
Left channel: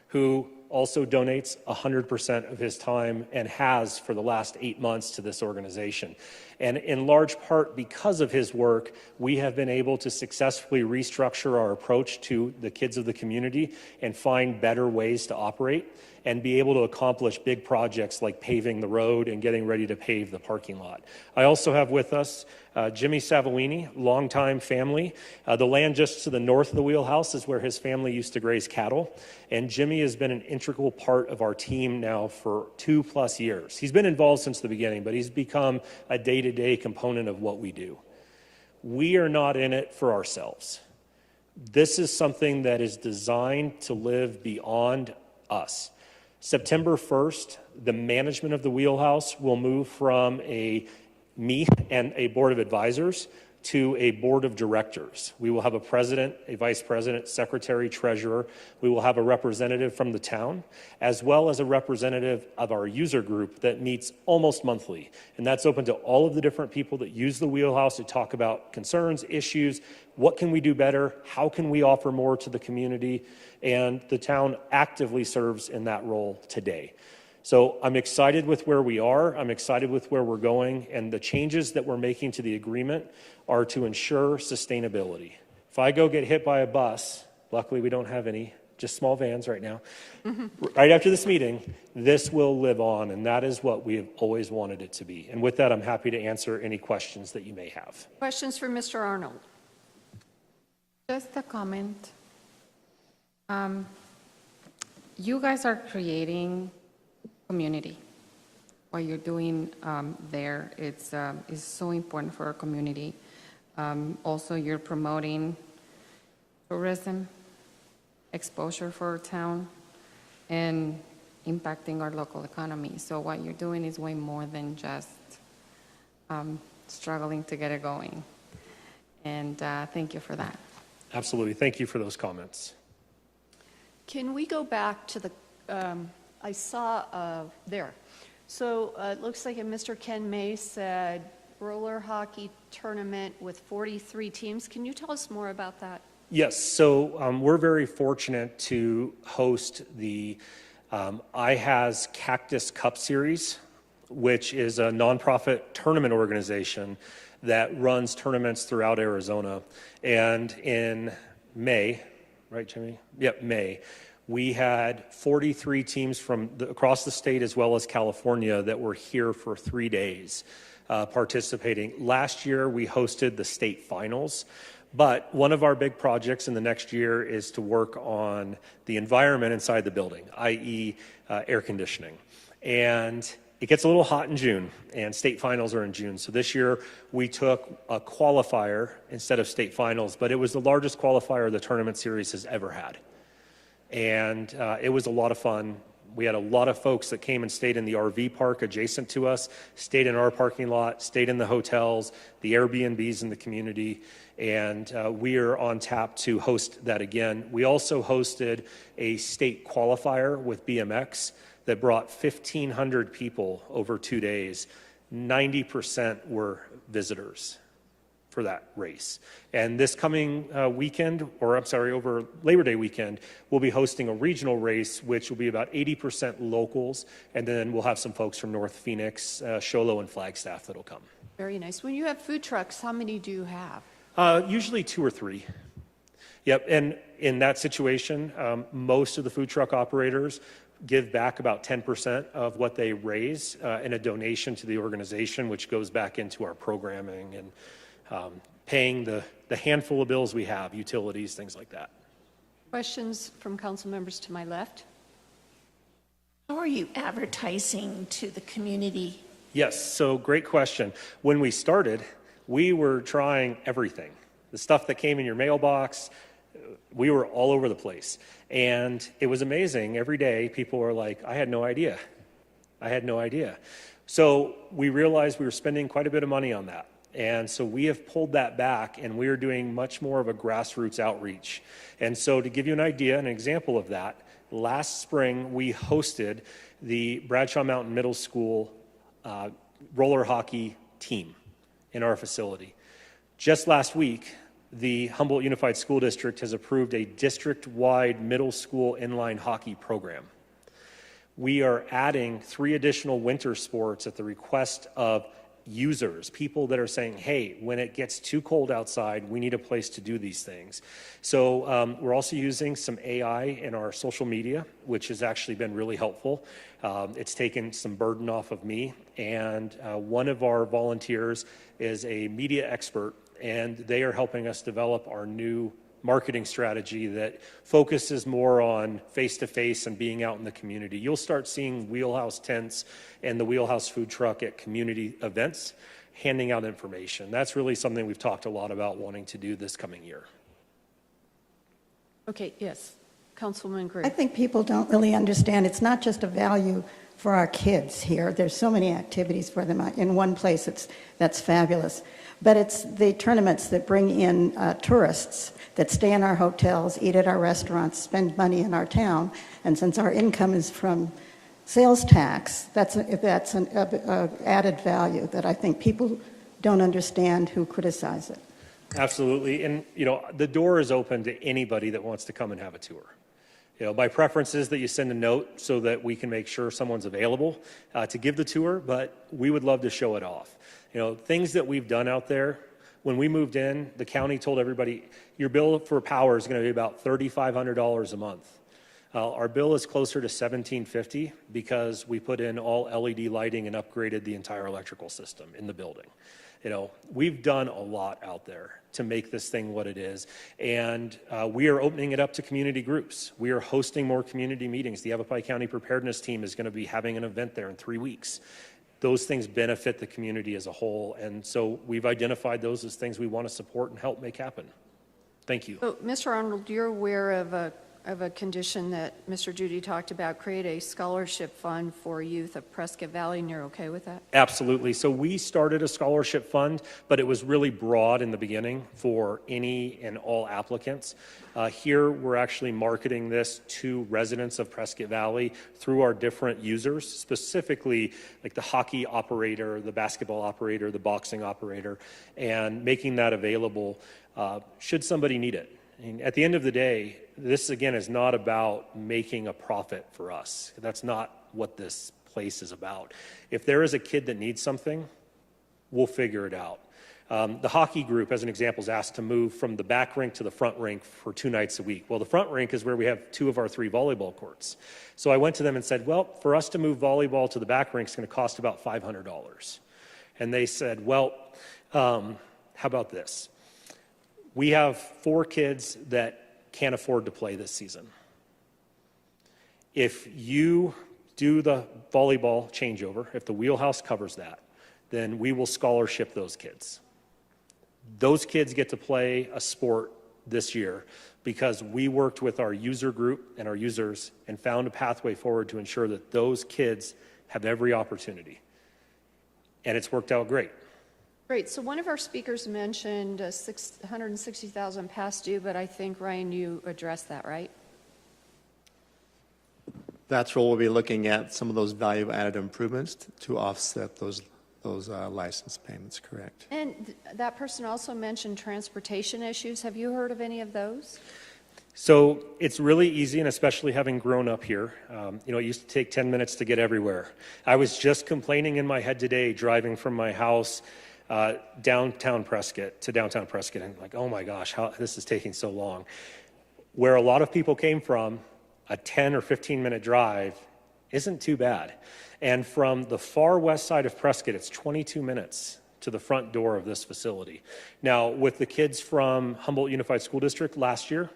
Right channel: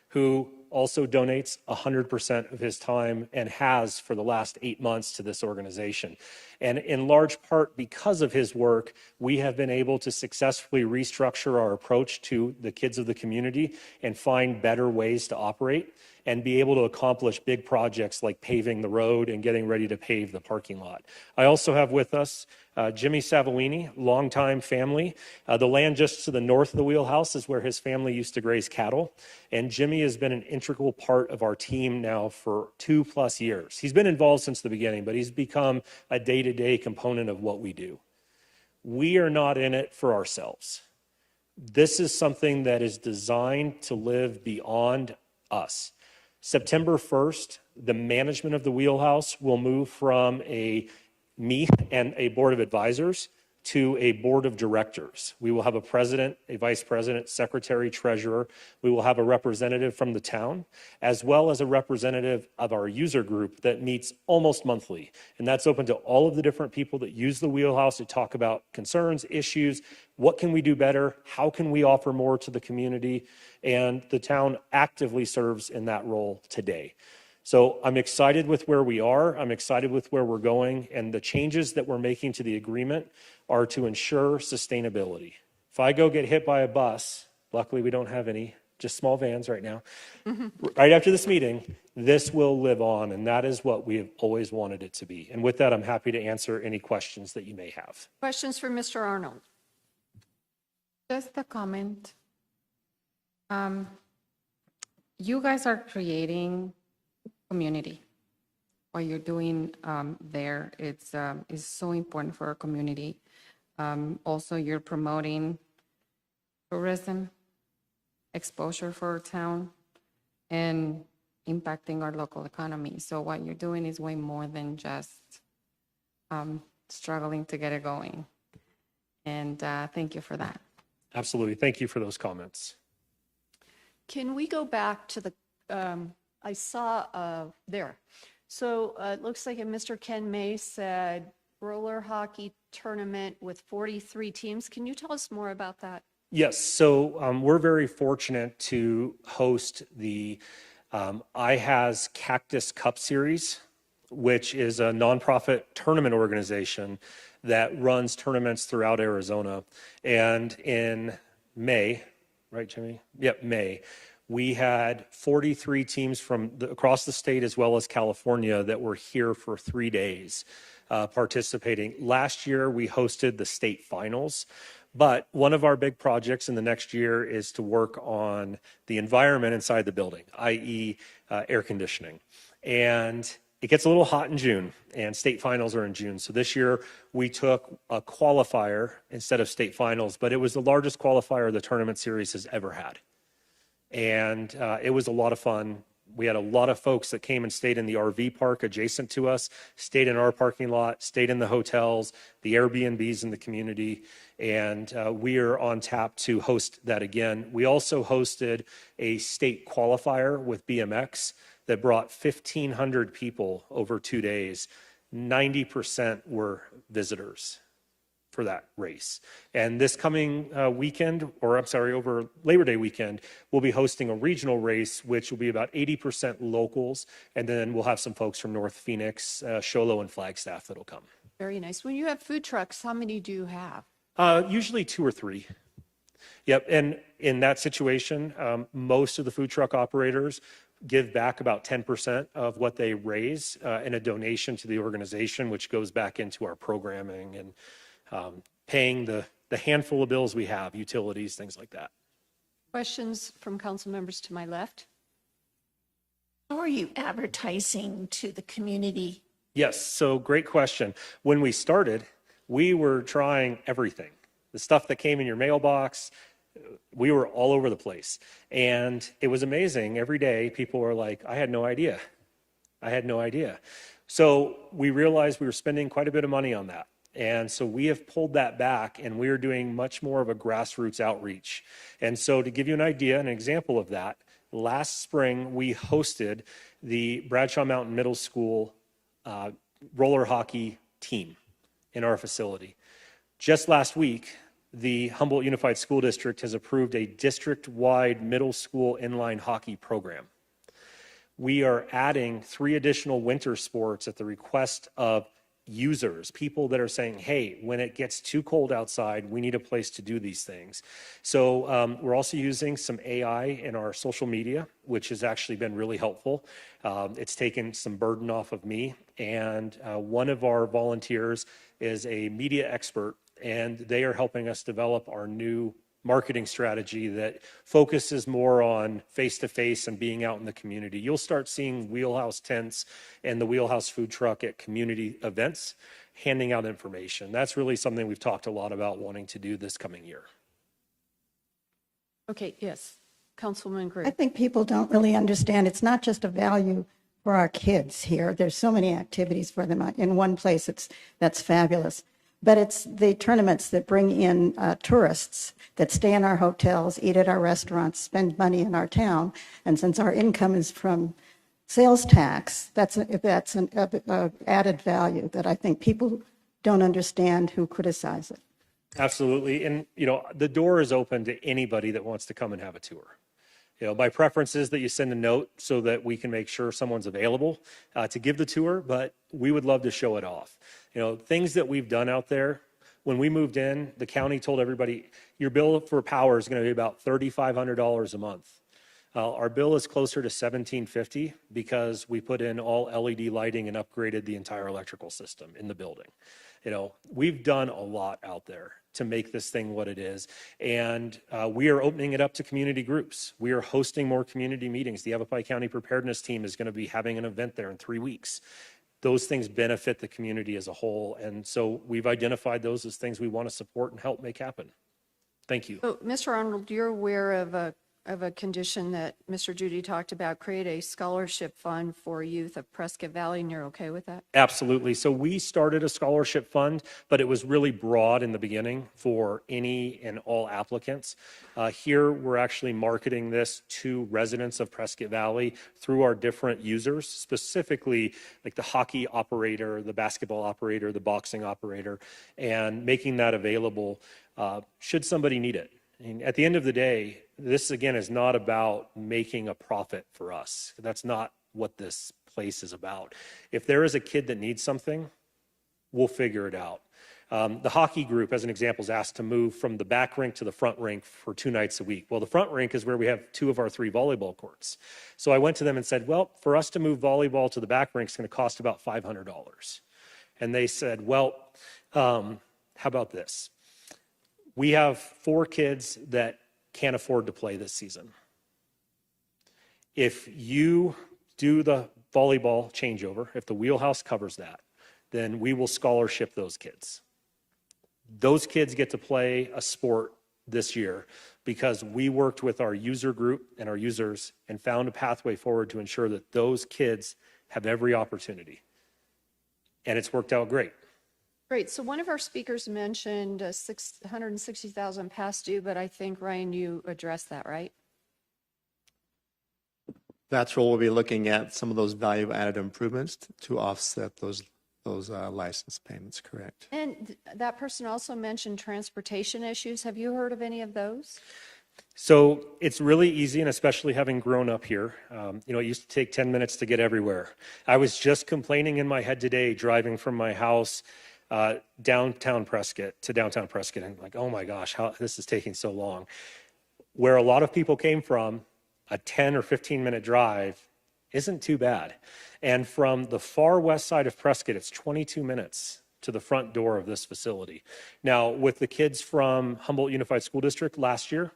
who also donates 100% of his time and has for the last 8 months to this organization. And in large part because of his work, we have been able to successfully restructure our approach to the kids of the community and find better ways to operate and be able to accomplish big projects like paving the road and getting ready to pave the parking lot. I also have with us Jimmy Savellini, longtime family. The land just to the north of the Wheelhouse is where his family used to graze cattle. And Jimmy has been an integral part of our team now for 2+ years. He's been involved since the beginning, but he's become a day-to-day component of what we do. We are not in it for ourselves. This is something that is designed to live beyond us. September 1st, the management of the Wheelhouse will move from me and a board of advisors to a board of directors. We will have a president, a vice president, secretary, treasurer. We will have a representative from the town, as well as a representative of our user group that meets almost monthly. And that's open to all of the different people that use the Wheelhouse to talk about concerns, issues, what can we do better, how can we offer more to the community, and the town actively serves in that role today. So I'm excited with where we are. I'm excited with where we're going. And the changes that we're making to the agreement are to ensure sustainability. If I go get hit by a bus, luckily we don't have any, just small vans right now, right after this meeting, this will live on. And that is what we have always wanted it to be. And with that, I'm happy to answer any questions that you may have. Questions for Mr. Arnold? Just a comment. You guys are creating community. What you're doing there, it's so important for our community. Also, you're promoting tourism, exposure for our town, and impacting our local economy. So what you're doing is way more than just struggling to get it going. And thank you for that. Absolutely. Thank you for those comments. Can we go back to the, I saw there. So it looks like Mr. Ken May said roller hockey tournament with 43 teams. Can you tell us more about that? Yes, so we're very fortunate to host the IHAS Cactus Cup Series, which is a nonprofit tournament organization that runs tournaments throughout Arizona. And in May, right, Jimmy? Yep, May. We had 43 teams from across the state as well as California that were here for 3 days participating. Last year, we hosted the state finals. But one of our big projects in the next year is to work on the environment inside the building, i.e. Air conditioning. And it gets a little hot in June, and state finals are in June. So this year, we took a qualifier instead of state finals, but it was the largest qualifier the tournament series has ever had. And it was a lot of fun. We had a lot of folks that came and stayed in the RV park adjacent to us, stayed in our parking lot, stayed in the hotels, the Airbnbs in the community, and we are on tap to host that again. We also hosted a state qualifier with BMX that brought 1,500 people over 2 days. 90% were visitors. for that race. And this coming weekend, or I'm sorry, over Labor Day weekend, we'll be hosting a regional race, which will be about 80% locals, and then we'll have some folks from North Phoenix, Show Low, and Flagstaff that'll come. Very nice. When you have food trucks, how many do you have? Usually 2 or 3. Yep, and in that situation, most of the food truck operators give back about 10% of what they raise in a donation to the organization, which goes back into our programming and paying the handful of bills we have, utilities, things like that. Questions from council members to my left? How are you advertising to the community? Yes, so great question. When we started, we were trying everything. The stuff that came in your mailbox, we were all over the place. And it was amazing. Every day, people were like, I had no idea. I had no idea. So we realized we were spending quite a bit of money on that. And so we have pulled that back, and we're doing much more of a grassroots outreach. And so to give you an idea, an example of that, last spring we hosted the Bradshaw Mountain Middle School roller hockey team in our facility. Just last week, the Humboldt Unified School District has approved a district-wide middle school inline hockey program. We are adding 3 additional winter sports at the request of users, people that are saying, hey, when it gets too cold outside, we need a place to do these things. So we're also using some AI in our social media, which has actually been really helpful. It's taken some burden off of me. And one of our volunteers is a media expert, and they are helping us develop our new marketing strategy that focuses more on face-to-face and being out in the community. You'll start seeing Wheelhouse tents and the Wheelhouse food truck at community events handing out information. That's really something we've talked a lot about wanting to do this coming year. Okay, yes. Councilwoman Gray. I think people don't really understand. It's not just a value for our kids here. There's so many activities for them in one place. That's fabulous. But it's the tournaments that bring in tourists that stay in our hotels, eat at our restaurants, spend money in our town. And since our income is from sales tax, that's an added value that I think people don't understand who criticize it. Absolutely. And, the door is open to anybody that wants to come and have a tour. My preference is that you send a note so that we can make sure someone's available to give the tour, but we would love to show it off. Things that we've done out there. When we moved in, the county told everybody, your bill for power is going to be about $3,500 a month. Our bill is closer to $1,750 because we put in all LED lighting and upgraded the entire electrical system in the building. We've done a lot out there to make this thing what it is. And we are opening it up to community groups. We are hosting more community meetings. The Yavapai County Preparedness Team is going to be having an event there in 3 weeks. Those things benefit the community as a whole. And so we've identified those as things we want to support and help make happen. Thank you. So, Mr. Arnold, you're aware of a condition that Mr. Judy talked about, create a scholarship fund for youth of Prescott Valley, and you're okay with that? Absolutely. So we started a scholarship fund, but it was really broad in the beginning for any and all applicants. Here, we're actually marketing this to residents of Prescott Valley through our different users, specifically like the hockey operator, the basketball operator, the boxing operator, and making that available should somebody need it. And at the end of the day, this, again, is not about making a profit for us. That's not what this place is about. If there is a kid that needs something, we'll figure it out. The hockey group, as an example, is asked to move from the back rink to the front rink for 2 nights a week. Well, the front rink is where we have 2 of our 3 volleyball courts. So I went to them and said, well, for us to move volleyball to the back rink is going to cost about $500. And they said, well, how about this? We have 4 kids that can't afford to play this season. If you do the volleyball changeover, if the Wheelhouse covers that, then we will scholarship those kids. Those kids get to play a sport this year because we worked with our user group and our users and found a pathway forward to ensure that those kids have every opportunity. And it's worked out great. Great. So one of our speakers mentioned $160,000 past due, but I think, Ryan, you addressed that, right? That's where we'll be looking at some of those value-added improvements to offset those license payments, correct? And that person also mentioned transportation issues. Have you heard of any of those? So it's really easy, and especially having grown up here, it used to take 10 minutes to get everywhere. I was just complaining in my head today, driving from my house downtown Prescott, and like, oh my gosh, how this is taking so long. Where a lot of people came from, a 10 or 15-minute drive isn't too bad. And from the far west side of Prescott, it's 22 minutes to the front door of this facility. Now, with the kids from Humboldt Unified School District last year,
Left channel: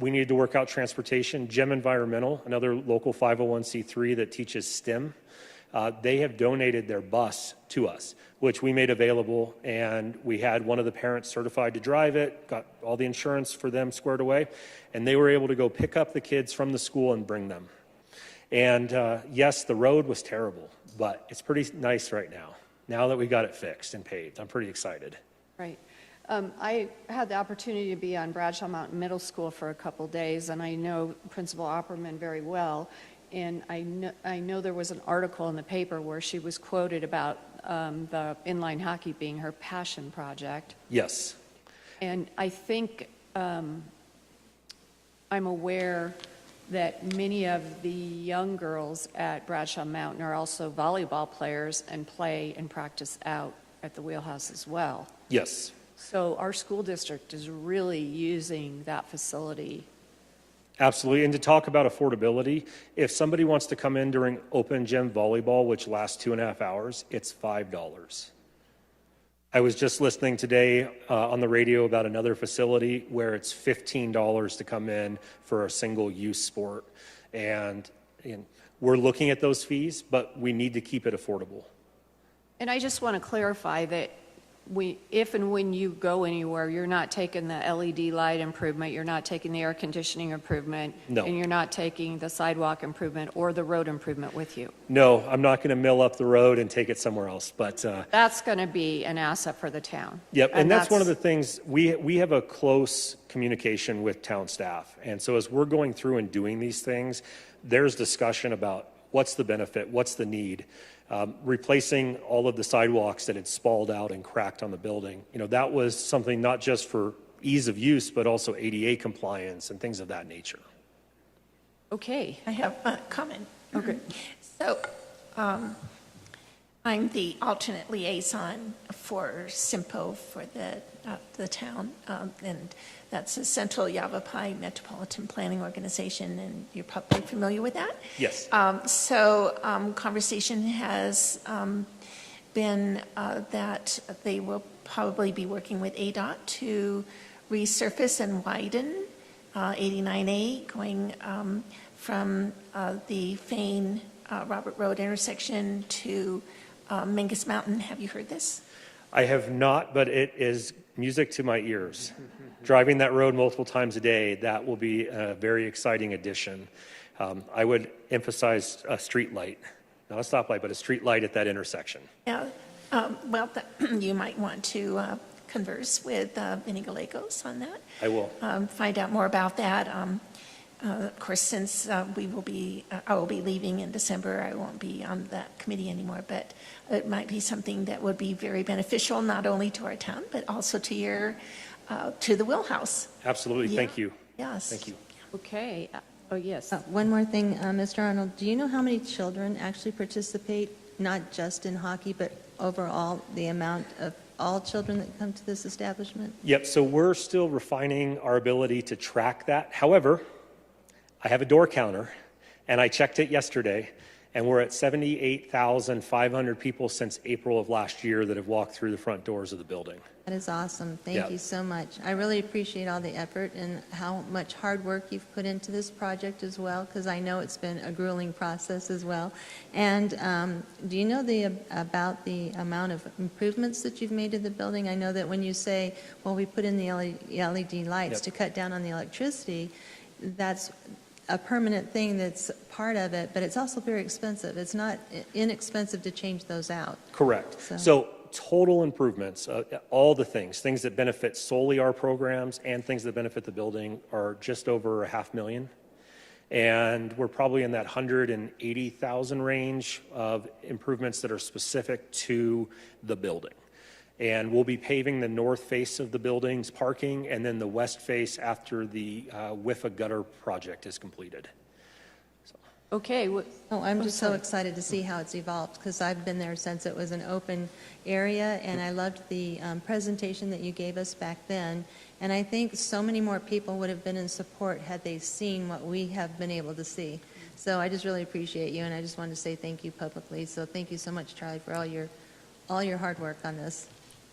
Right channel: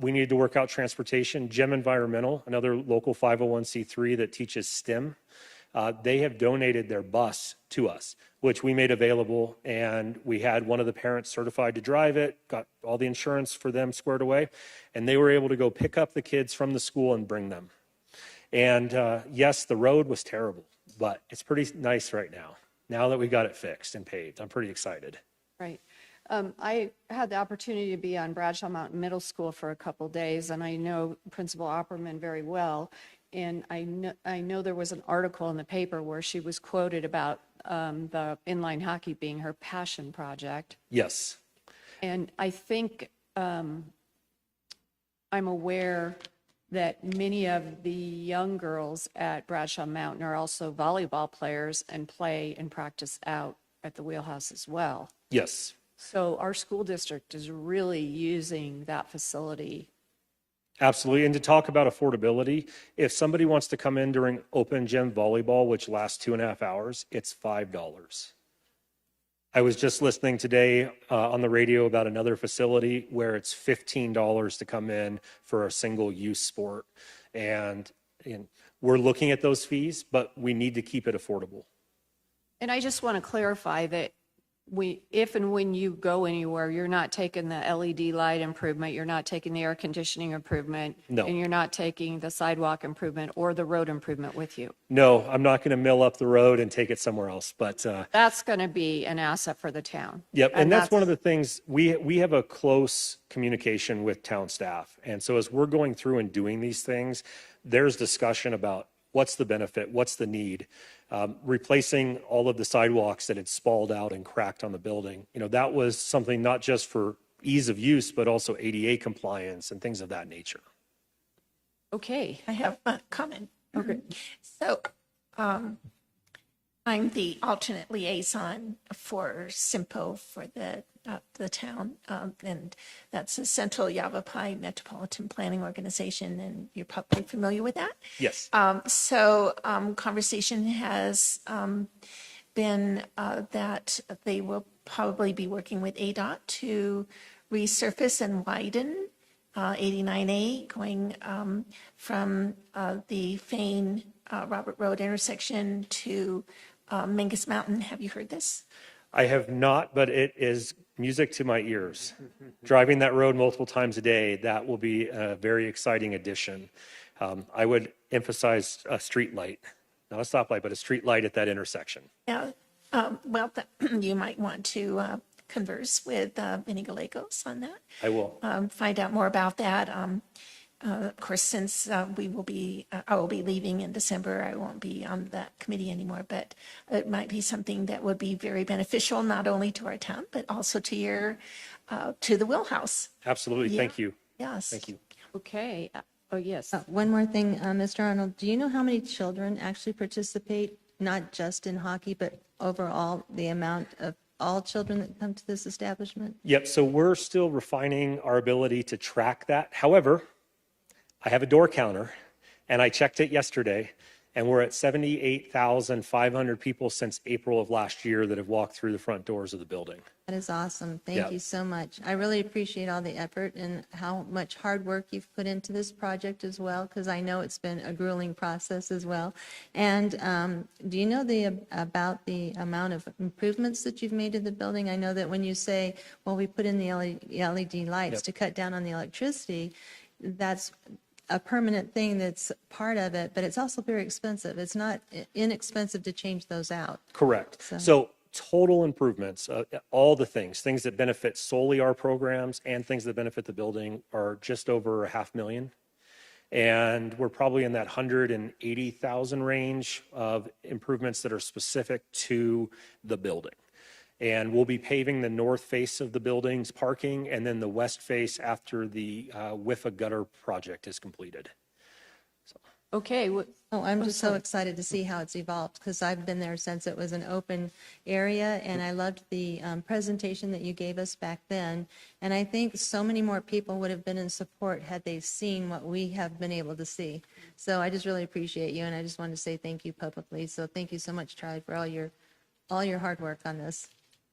we needed to work out transportation. GEM Environmental, another local 501c3 that teaches STEM, they have donated their bus to us, which we made available, and we had one of the parents certified to drive it, got all the insurance for them squared away, and they were able to go pick up the kids from the school and bring them. And yes, the road was terrible, but it's pretty nice right now that we got it fixed and paved. I'm pretty excited. Right. I had the opportunity to be on Bradshaw Mountain Middle School for a couple days, and I know Principal Opperman very well. And I know there was an article in the paper where she was quoted about the inline hockey being her passion project. Yes. And I think I'm aware that many of the young girls at Bradshaw Mountain are also volleyball players and play and practice out at the Wheelhouse as well. Yes. So our school district is really using that facility. Absolutely. And to talk about affordability, if somebody wants to come in during open gym volleyball, which lasts 2.5 hours, it's $5. I was just listening today on the radio about another facility where it's $15 to come in for a single use sport. And we're looking at those fees, but we need to keep it affordable. And I just want to clarify that if and when you go anywhere, you're not taking the LED light improvement, you're not taking the air conditioning improvement, No. and you're not taking the sidewalk improvement or the road improvement with you. No, I'm not going to mill up the road and take it somewhere else, but That's going to be an asset for the town. yep, and that's one of the things, we have a close communication with town staff. And so as we're going through and doing these things, there's discussion about what's the benefit, what's the need. Replacing all of the sidewalks that had spalled out and cracked on the building. That was something not just for ease of use, but also ADA compliance and things of that nature. Okay. I have a comment. Okay. So I'm the alternate liaison for SIMPO for the town, and that's the Central Yavapai Metropolitan Planning Organization, and you're probably familiar with that. Yes. So conversation has been that they will probably be working with ADOT to resurface and widen 89A going from the Fane Robert Road intersection to Mingus Mountain. Have you heard this? I have not, but it is music to my ears. Driving that road multiple times a day, that will be a very exciting addition. I would emphasize a street light, not a stoplight, but a street light at that intersection. Yeah. Well, you might want to converse with Vinnie Gallegos on that. I will. Find out more about that. Of course, since I will be leaving in December, I won't be on that committee anymore, but it might be something that would be very beneficial, not only to our town, but also to the Wheelhouse. Absolutely. Yeah. Thank you. Yes. Thank you. Okay. Oh, yes. One more thing, Mr. Arnold, do you know how many children actually participate, not just in hockey, but overall the amount of all children that come to this establishment? Yep, so we're still refining our ability to track that. However, I have a door counter, and I checked it yesterday, and we're at 78,500 people since April of last year that have walked through the front doors of the building. That is awesome. Thank Yeah. you so much. I really appreciate all the effort and how much hard work you've put into this project as well, because I know it's been a grueling process as well. And do you know about the amount of improvements that you've made to the building? I know that when you say, well, we put in the LED lights Yep. to cut down on the electricity, that's a permanent thing that's part of it, but it's also very expensive. It's not inexpensive to change those out. Correct. So total improvements, all the things that benefit solely our programs and things that benefit the building are just over $500,000. And we're probably in that 180,000 range of improvements that are specific to the building. And we'll be paving the north face of the building's parking and then the west face after the WIFA gutter project is completed. Okay. I'm just so excited to see how it's evolved, because I've been there since it was an open area, and I loved the presentation that you gave us back then. And I think so many more people would have been in support had they seen what we have been able to see. So I just really appreciate you, and I just wanted to say thank you publicly. So thank you so much, Charlie, for all your hard work on this.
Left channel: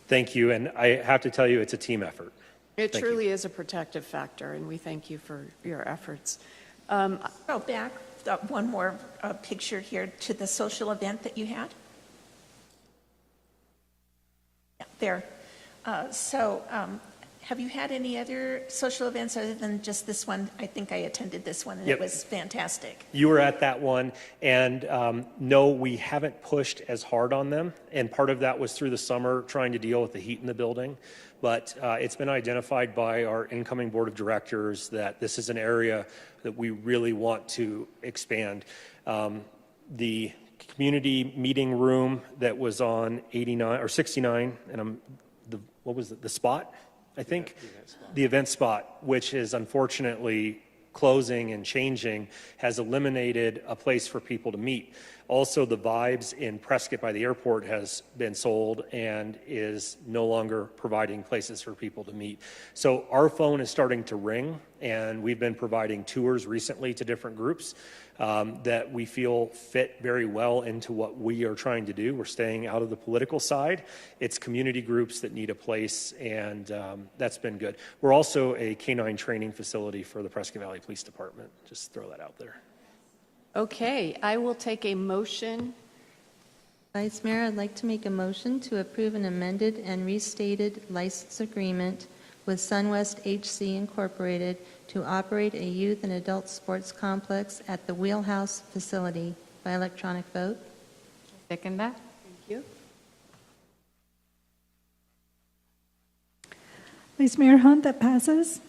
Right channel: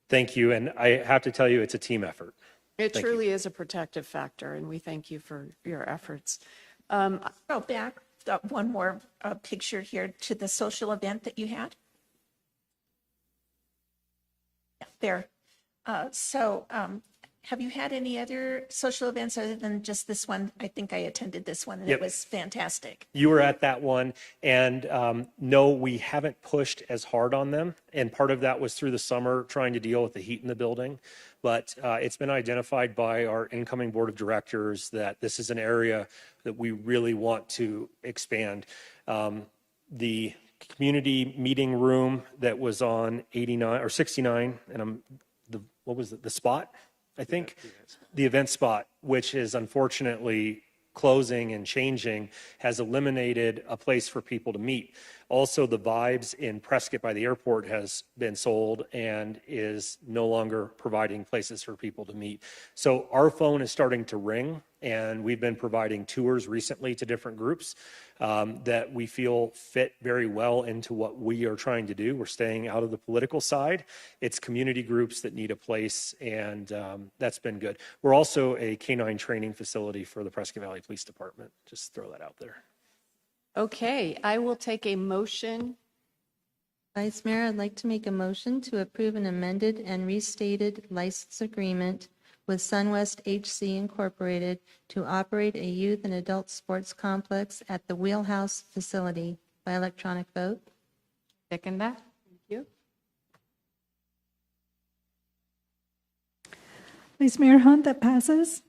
Thank you, and I have to tell you, it's a team effort. It Thank truly is a protective factor, and we thank you for your efforts. Go back one more picture here to the social event that you had. Yeah, there. Have you had any other social events other than just this one? I think I attended this one, and Yep. It was fantastic. You were at that one, and no, we haven't pushed as hard on them. And part of that was through the summer trying to deal with the heat in the building. But it's been identified by our incoming board of directors that this is an area that we really want to expand. The community meeting room that was on 89 or 69, and what was it, the spot? I think the event spot, which is unfortunately closing and changing, has eliminated a place for people to meet. Also, the Vibes in Prescott by the airport has been sold and is no longer providing places for people to meet. So our phone is starting to ring, and we've been providing tours recently to different groups that we feel fit very well into what we are trying to do. We're staying out of the political side. It's community groups that need a place, and that's been good. We're also a canine training facility for the Prescott Valley Police Department. Just throw that out there. Okay, I will take a motion. Vice Mayor, I'd like to make a motion to approve an amended and restated license agreement with SunWest HC Incorporated to operate a youth and adult sports complex at the Wheelhouse facility by electronic vote. Second that. Thank you. Vice Mayor Hunt, that passes.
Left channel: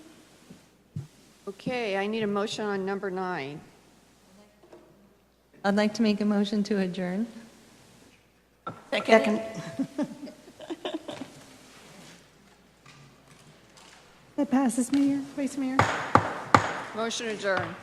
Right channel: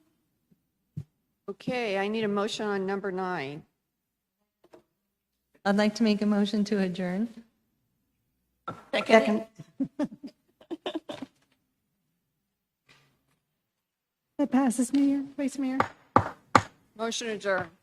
Okay, I need a motion on number 9. I'd like to make a motion to adjourn. Second. That passes, Mayor, Vice Mayor. Motion adjourned.